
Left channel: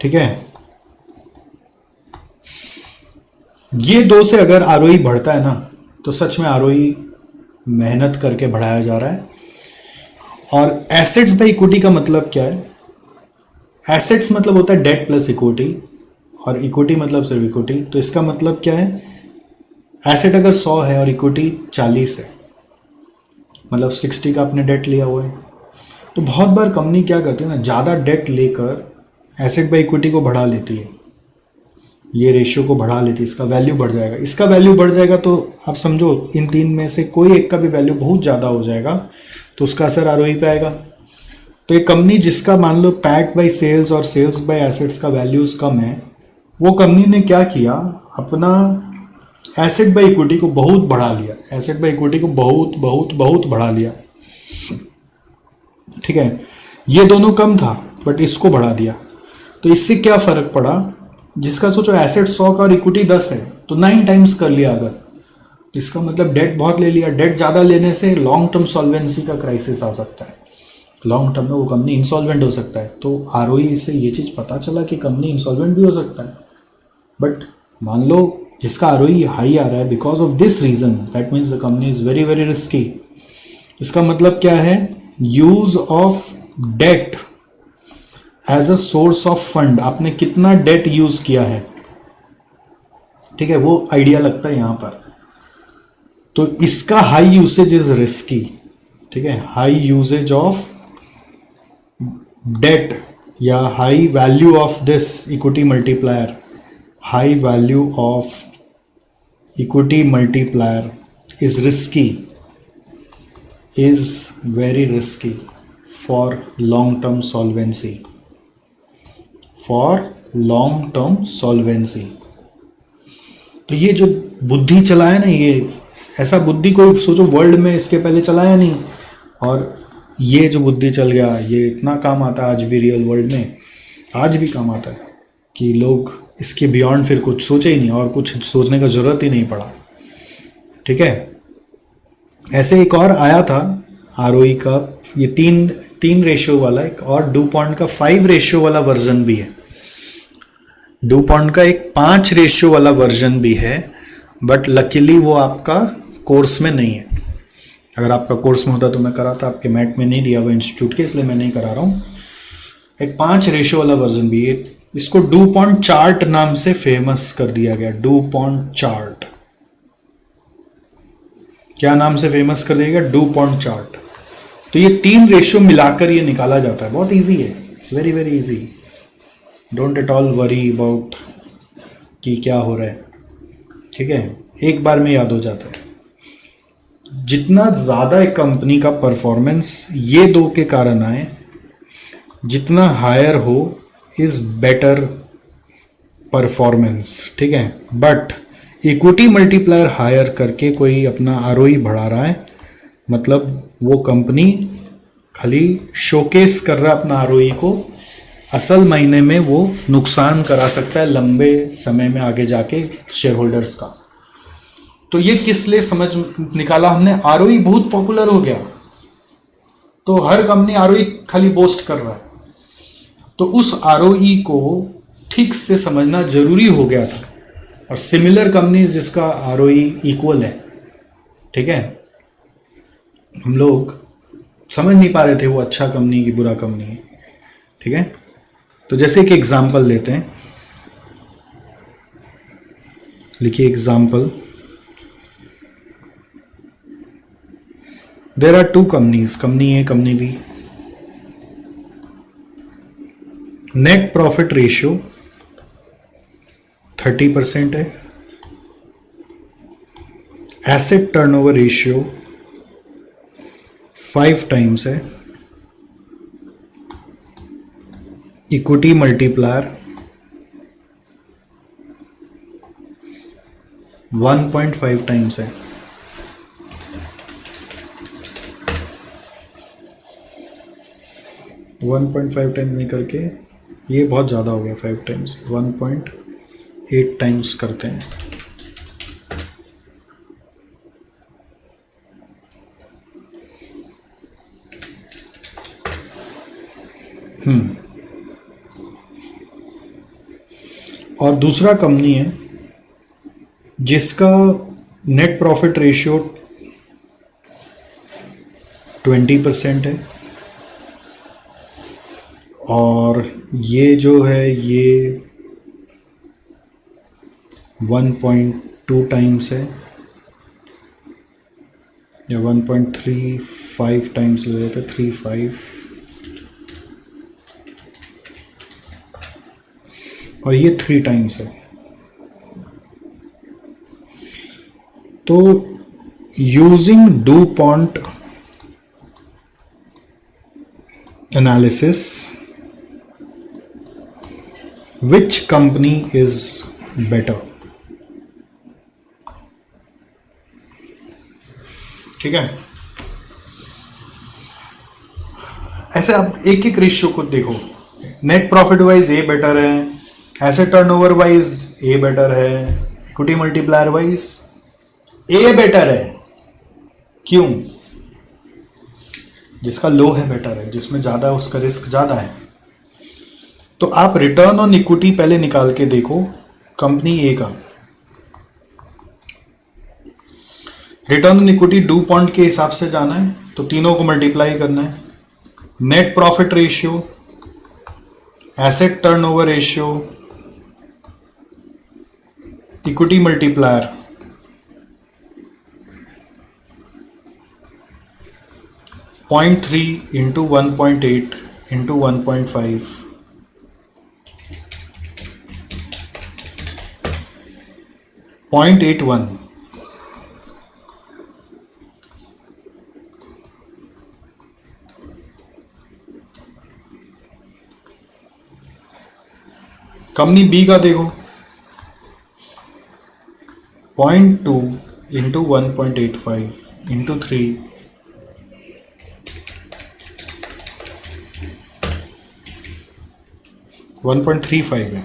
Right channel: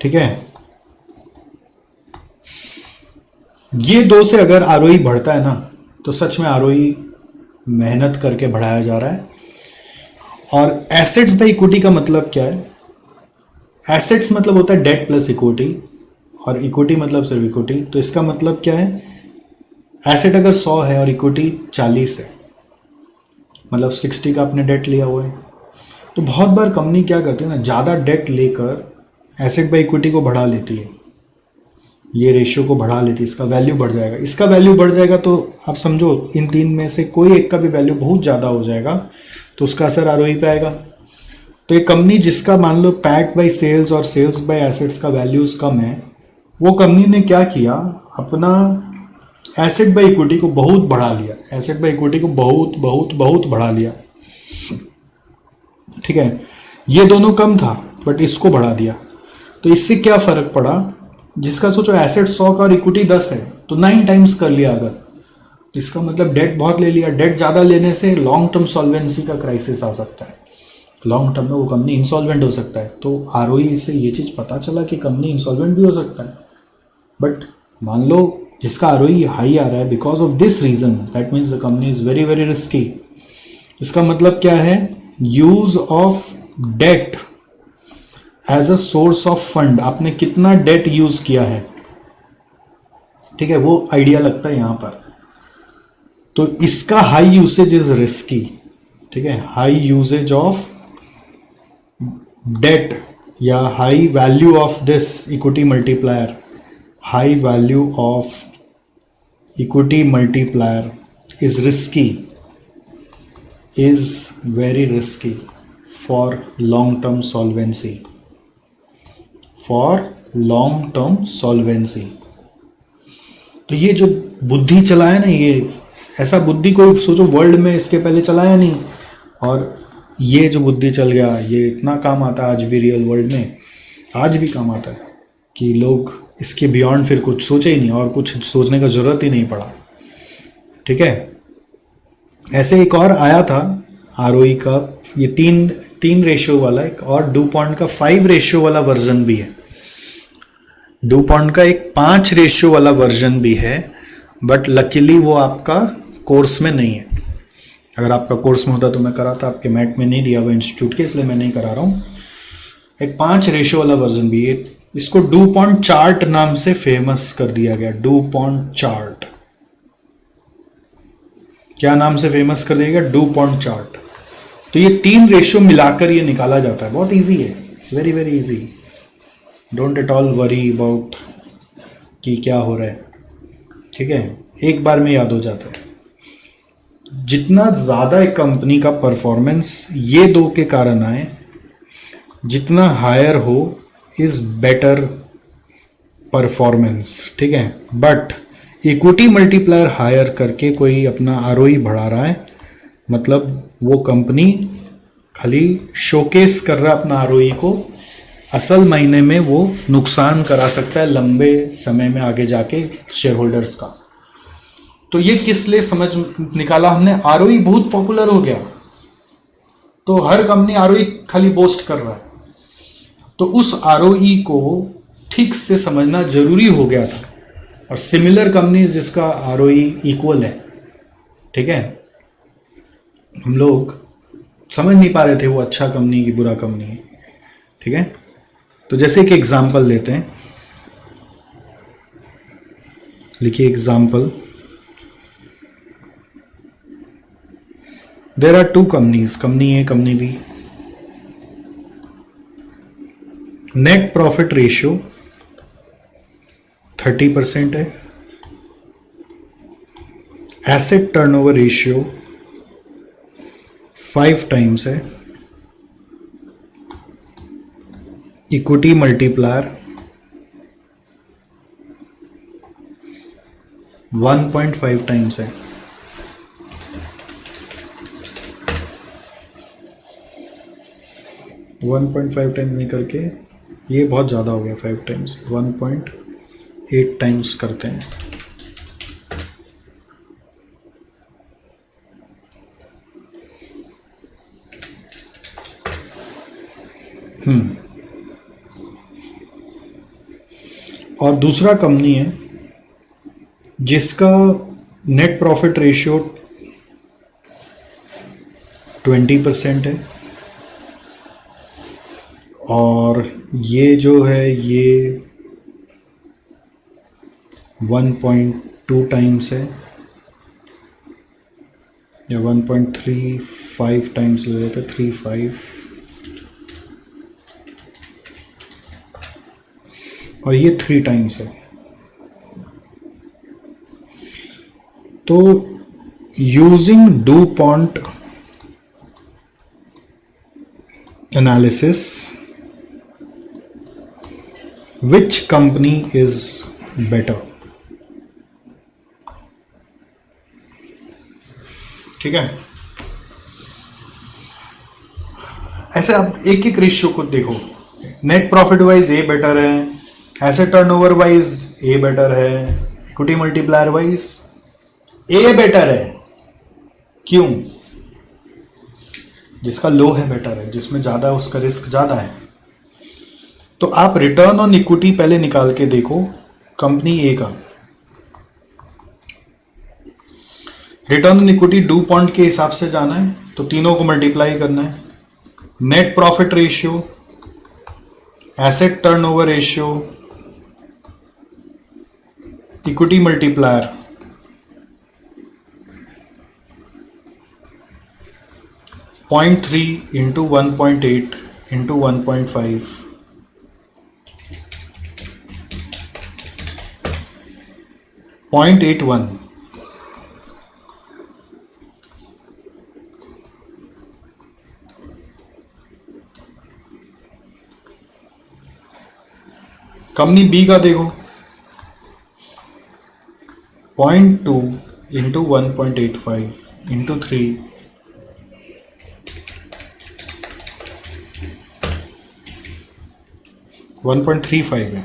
ठीक है। ये 2 से अगर आरओई बढ़ता है ना तो सच में आरओई मेहनत करके बढ़ाया जा रहा है। और एसेट्स बाय इक्विटी का मतलब क्या है, एसेट्स मतलब होता है डेट प्लस इक्विटी, और इक्विटी मतलब सिर्फ इक्विटी। तो इसका मतलब क्या है, एसेट अगर 100 है और इक्विटी 40 है, मतलब 60 का आपने डेट लिया हुआ है। तो बहुत बार कंपनी क्या करती है ना, ज़्यादा डेट लेकर एसेट बाय इक्विटी को बढ़ा लेती है, ये रेशियो को बढ़ा लेती है, इसका वैल्यू बढ़ जाएगा। इसका वैल्यू बढ़ जाएगा तो आप समझो इन 3 में से कोई एक का भी वैल्यू बहुत ज़्यादा हो जाएगा तो उसका असर आरओई पे आएगा। तो एक कंपनी जिसका मान लो पैड बाय सेल्स और सेल्स बाय एसेट्स का वैल्यूज़ कम है, वो कंपनी ने क्या किया, अपना एसेट बाय इक्विटी को बहुत बढ़ा लिया, एसेट बाय इक्विटी को बहुत बहुत बहुत बढ़ा लिया, ठीक है। ये दोनों कम था बट इसको बढ़ा दिया। तो इससे क्या फर्क पड़ा, जिसका सोचो एसेट 100 का और इक्विटी 10 है तो 9 टाइम्स कर लिया अगर, तो इसका मतलब डेट बहुत ले लिया। डेट ज़्यादा लेने से लॉन्ग टर्म सॉल्वेंसी का क्राइसिस आ सकता है, लॉन्ग टर्म में वो कंपनी इंसॉल्वेंट हो सकता है। तो आरओई से ये चीज़ पता चला कि कंपनी इंसॉल्वेंट भी हो सकता है। बट मान लो जिसका आरओई हाई आ रहा है, because of this reason that means the company is very very risky. इसका मतलब क्या है? Use of debt as a source of fund. आपने कितना डेट यूज किया है, ठीक है, वो आइडिया लगता है यहां पर। तो इसका हाई यूसेज इज रिस्की, ठीक है। हाई यूसेज ऑफ डेट या high value of this equity multiplier, high value of equity multiplier is risky, is very risky for long term solvency, for long term solvency. तो ये जो बुद्धि चला है ना, ये ऐसा बुद्धि कोई सोचो वर्ल्ड में इसके पहले चलाया नहीं, और ये जो बुद्धि चल गया ये इतना काम आता है आज भी रियल वर्ल्ड में, आज भी काम आता है कि लोग इसके बियॉन्ड फिर कुछ सोचे ही नहीं और कुछ सोचने का ज़रूरत ही नहीं पड़ा, ठीक है। ऐसे एक और आया था आरओई का, ये तीन रेशियो वाला एक, और डूपॉन्ट का 5 रेशियो वाला वर्जन भी है। डूपॉन्ट का एक 5 रेशियो वाला वर्जन भी है, बट लकीली वो आपका कोर्स में नहीं है। अगर आपका कोर्स में होता तो मैं कराता, आपके मैट में नहीं दिया हुआ इंस्टीट्यूट के, इसलिए मैं नहीं करा रहा हूँ। एक 5 रेशियो वाला वर्जन भी है। इसको डूपॉन्ट चार्ट नाम से फेमस कर दिया गया। डूपॉन्ट चार्ट, क्या नाम से फेमस कर दिया गया? DuPont chart. तो ये 3 रेशियो मिलाकर ये निकाला जाता है। बहुत इजी है, it's very very easy. Don't at all worry about कि क्या हो रहा है, ठीक है, एक बार में याद हो जाता है। जितना ज़्यादा एक कंपनी का परफॉर्मेंस ये 2 के कारण आए, जितना हायर हो इज बेटर परफॉर्मेंस, ठीक है। बट इक्विटी मल्टीप्लायर हायर करके कोई अपना आरओई बढ़ा रहा है, मतलब वो कंपनी खाली शोकेस कर रहा है अपना आरओई को, असल मायने में वो नुकसान करा सकता है लंबे समय में आगे जाके शेयर होल्डर्स का। तो ये किस लिए समझ निकाला हमने? आरओई बहुत पॉपुलर हो गया, तो हर कंपनी आरओई खाली बोस्ट कर रहा है, तो उस आरओई को ठीक से समझना जरूरी हो गया था। और सिमिलर कंपनीज जिसका आरओई इक्वल है, ठीक है, हम लोग समझ नहीं पा रहे थे वो अच्छा कंपनी की बुरा कंपनी है, ठीक है। तो जैसे एक एग्जांपल लेते हैं, लिखिए example. There are 2 companies, company A company B. Net profit ratio 30% है, एसेट टर्नओवर रेशियो 5 टाइम्स है, इक्विटी मल्टीप्लायर 1.5 टाइम्स है। वन 1.5 टाइम्स नहीं करके ये बहुत ज़्यादा हो गया, 5 टाइम्स, 1.8 टाइम्स करते हैं। और दूसरा कंपनी है जिसका नेट प्रॉफिट रेशियो 20% है, और ये जो है ये 1.2 टाइम्स है, या 1.35 टाइम्स ले लेते, 35, और ये 3 टाइम्स है। तो using DuPont analysis, which company is better? ठीक है, ऐसे आप एक एक रेशियो को देखो। Net profit wise A better है, asset turnover wise A better है, equity multiplier wise A better है। क्यों? जिसका लो है बेटर है, जिसमें ज्यादा उसका रिस्क ज्यादा है। तो आप रिटर्न ऑन इक्विटी पहले निकाल के देखो कंपनी ए का return on equity do point के हिसाब से जाना है तो तीनों को मल्टीप्लाई करना है। Net profit ratio, asset turnover ratio, equity multiplier, point 3 into 1.8 into 1.5, 0.81। Company B का देखो 0.2 इंटू 1.85 इंटू 3, 1.35 है।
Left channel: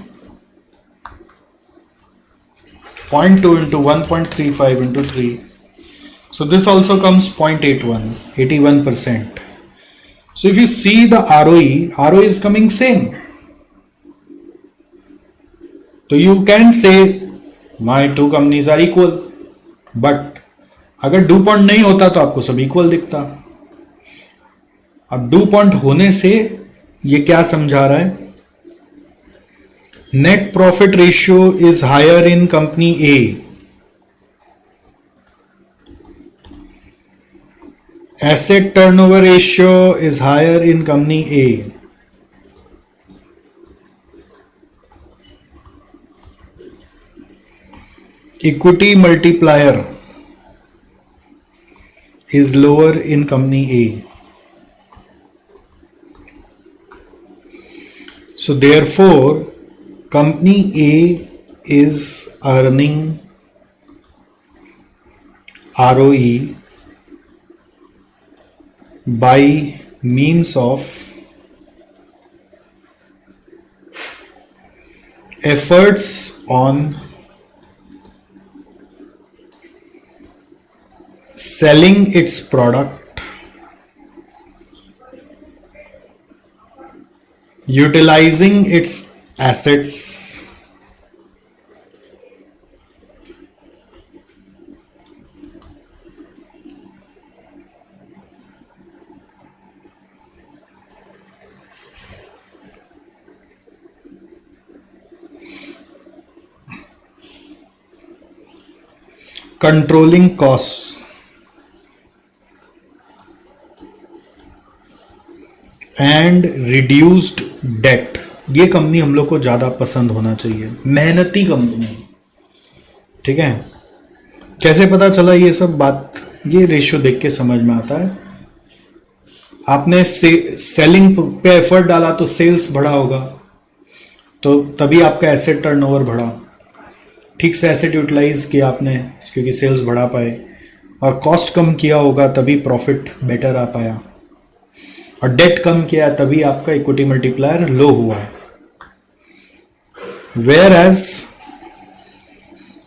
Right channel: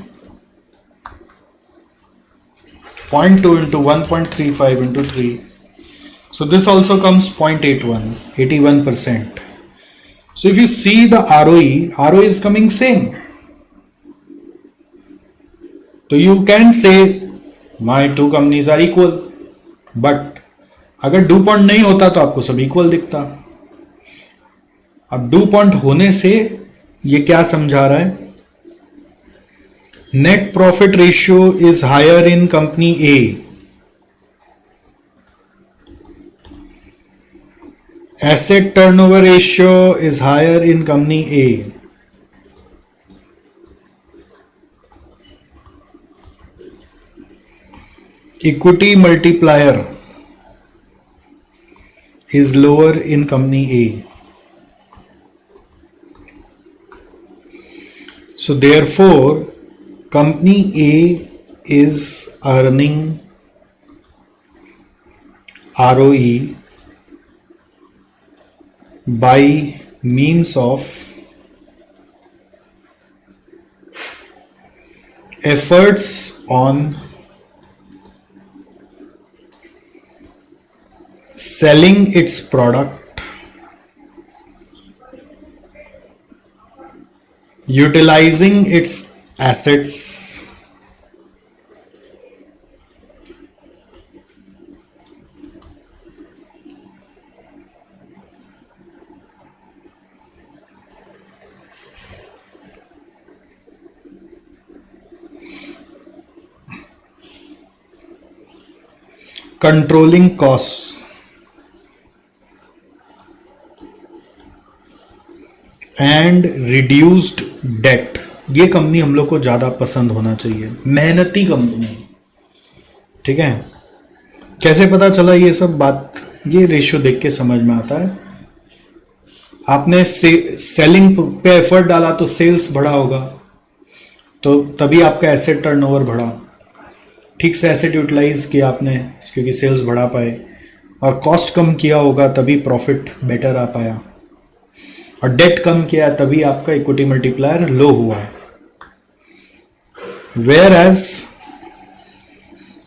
0.2 into 1.35 into 3. So this also comes 0.81, 81%. So if you see the ROE is coming same. So you can say my two companies are equal. But अगर do point नहीं होता तो आपको सब equal दिखता। अब डू पॉइंट होने से ये क्या समझा रहा है? Net profit ratio is higher in company A, asset turnover ratio is higher in company A, equity multiplier is lower in company A. So therefore company A is earning ROE by means of efforts on selling its product, utilizing its assets, controlling costs and reduced debt. ये कंपनी हम लोग को ज्यादा पसंद होना चाहिए, मेहनती कंपनी। ठीक है, कैसे पता चला ये सब बात? ये रेशियो देख के समझ में आता है। आपने सेलिंग पे एफर्ट डाला तो सेल्स बढ़ा होगा, तो तभी आपका एसेट टर्नओवर बढ़ा। ठीक से एसेट यूटिलाइज किया आपने क्योंकि सेल्स बढ़ा पाए, और कॉस्ट कम किया होगा तभी प्रॉफिट बेटर आ पाया, और डेट कम किया तभी आपका इक्विटी मल्टीप्लायर लो हुआ है। Whereas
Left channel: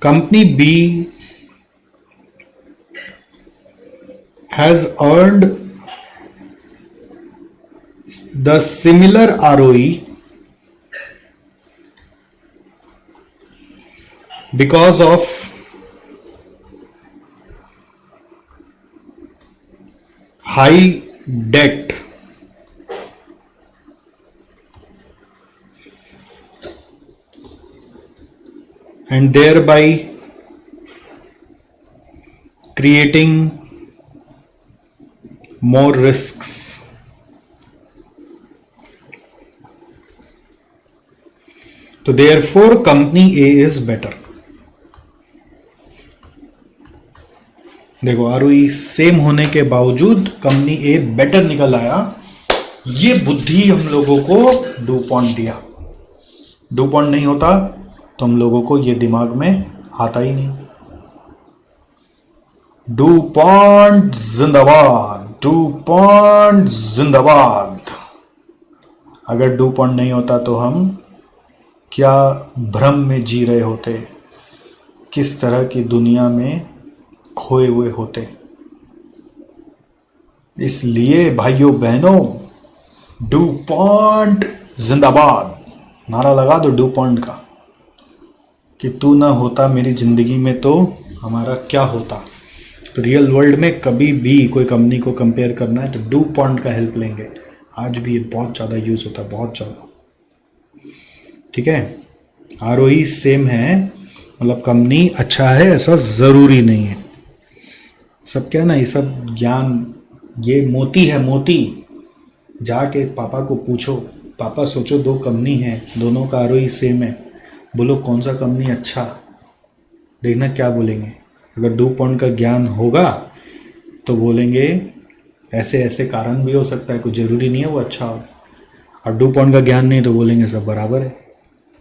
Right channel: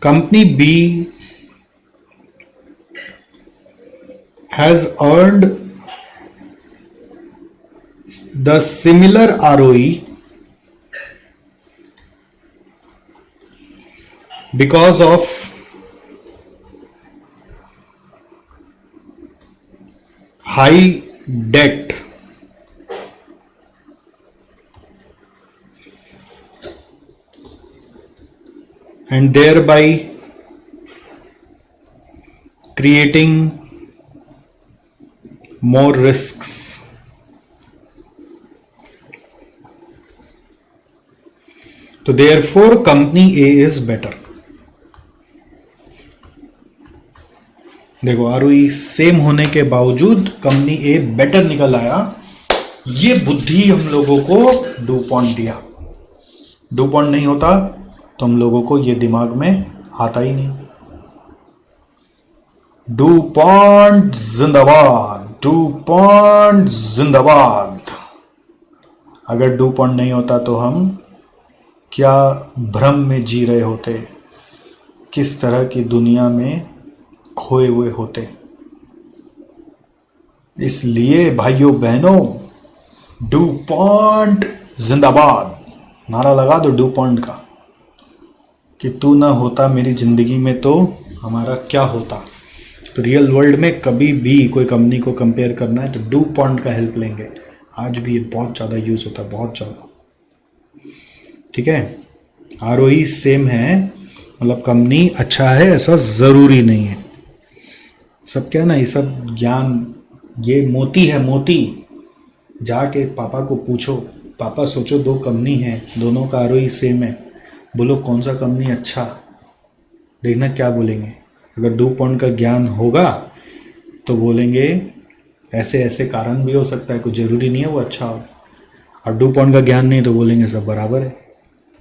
company B has earned the similar ROE because of high debt and thereby creating more risks. So therefore company A is better. देखो ROE सेम होने के बावजूद कंपनी ए बेटर निकल आया। ये बुद्धि हम लोगों को डू पॉइंट दिया। डू पॉइंट नहीं होता तो हम लोगों को ये दिमाग में आता ही नहीं। डू पॉइंट जिंदाबाद, डू पॉइंट जिंदाबाद। अगर डू पॉइंट नहीं होता तो हम क्या भ्रम में जी रहे होते, किस तरह की दुनिया में खोए हुए होते। इसलिए भाइयों बहनों, डू पॉइंट जिंदाबाद नारा लगा दो डू पॉइंट का। कि तू ना होता मेरी ज़िंदगी में तो हमारा क्या होता। तो रियल वर्ल्ड में कभी भी कोई कंपनी को कंपेयर करना है तो डू पॉइंट का हेल्प लेंगे। आज भी ये बहुत ज़्यादा यूज़ होता है, बहुत ज़्यादा। ठीक है, आरओई सेम है, मतलब कंपनी अच्छा है ऐसा ज़रूरी नहीं है। सब क्या ना, ये सब ज्ञान, ये मोती है, मोती। जाके पापा को पूछो, पापा सोचो दो कंपनी है, दोनों का आरओई सेम है, बोलो कौन सा कंपनी अच्छा, देखना क्या बोलेंगे। अगर डू पॉइंट का ज्ञान होगा तो बोलेंगे ऐसे ऐसे कारण भी हो सकता है, कुछ ज़रूरी नहीं है वो अच्छा हो। और डू पॉइंट का ज्ञान नहीं तो बोलेंगे सब बराबर है।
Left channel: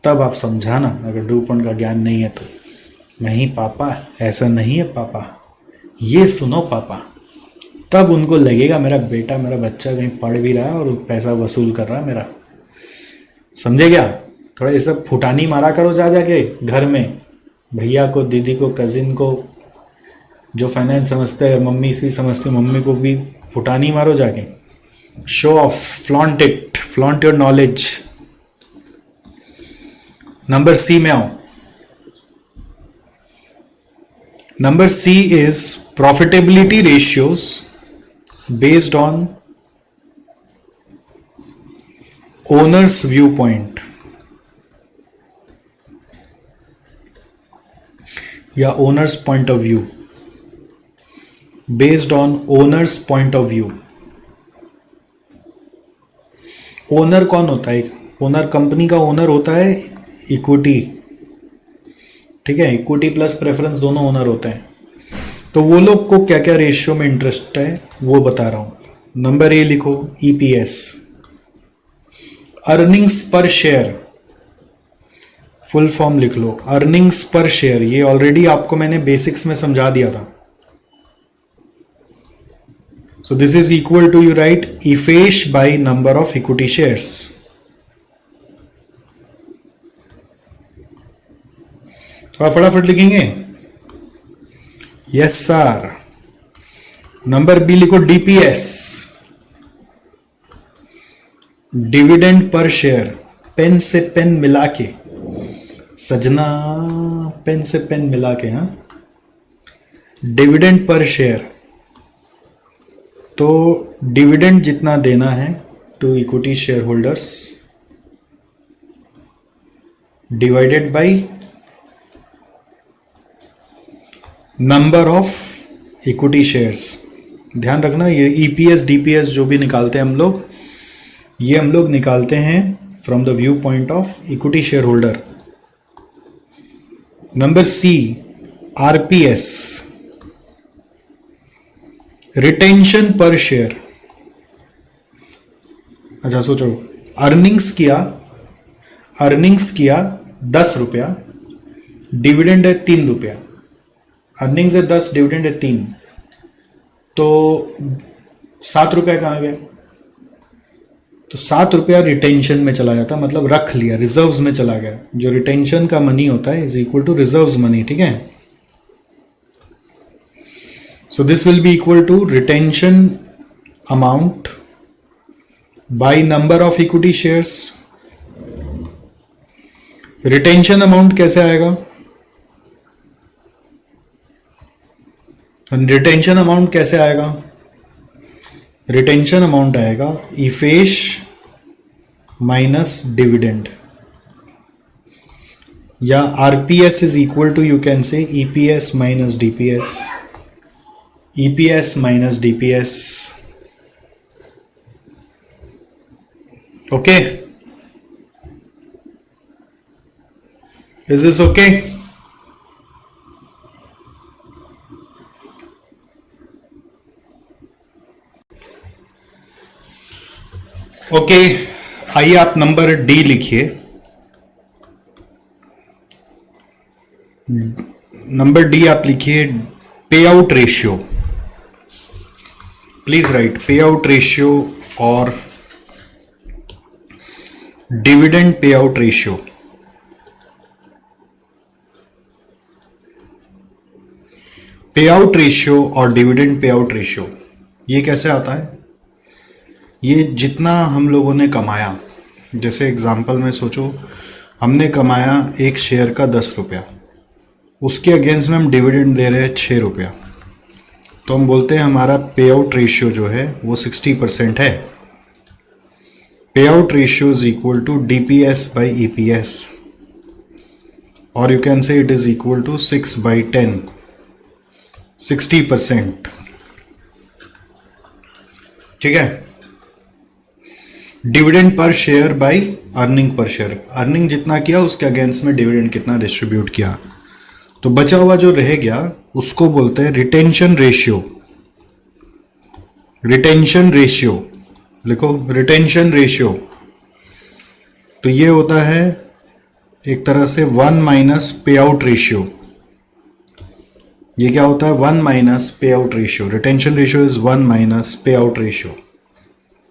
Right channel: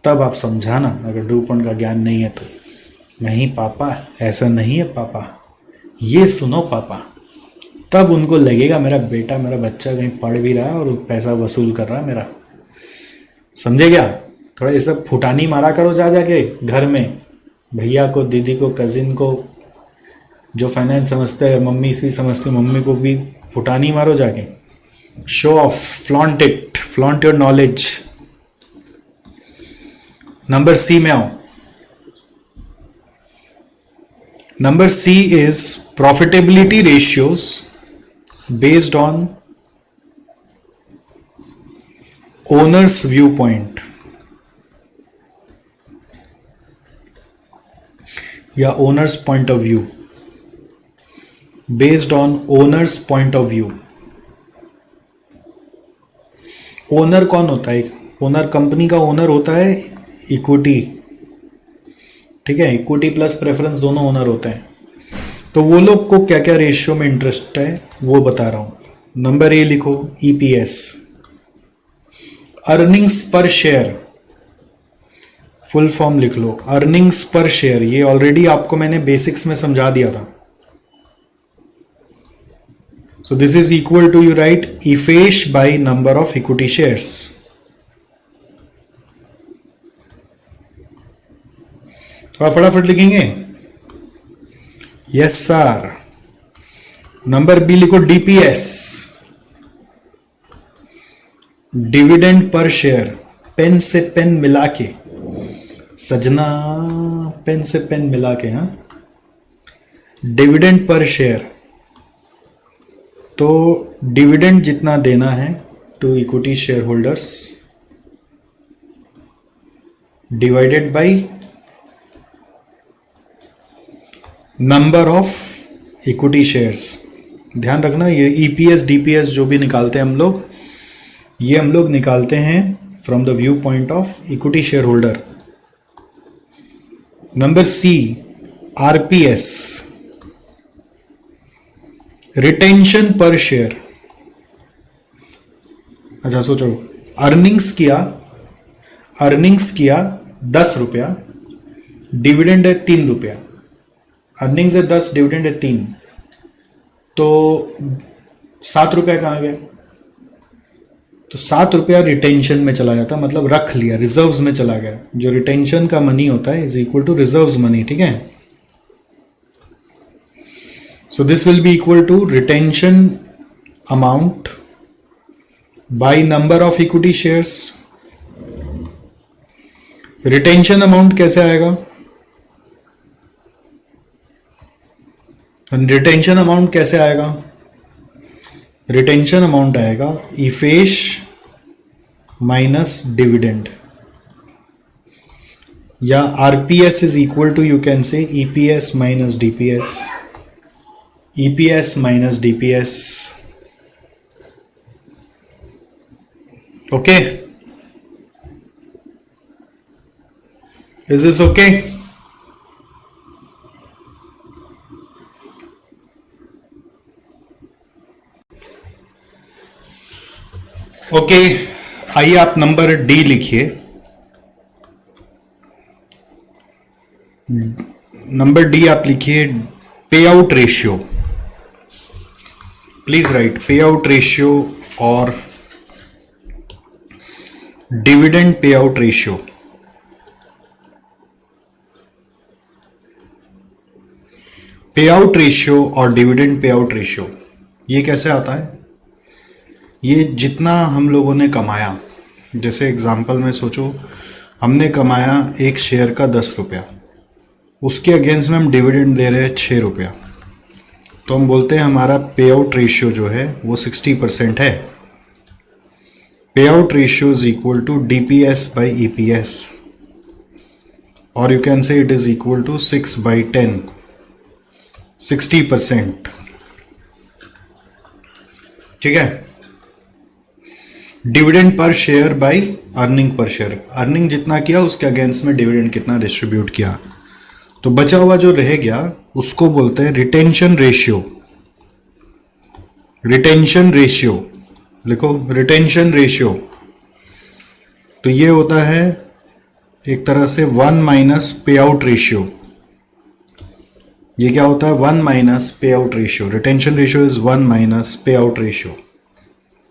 तब आप समझाना, अगर डू पॉइंट का ज्ञान नहीं है तो, नहीं पापा ऐसा नहीं है पापा, ये सुनो पापा। तब उनको लगेगा मेरा बेटा, मेरा बच्चा कहीं पढ़ भी रहा है और पैसा वसूल कर रहा है मेरा। समझे क्या? थोड़ा ये सब फुटानी मारा करो जा जाके घर में, भैया को, दीदी को, कजिन को, जो फाइनेंस समझते हैं, मम्मी भी समझती, मम्मी को भी फुटानी मारो जाके। Show off, flaunt it, flaunt your knowledge. Number C में आओ। Number C is profitability ratios based on owner's viewpoint या owner's point of view, based on owner's point of view। Owner कौन होता है? ओनर, कंपनी का owner होता है equity. ठीक है, इक्विटी प्लस प्रेफरेंस दोनों ओनर होते हैं। तो वो लोग को क्या क्या रेशियो में इंटरेस्ट है वो बता रहा हूं। नंबर ए लिखो, EPS, earnings per share. Full form लिख लो, अर्निंग्स पर शेयर। ये ऑलरेडी आपको मैंने बेसिक्स में समझा दिया था। So this is equal to, you write EAFES by number of equity shares. थोड़ा फटाफट लिखेंगे। Yes sir. नंबर बी लिखो, DPS, dividend per share. Pen से पेन मिला के सजना, पेन से पेन मिला के, हाँ, डिविडेंड पर शेयर। तो डिविडेंड जितना देना है to equity share holders divided by number of equity shares. ध्यान रखना, ये ईपीएस डीपीएस जो भी निकालते हैं हम लोग, ये हम लोग निकालते हैं from the view point of equity share holder. Number C, RPS, retention per share. अच्छा सोचो, अर्निंग्स किया 10 रुपया, डिविडेंड है 3 रुपया। अर्निंग्स है 10, डिविडेंड है 3, तो 7 रुपया कहाँ गया? तो 7 रुपया रिटेंशन में चला जाता, मतलब रख लिया, रिजर्व्स में चला गया। जो रिटेंशन का मनी होता है is equal to reserves money. ठीक है, so this will be equal to retention amount by number of equity shares. Retention amount कैसे आएगा? रिटेंशन अमाउंट कैसे आएगा? रिटेंशन अमाउंट आएगा इफेश माइनस डिविडेंड, या RPS is equal to, you can say EPS minus DPS, EPS minus DPS. Okay, is this okay? Okay, आइए आप number D लिखिए। Number D आप लिखिए, pay out ratio. Please right पे out ratio और dividend pay out ratio. पे out ratio और dividend pay out ratio ये कैसे आता है? ये जितना हम लोगों ने कमाया, जैसे एग्जांपल में सोचो हमने कमाया एक शेयर का 10 रुपया, उसके अगेंस्ट में हम डिविडेंड दे रहे हैं 6 रुपया, तो हम बोलते हैं हमारा पे आउट रेशियो जो है वो 60% है। Pay out ratio is equal to DPS by EPS, और you can say it is equal to 6/10, 60%। ठीक है, dividend per share by earning per share, earning जितना किया उसके अगेंस्ट में डिविडेंड कितना डिस्ट्रीब्यूट किया, तो बचा हुआ जो रह गया उसको बोलते हैं रिटेंशन रेशियो। रिटेंशन रेशियो लिखो, रिटेंशन रेशियो, तो ये होता है एक तरह से 1 माइनस पे आउट रेशियो। ये क्या होता है? 1 minus pay out ratio. Retention ratio is 1 minus pay out ratio.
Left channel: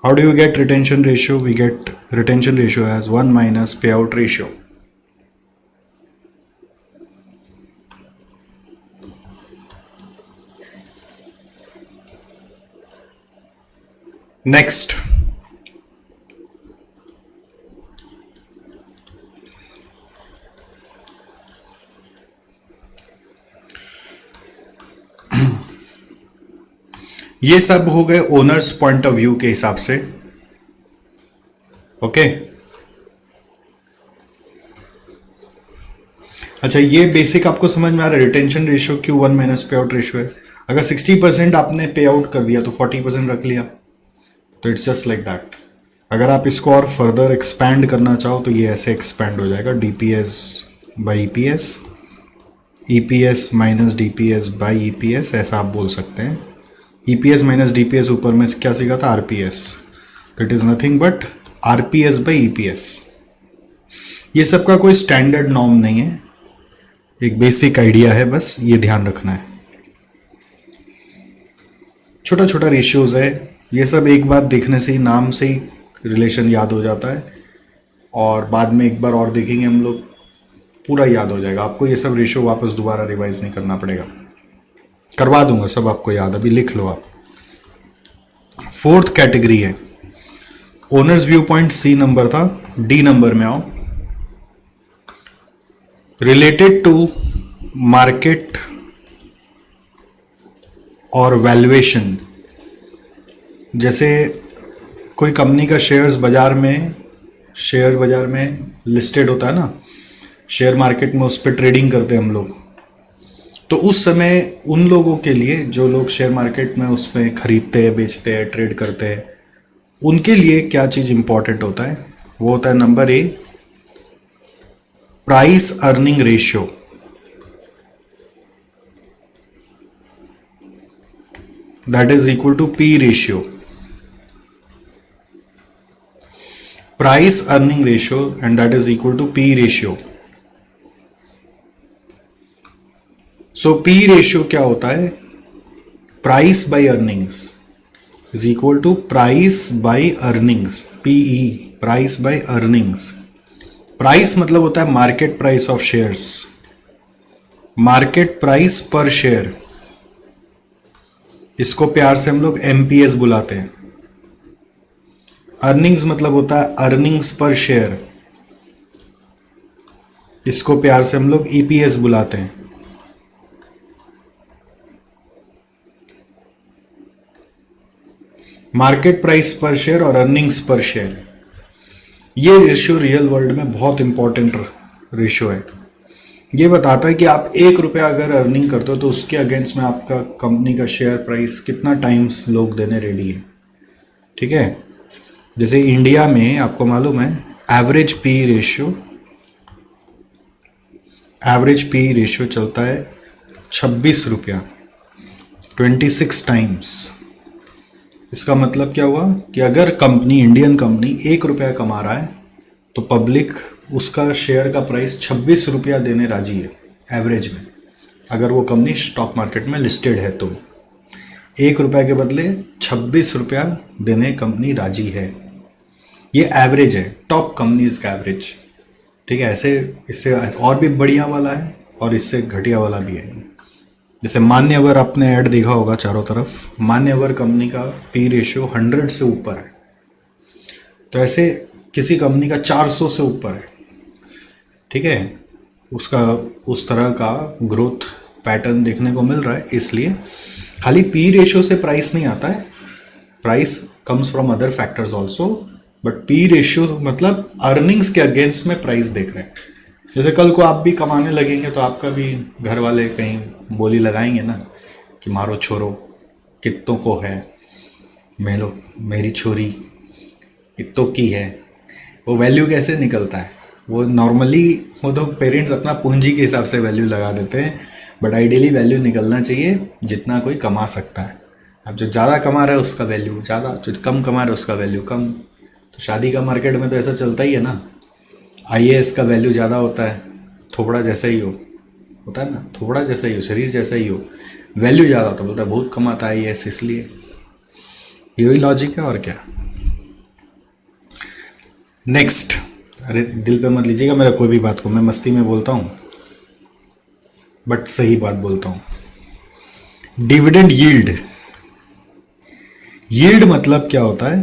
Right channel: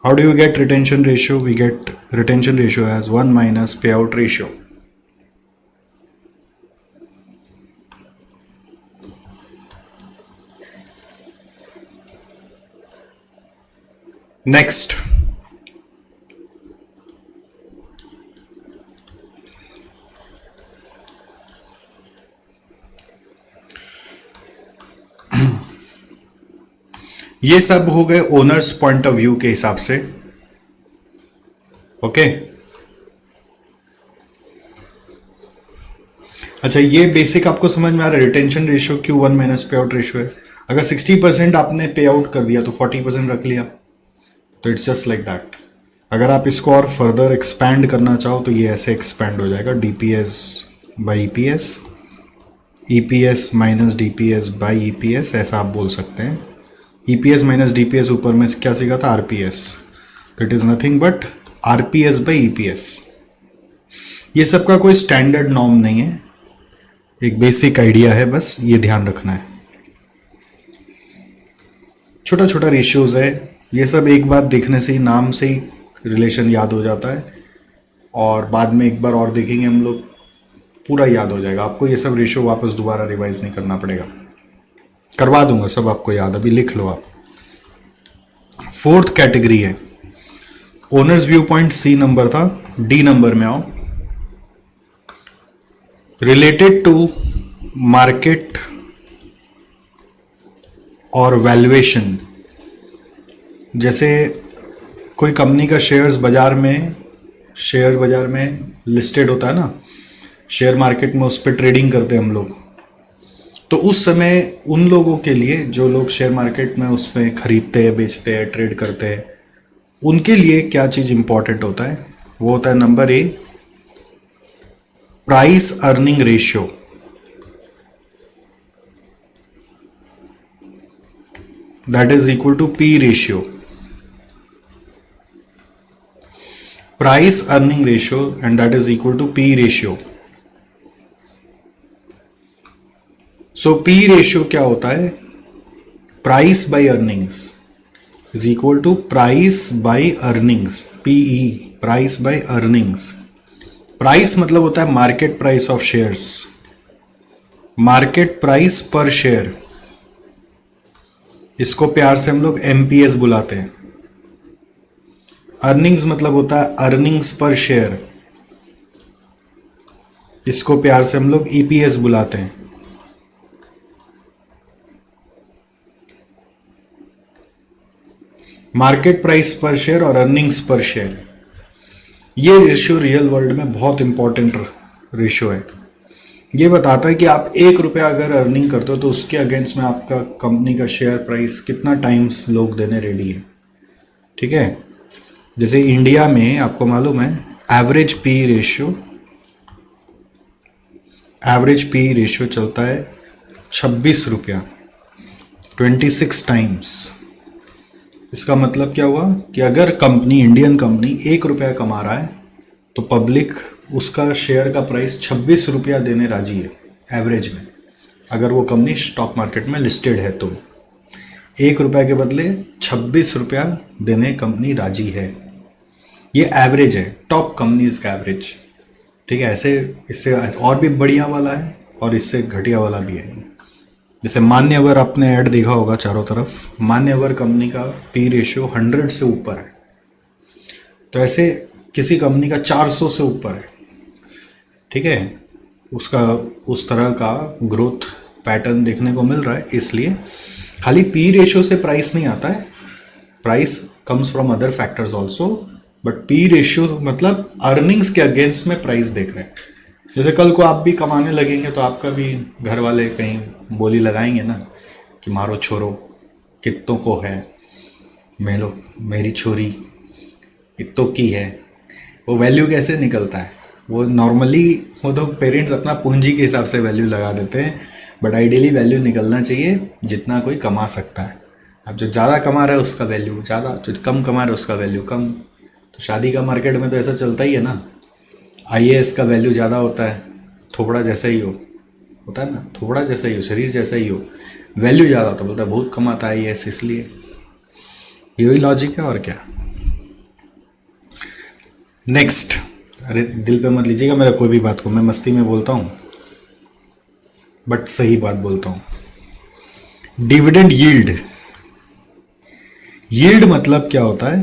How do you get retention ratio? We get retention ratio as 1 minus payout ratio. Next, ये सब हो गए ओनर्स पॉइंट ऑफ व्यू के हिसाब से। ओके, अच्छा ये basic आपको समझ में आ रहा है रिटेंशन रेशियो क्यों 1 माइनस पे आउट रेशियो है। अगर 60% आपने पे आउट कर दिया तो 40% रख लिया, तो इट्स जस्ट लाइक दैट। अगर आप इसको और फर्दर एक्सपैंड करना चाहो तो ये ऐसे एक्सपैंड हो जाएगा, DPS by EPS, EPS minus DPS by EPS, ऐसा आप बोल सकते हैं। ईपीएस माइनस डीपीएस ऊपर में क्या सीखा था? RPS, that is nothing but RPS by EPS. ये सबका कोई स्टैंडर्ड नॉर्म नहीं है, एक बेसिक आइडिया है, बस ये ध्यान रखना है। छोटा छोटा रेशियोज है, ये सब एक बार देखने से ही, नाम से ही रिलेशन याद हो जाता है, और बाद में एक बार और देखेंगे हम लोग, पूरा याद हो जाएगा आपको। ये सब रेशियो वापस दोबारा रिवाइज नहीं करना पड़ेगा, करवा दूंगा सब आपको याद, अभी लिख लो आप। 4th कैटेगरी है owners view point, C number था, डी नंबर में आओ। रिलेटेड टू मार्केट और वैल्यूएशन, जैसे कोई कंपनी का शेयर बाजार में लिस्टेड होता है ना, शेयर मार्केट में उस पर ट्रेडिंग करते हैं हम लोग, तो उस समय उन लोगों के लिए जो लोग शेयर मार्केट में उसमें खरीदते हैं, बेचते हैं, ट्रेड करते हैं, उनके लिए क्या चीज इंपॉर्टेंट होता है? वो होता है number A, price earning ratio. That is equal to P ratio, price earning ratio, and that is equal to P ratio. So P ratio क्या होता है? Price by earnings is equal to price by earnings, PE, price by earnings. Price मतलब होता है market price of shares, market price per share, इसको प्यार से हम लोग एमपीएस बुलाते हैं। अर्निंग्स मतलब होता है अर्निंग्स पर शेयर, इसको प्यार से हम लोग ईपीएस बुलाते हैं। मार्केट प्राइस पर शेयर और अर्निंग्स पर शेयर, ये रेशियो रियल वर्ल्ड में बहुत इंपॉर्टेंट रेशियो है। ये बताता है कि आप 1 रुपया अगर अर्निंग करते हो तो उसके अगेंस्ट में आपका कंपनी का शेयर प्राइस कितना टाइम्स लोग देने रेडी है। ठीक है, जैसे इंडिया में आपको मालूम है एवरेज पी रेशियो चलता है 26 रुपया, 26 टाइम्स। इसका मतलब क्या हुआ कि अगर कंपनी, इंडियन कंपनी 1 रुपया कमा रहा है तो पब्लिक उसका शेयर का प्राइस 26 रुपया देने राजी है एवरेज में। अगर वो कंपनी स्टॉक मार्केट में लिस्टेड है तो 1 रुपया के बदले 26 रुपया देने कंपनी राजी है। ये एवरेज है, टॉप कंपनीज का एवरेज। ठीक है, ऐसे इससे और भी बढ़िया वाला है और इससे घटिया वाला भी है। जैसे मान्यवर, आपने ऐड देखा होगा चारों तरफ, मान्यवर कंपनी का पी रेशियो 100 से ऊपर है, तो ऐसे किसी कंपनी का 400 से ऊपर है। ठीक है, उसका उस तरह का ग्रोथ पैटर्न देखने को मिल रहा है। इसलिए खाली पी रेशियो से प्राइस नहीं आता है, price comes from other factors also, but P ratio मतलब अर्निंग्स के अगेंस्ट में प्राइस देख रहे हैं। जैसे कल को आप भी कमाने लगेंगे तो आपका भी घर वाले कहीं बोली लगाएंगे ना कि मारो छोरो कित्तों को है, मेरी छोरी कित्तों की है। वो वैल्यू कैसे निकलता है, वो नॉर्मली वो तो पेरेंट्स अपना पूंजी के हिसाब से वैल्यू लगा देते हैं, बट आइडियली वैल्यू निकलना चाहिए जितना कोई कमा सकता है। अब जो ज़्यादा कमा रहा है उसका वैल्यू ज़्यादा, जो कम कमा रहा है उसका वैल्यू कम। तो शादी का मार्केट में तो ऐसा चलता ही है ना, आईएएस का वैल्यू ज़्यादा होता है, थोड़ा जैसा ही होता है ना, थोड़ा जैसा ही हो, शरीर जैसा ही हो, वैल्यू ज़्यादा होता है, बोलता है बहुत कमाता है आईएएस, इसलिए यही लॉजिक है और क्या। नेक्स्ट, अरे दिल पे मत लीजिएगा मेरा कोई भी बात को, मैं मस्ती में बोलता हूँ बट सही बात बोलता हूँ। डिविडेंड यील्ड, यील्ड मतलब क्या होता है,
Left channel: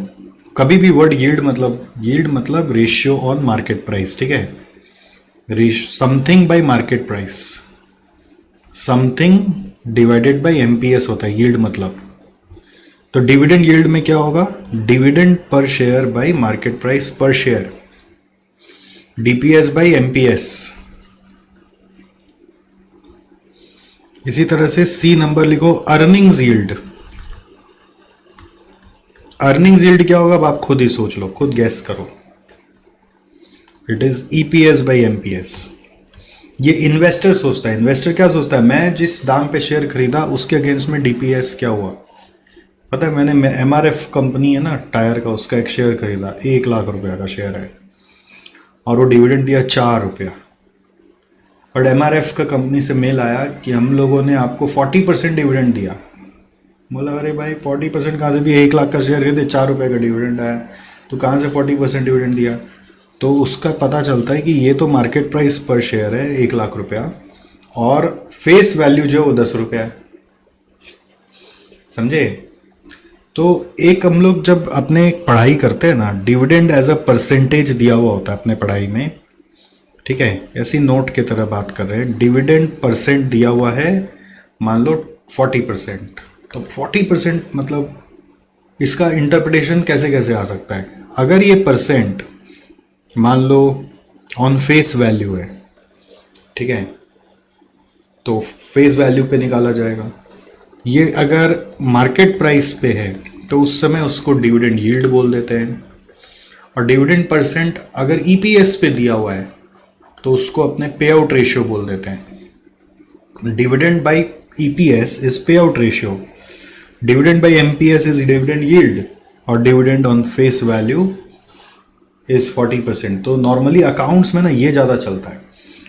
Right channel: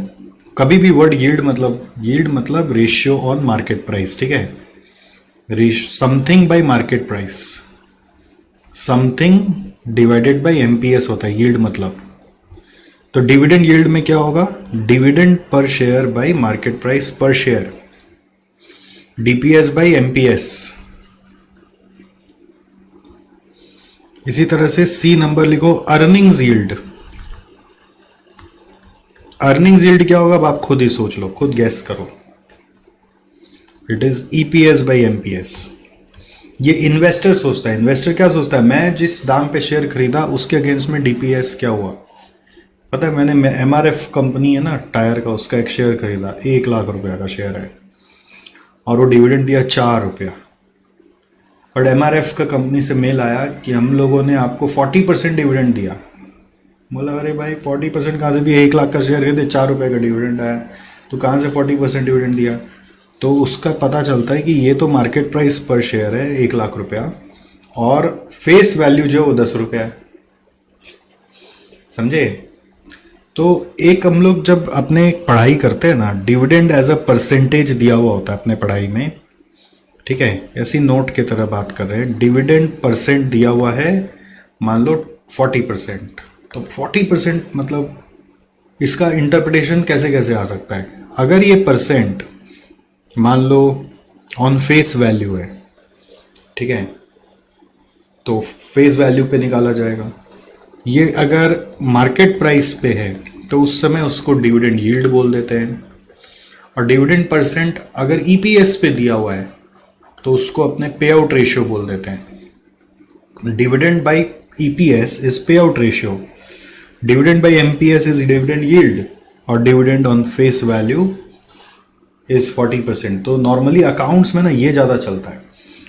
कभी भी वर्ड यील्ड मतलब रेशियो ऑन मार्केट प्राइस, ठीक है, something bye market price, something divided by MPS होता है यील्ड मतलब। तो डिविडेंड यील्ड में क्या होगा, dividend per share bye market price per share, DPS by MPS. इसी तरह से सी नंबर लिखो, अर्निंग्स यील्ड। अर्निंग्स यील्ड क्या होगा अब आप खुद ही सोच लो, खुद गैस करो। It is EPS by MPS. ये इन्वेस्टर सोचता है, इन्वेस्टर क्या सोचता है, मैं जिस दाम पे शेयर खरीदा उसके अगेंस्ट में डीपीएस क्या हुआ। पता है, मैंने एमआरएफ कंपनी है ना टायर का, उसका एक शेयर खरीदा, 1 लाख रुपया का शेयर है और वो डिविडेंड दिया 4 रुपया। और एमआरएफ का कंपनी से मेल आया कि हम लोगों ने आपको 40% डिविडेंड दिया। बोला अरे भाई 40% कहाँ से दिया, 1 लाख का शेयर खरीदे 4 रुपये का डिविडेंड आया, तो कहाँ से 40% डिविडेंड दिया। तो उसका पता चलता है कि ये तो मार्केट प्राइस पर शेयर है 1 लाख रुपया और फेस वैल्यू जो है वो 10 रुपया है, समझे। तो एक हम लोग जब अपने पढ़ाई करते हैं ना, डिविडेंड एज अ परसेंटेज दिया हुआ होता है अपने पढ़ाई में, ठीक है, ऐसी नोट की तरह बात कर रहे हैं। डिविडेंड परसेंट दिया हुआ है, मान लो 40%, तो 40% मतलब इसका इंटरप्रिटेशन कैसे कैसे आ सकता है। अगर ये परसेंट मान लो ऑन फेस वैल्यू है, ठीक है, तो फेस वैल्यू पे निकाला जाएगा। ये अगर मार्केट प्राइस पे है तो उस समय उसको डिविडेंड यील्ड बोल देते हैं। और डिविडेंड परसेंट अगर ईपीएस पे दिया हुआ है तो उसको अपने पे आउट रेशियो बोल देते हैं। Dividend by EPS is pay out ratio, dividend by MPS is dividend yield और dividend on face value is 40%। तो नॉर्मली अकाउंट्स में ना ये ज्यादा चलता है,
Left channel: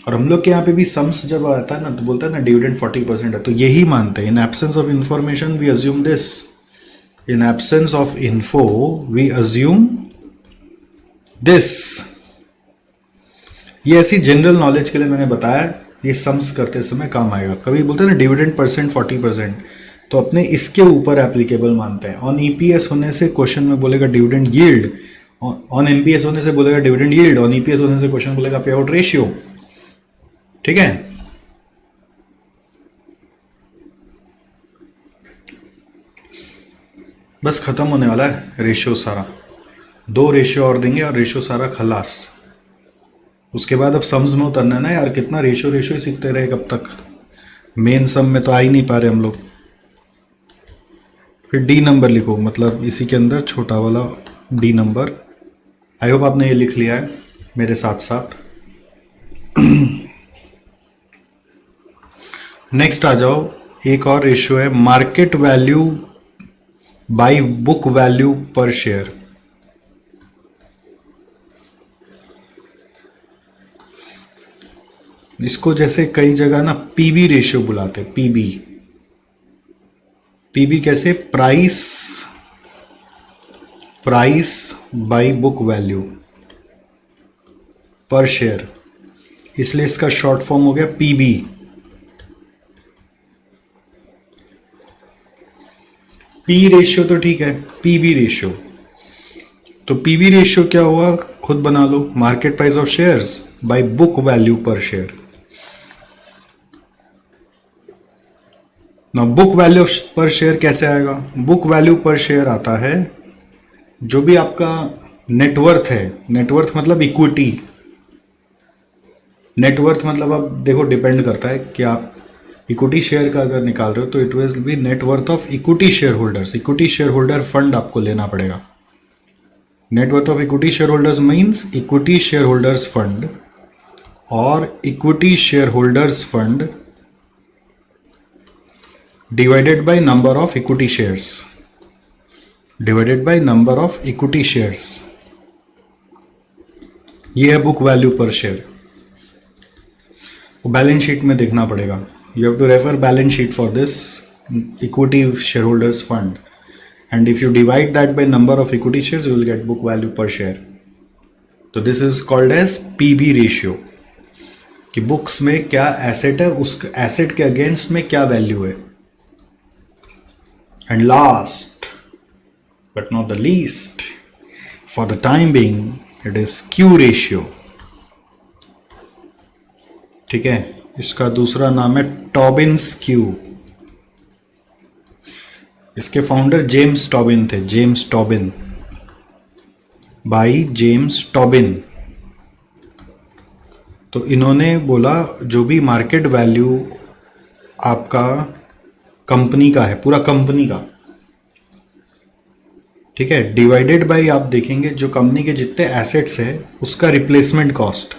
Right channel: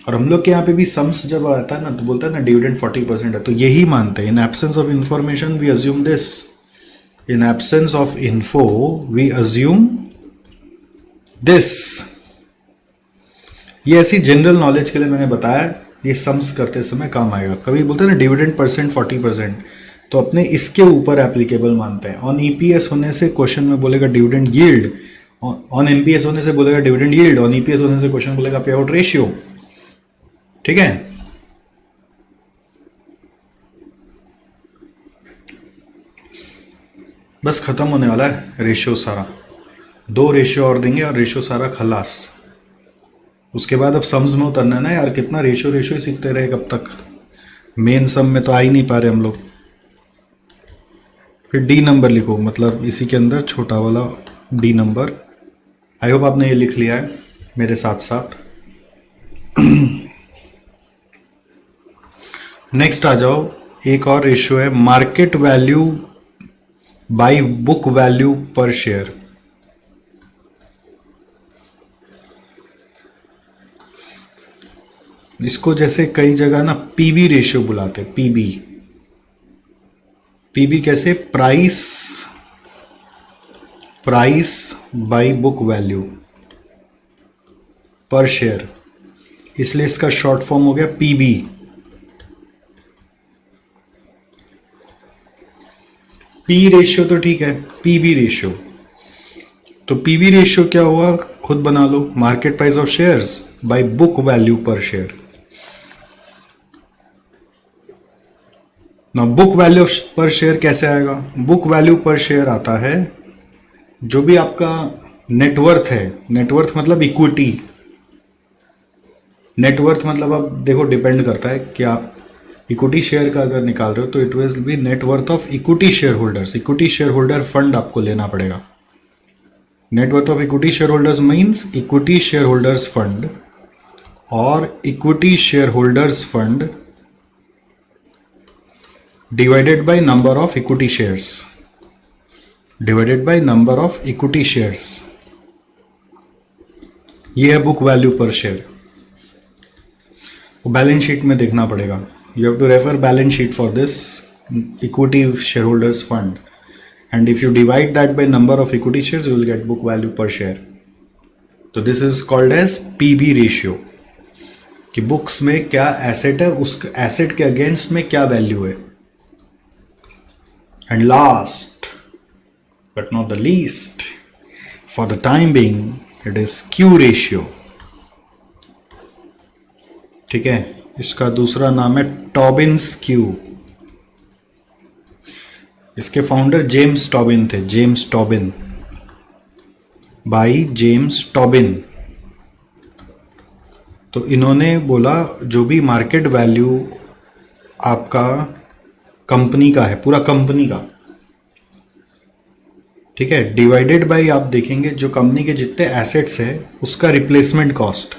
और हम लोग के यहाँ पे भी सम्स जब आता है ना तो बोलता है ना डिविडेंड 40% है, तो यही मानते हैं। In absence of information we assume this, in absence of info we assume this. ये ऐसी जनरल नॉलेज के लिए मैंने बताया, ये सम्स करते समय काम आएगा। कभी बोलते हैं ना डिविडेंड परसेंट 40%, तो अपने इसके ऊपर एप्लीकेबल मानते हैं। ऑन ईपीएस होने से क्वेश्चन में बोलेगा डिविडेंड यील्ड, ऑन एमपीएस होने से बोलेगा डिविडेंड यील्ड, ऑन ईपीएस होने से क्वेश्चन बोलेगा पे आउट रेशियो, ठीक है। बस खत्म होने वाला है रेशियो सारा, 2 रेशियो और देंगे और रेशियो सारा खलास। उसके बाद अब सम्स में उतरना ना यार, कितना रेशियो रेशियो सीखते रहे कब तक, मेन सम में तो आ ही नहीं पा रहे हम लोग। फिर डी नंबर लिखो, मतलब इसी के अंदर छोटा वाला डी नंबर। आई होप आपने ये लिख लिया है मेरे साथ साथ। नेक्स्ट आ जाओ, एक और रेशियो है market value by book value per share. इसको जैसे कई जगह ना पीबी रेशियो बुलाते हैं, पीबी। पीबी कैसे, price by book value per share, इसलिए इसका शॉर्ट फॉर्म हो गया पीबी। पी रेशियो तो ठीक है, पीबी रेशियो, तो पीबी रेशियो क्या हुआ खुद बना लो, market price of shares by book value per share. Now book value per share कैसे आएगा? book value per share आता है जो भी आपका नेटवर्थ है, नेटवर्थ मतलब इक्विटी, नेटवर्थ मतलब आप देखो डिपेंड करता है कि आप इक्विटी शेयर का अगर निकाल रहे हो तो it will be net worth of equity share holders, equity share holder fund आपको लेना पड़ेगा। Net worth of equity share holders means equity share holders fund, और equity share holders fund divided by number of equity shares, divided by number of equity shares, ये है book value per share. Balance sheet में देखना पड़ेगा, you have to refer balance sheet for this equity share holders fund, and if you divide that by number of equity shares you will get book value per share. तो this is called as PB ratio, कि books में क्या asset है, उस asset के against में क्या value है। And last but not the least, for the time being it is Q ratio. ठीक है, इसका दूसरा नाम है टॉबिन्स Q। इसके फाउंडर जेम्स टॉबिन थे, James Tobin, by James Tobin. तो इन्होंने बोला जो भी मार्केट वैल्यू आपका कंपनी का है, पूरा कंपनी का, ठीक है, डिवाइडेड बाय आप देखेंगे जो कंपनी के जितने एसेट्स है उसका रिप्लेसमेंट कॉस्ट।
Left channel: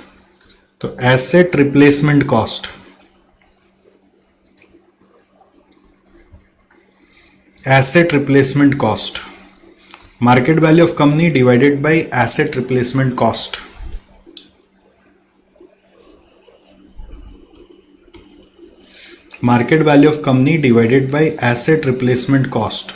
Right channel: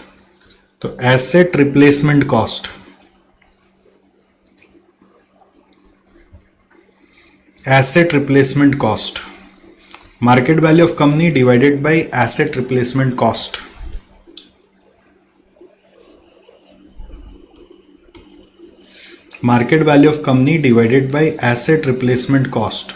तो asset replacement cost, asset replacement cost, market value of company divided by asset replacement cost। market value of company divided by asset replacement cost।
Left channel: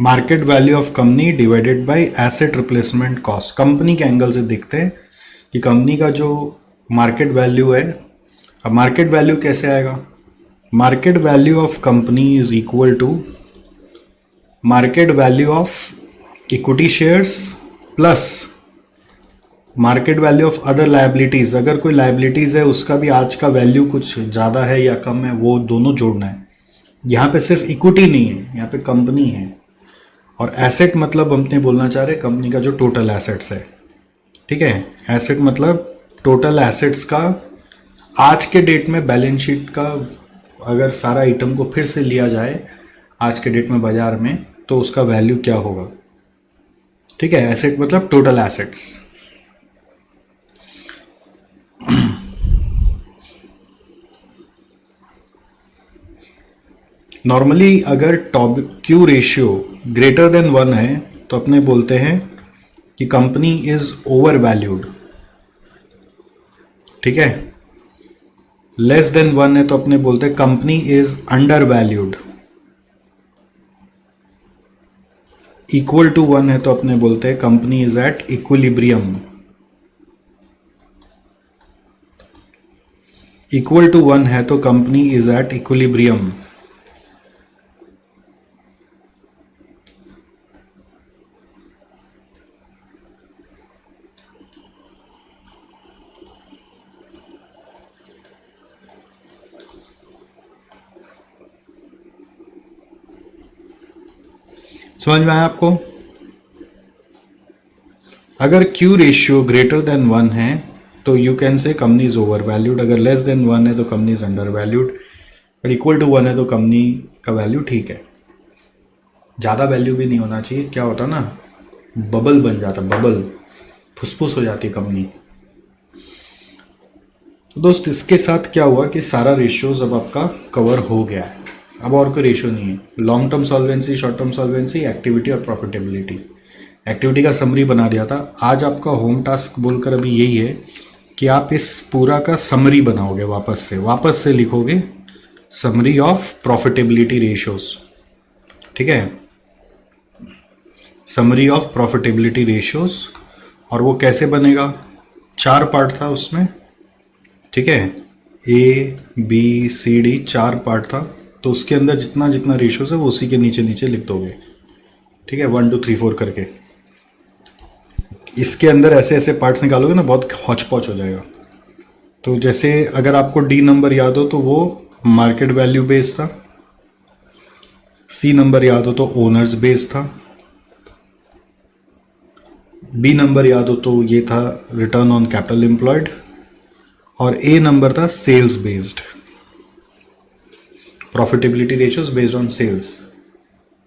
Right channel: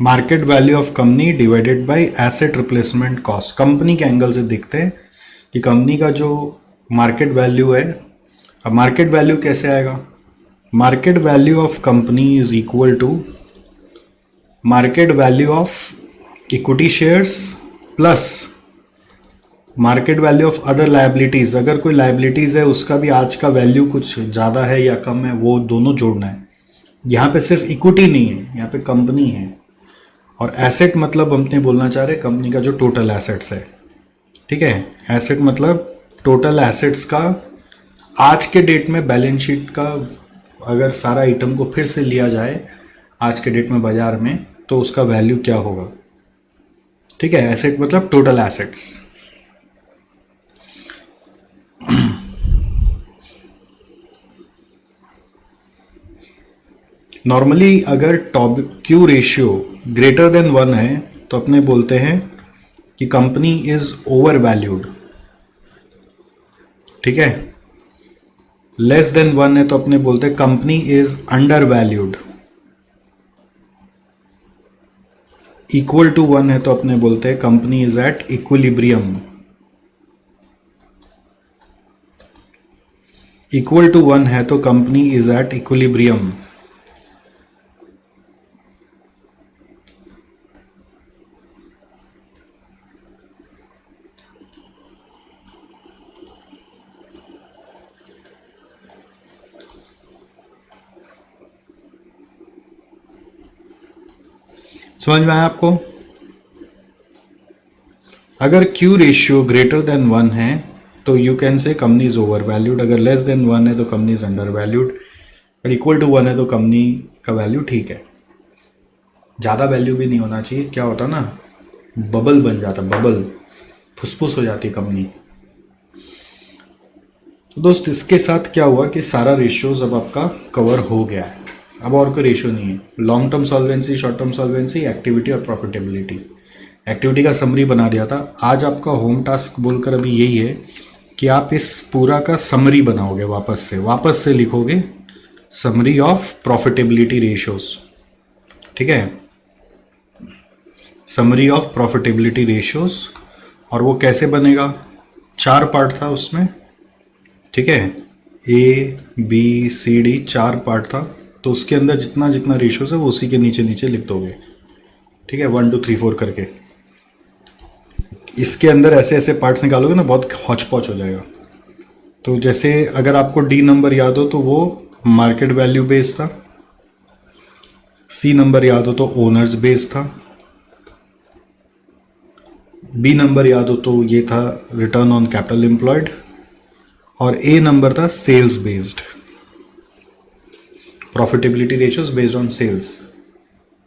market value of company divided by asset replacement cost। Company के angle से देखते हैं कि company का जो market value है, अब market value कैसे आएगा? Market value of company is equal to market value of equity shares plus market value of other liabilities. अगर कोई लायबिलिटीज है उसका भी आज का वैल्यू कुछ ज्यादा है या कम है, वो दोनों जोड़ना है। यहाँ पे सिर्फ इक्विटी नहीं है, यहाँ पे कंपनी है। और एसेट मतलब हमने बोलना चाह रहे कंपनी का जो टोटल एसेट्स है, ठीक है। एसेट मतलब टोटल एसेट्स का आज के डेट में बैलेंस शीट का अगर सारा आइटम को फिर से लिया जाए आज के डेट में बाजार में, तो उसका वैल्यू क्या होगा, ठीक है। एसेट मतलब टोटल एसेट्स। नॉर्मली अगर Q रेशियो ग्रेटर देन 1 है तो अपने बोलते हैं कि कंपनी इज ओवर वैल्यूड, ठीक है। लेस देन 1 है तो अपने बोलते हैं company is undervalued. Equal to 1 है तो अपने बोलते हैं company is at equilibrium. Equal to 1 है तो कंपनी इज एट इक्विलिब्रियम। समझ में आया आपको? अगर Q रेशियो ग्रेटर देन 1 है तो यू कैन से कंपनी इज ओवर वैल्यूड। अगर लेस देन 1 है तो कंपनी इज अंडर वैल्यूड। और इक्वल टू 1 है तो कंपनी का वैल्यू ठीक है। ज्यादा वैल्यू भी नहीं होना चाहिए, क्या होता ना, बबल बन जाता, बबल, फुसफुस हो जाती कंपनी। तो दोस्त इसके साथ क्या हुआ कि सारा रेशियोज अब आपका कवर हो गया है। अब और कोई रेशियो नहीं है। Long term solvency, short term solvency, activity और प्रॉफिटेबिलिटी। एक्टिविटी का समरी बना दिया था। आज आपका होम टास्क बोलकर अभी यही है कि आप इस पूरा का समरी बनाओगे, वापस से लिखोगे समरी ऑफ प्रॉफिटेबिलिटी रेशियोज, ठीक है। Summary of profitability ratios. और वो कैसे बनेगा? 4 पार्ट था उसमें, ठीक है। A, B, C, D 4 part था। तो उसके अंदर जितना जितना रेशियोज है वो उसी के नीचे नीचे लिख दोगे। ठीक है, 1 2 3 4 करके। इसके अंदर ऐसे ऐसे पार्ट्स निकालोगे ना, बहुत हौच पौच हो जाएगा। तो जैसे अगर आपको डी नंबर याद हो तो वो मार्केट वैल्यू बेस्ड था, सी नंबर याद हो तो ओनर्स बेस्ड था, बी नंबर याद हो तो ये था रिटर्न ऑन कैपिटल एम्प्लॉयड, और ए नंबर था sales based, profitability ratios based on sales.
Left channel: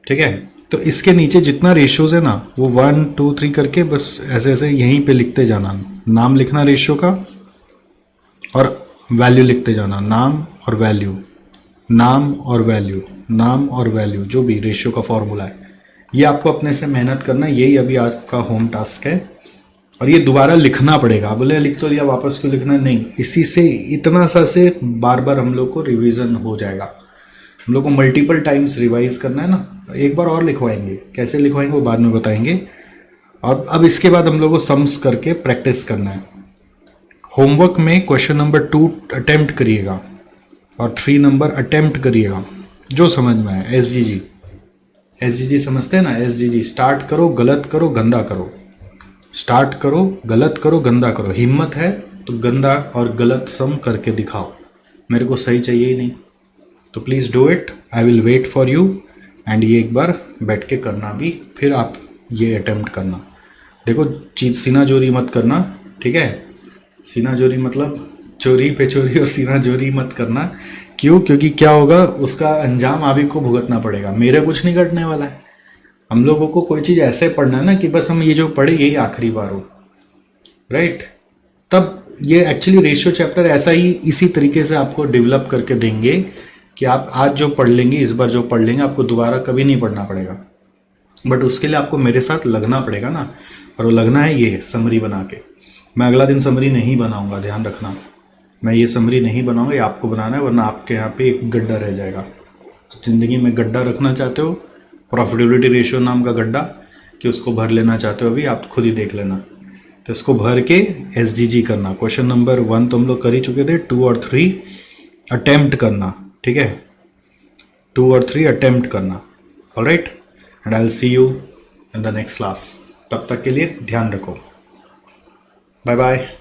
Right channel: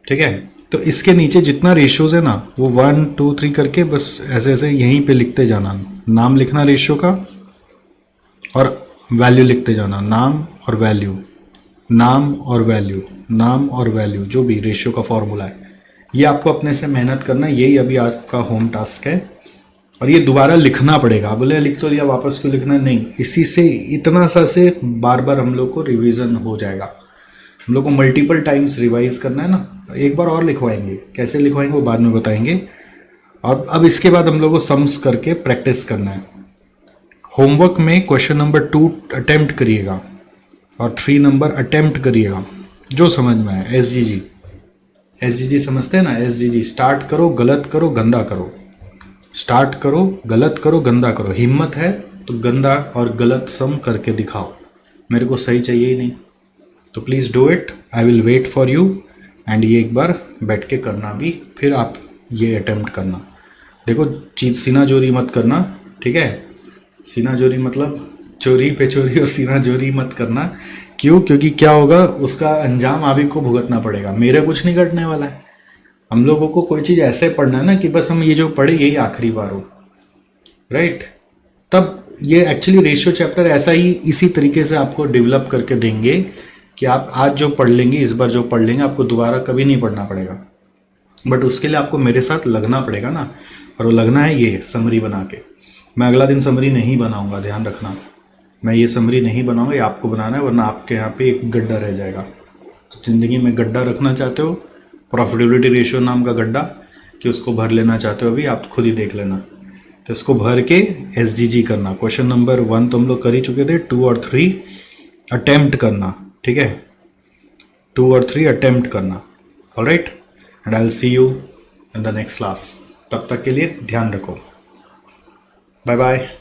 ठीक है, तो इसके नीचे जितना रेशियोज है ना वो 1 2 3 करके बस ऐसे ऐसे यहीं पे लिखते जाना, नाम लिखना रेशियो का और वैल्यू लिखते जाना, नाम और वैल्यू, नाम और वैल्यू, नाम और वैल्यू, जो भी रेशियो का फॉर्मूला है। ये आपको अपने से मेहनत करना है, यही अभी आज का होम टास्क है। और ये दोबारा लिखना पड़ेगा। बोले लिख तो लिया, वापस क्यों लिखना? नहीं, इसी से इतना सा से बार बार हम लोग को रिवीजन हो जाएगा। हम लोग को मल्टीपल टाइम्स रिवाइज करना है ना। एक बार और लिखवाएंगे, कैसे लिखवाएंगे वो बाद में बताएंगे। अब इसके बाद हम लोग को सम्स करके प्रैक्टिस करना है। होमवर्क में क्वेश्चन नंबर 2 अटेम्प्ट करिएगा और 3 नंबर अटेम्प्ट करिएगा, जो समझ में आए। एसजीजी समझते हैं ना? एसजीजी, स्टार्ट करो, गलत करो, गंदा करो। स्टार्ट करो, गलत करो, गंदा करो। हिम्मत है तो गंदा और गलत सम करके दिखाओ। मेरे को सही चाहिए ही नहीं, तो please do it. I will wait for you. And ये एक बार बैठ के करना भी, फिर आप ये अटेम्प्ट करना। देखो, चीज सीना जोरी मत करना, ठीक है? सीना जोरी मतलब चोरी पे चोरी और सीना जोरी मत करना। क्यों? क्योंकि क्या होगा, उसका अंजाम आप ही को भुगतना पड़ेगा। मेरे कुछ नहीं घटने वाला है। हम लोगों को कोई चीज ऐसे पढ़ना है ना कि बस हम ये जो पढ़े यही आखिरी बार हो, राइट? तब ये एक्चुअली रेशियो चैप्टर ऐसा ही इसी तरीके से आपको डेवलप करके देंगे कि आप आज जो पढ़ लेंगे, इस बार जो पढ़ लेंगे, आपको दोबारा कभी नहीं पढ़ना पड़ेगा। बट उसके लिए आपको मेरे साथ लगना पड़ेगा ना, और वो लगना है ये समरी बना के। मैं अगला दिन समरी नहीं बनाऊंगा, ध्यान रखना। मैं ये समरी नहीं बनाऊंगा, ये आपको बनाना है, वरना आपके यहाँ पे एक गड्ढा रह जाएगा। जिंदगी में गड्ढा रखना चाहते हो, प्रॉफिटेबिलिटी रेशियो नाम का गड्ढा, कि उसको भर लेना चाहते हो, अभी आप खुद ही देख लेना। तो इसको भर के एसजीजी करना। क्वेश्चन नंबर 1 तो हम लोग कर ही चुके थे, 2 और 3 अटेम्प्ट करना, ठीक है? 2 और 3 अटेम्प्ट करना। Alright, and I will see you in the next class. तब तक के लिए ध्यान रखो। Bye bye.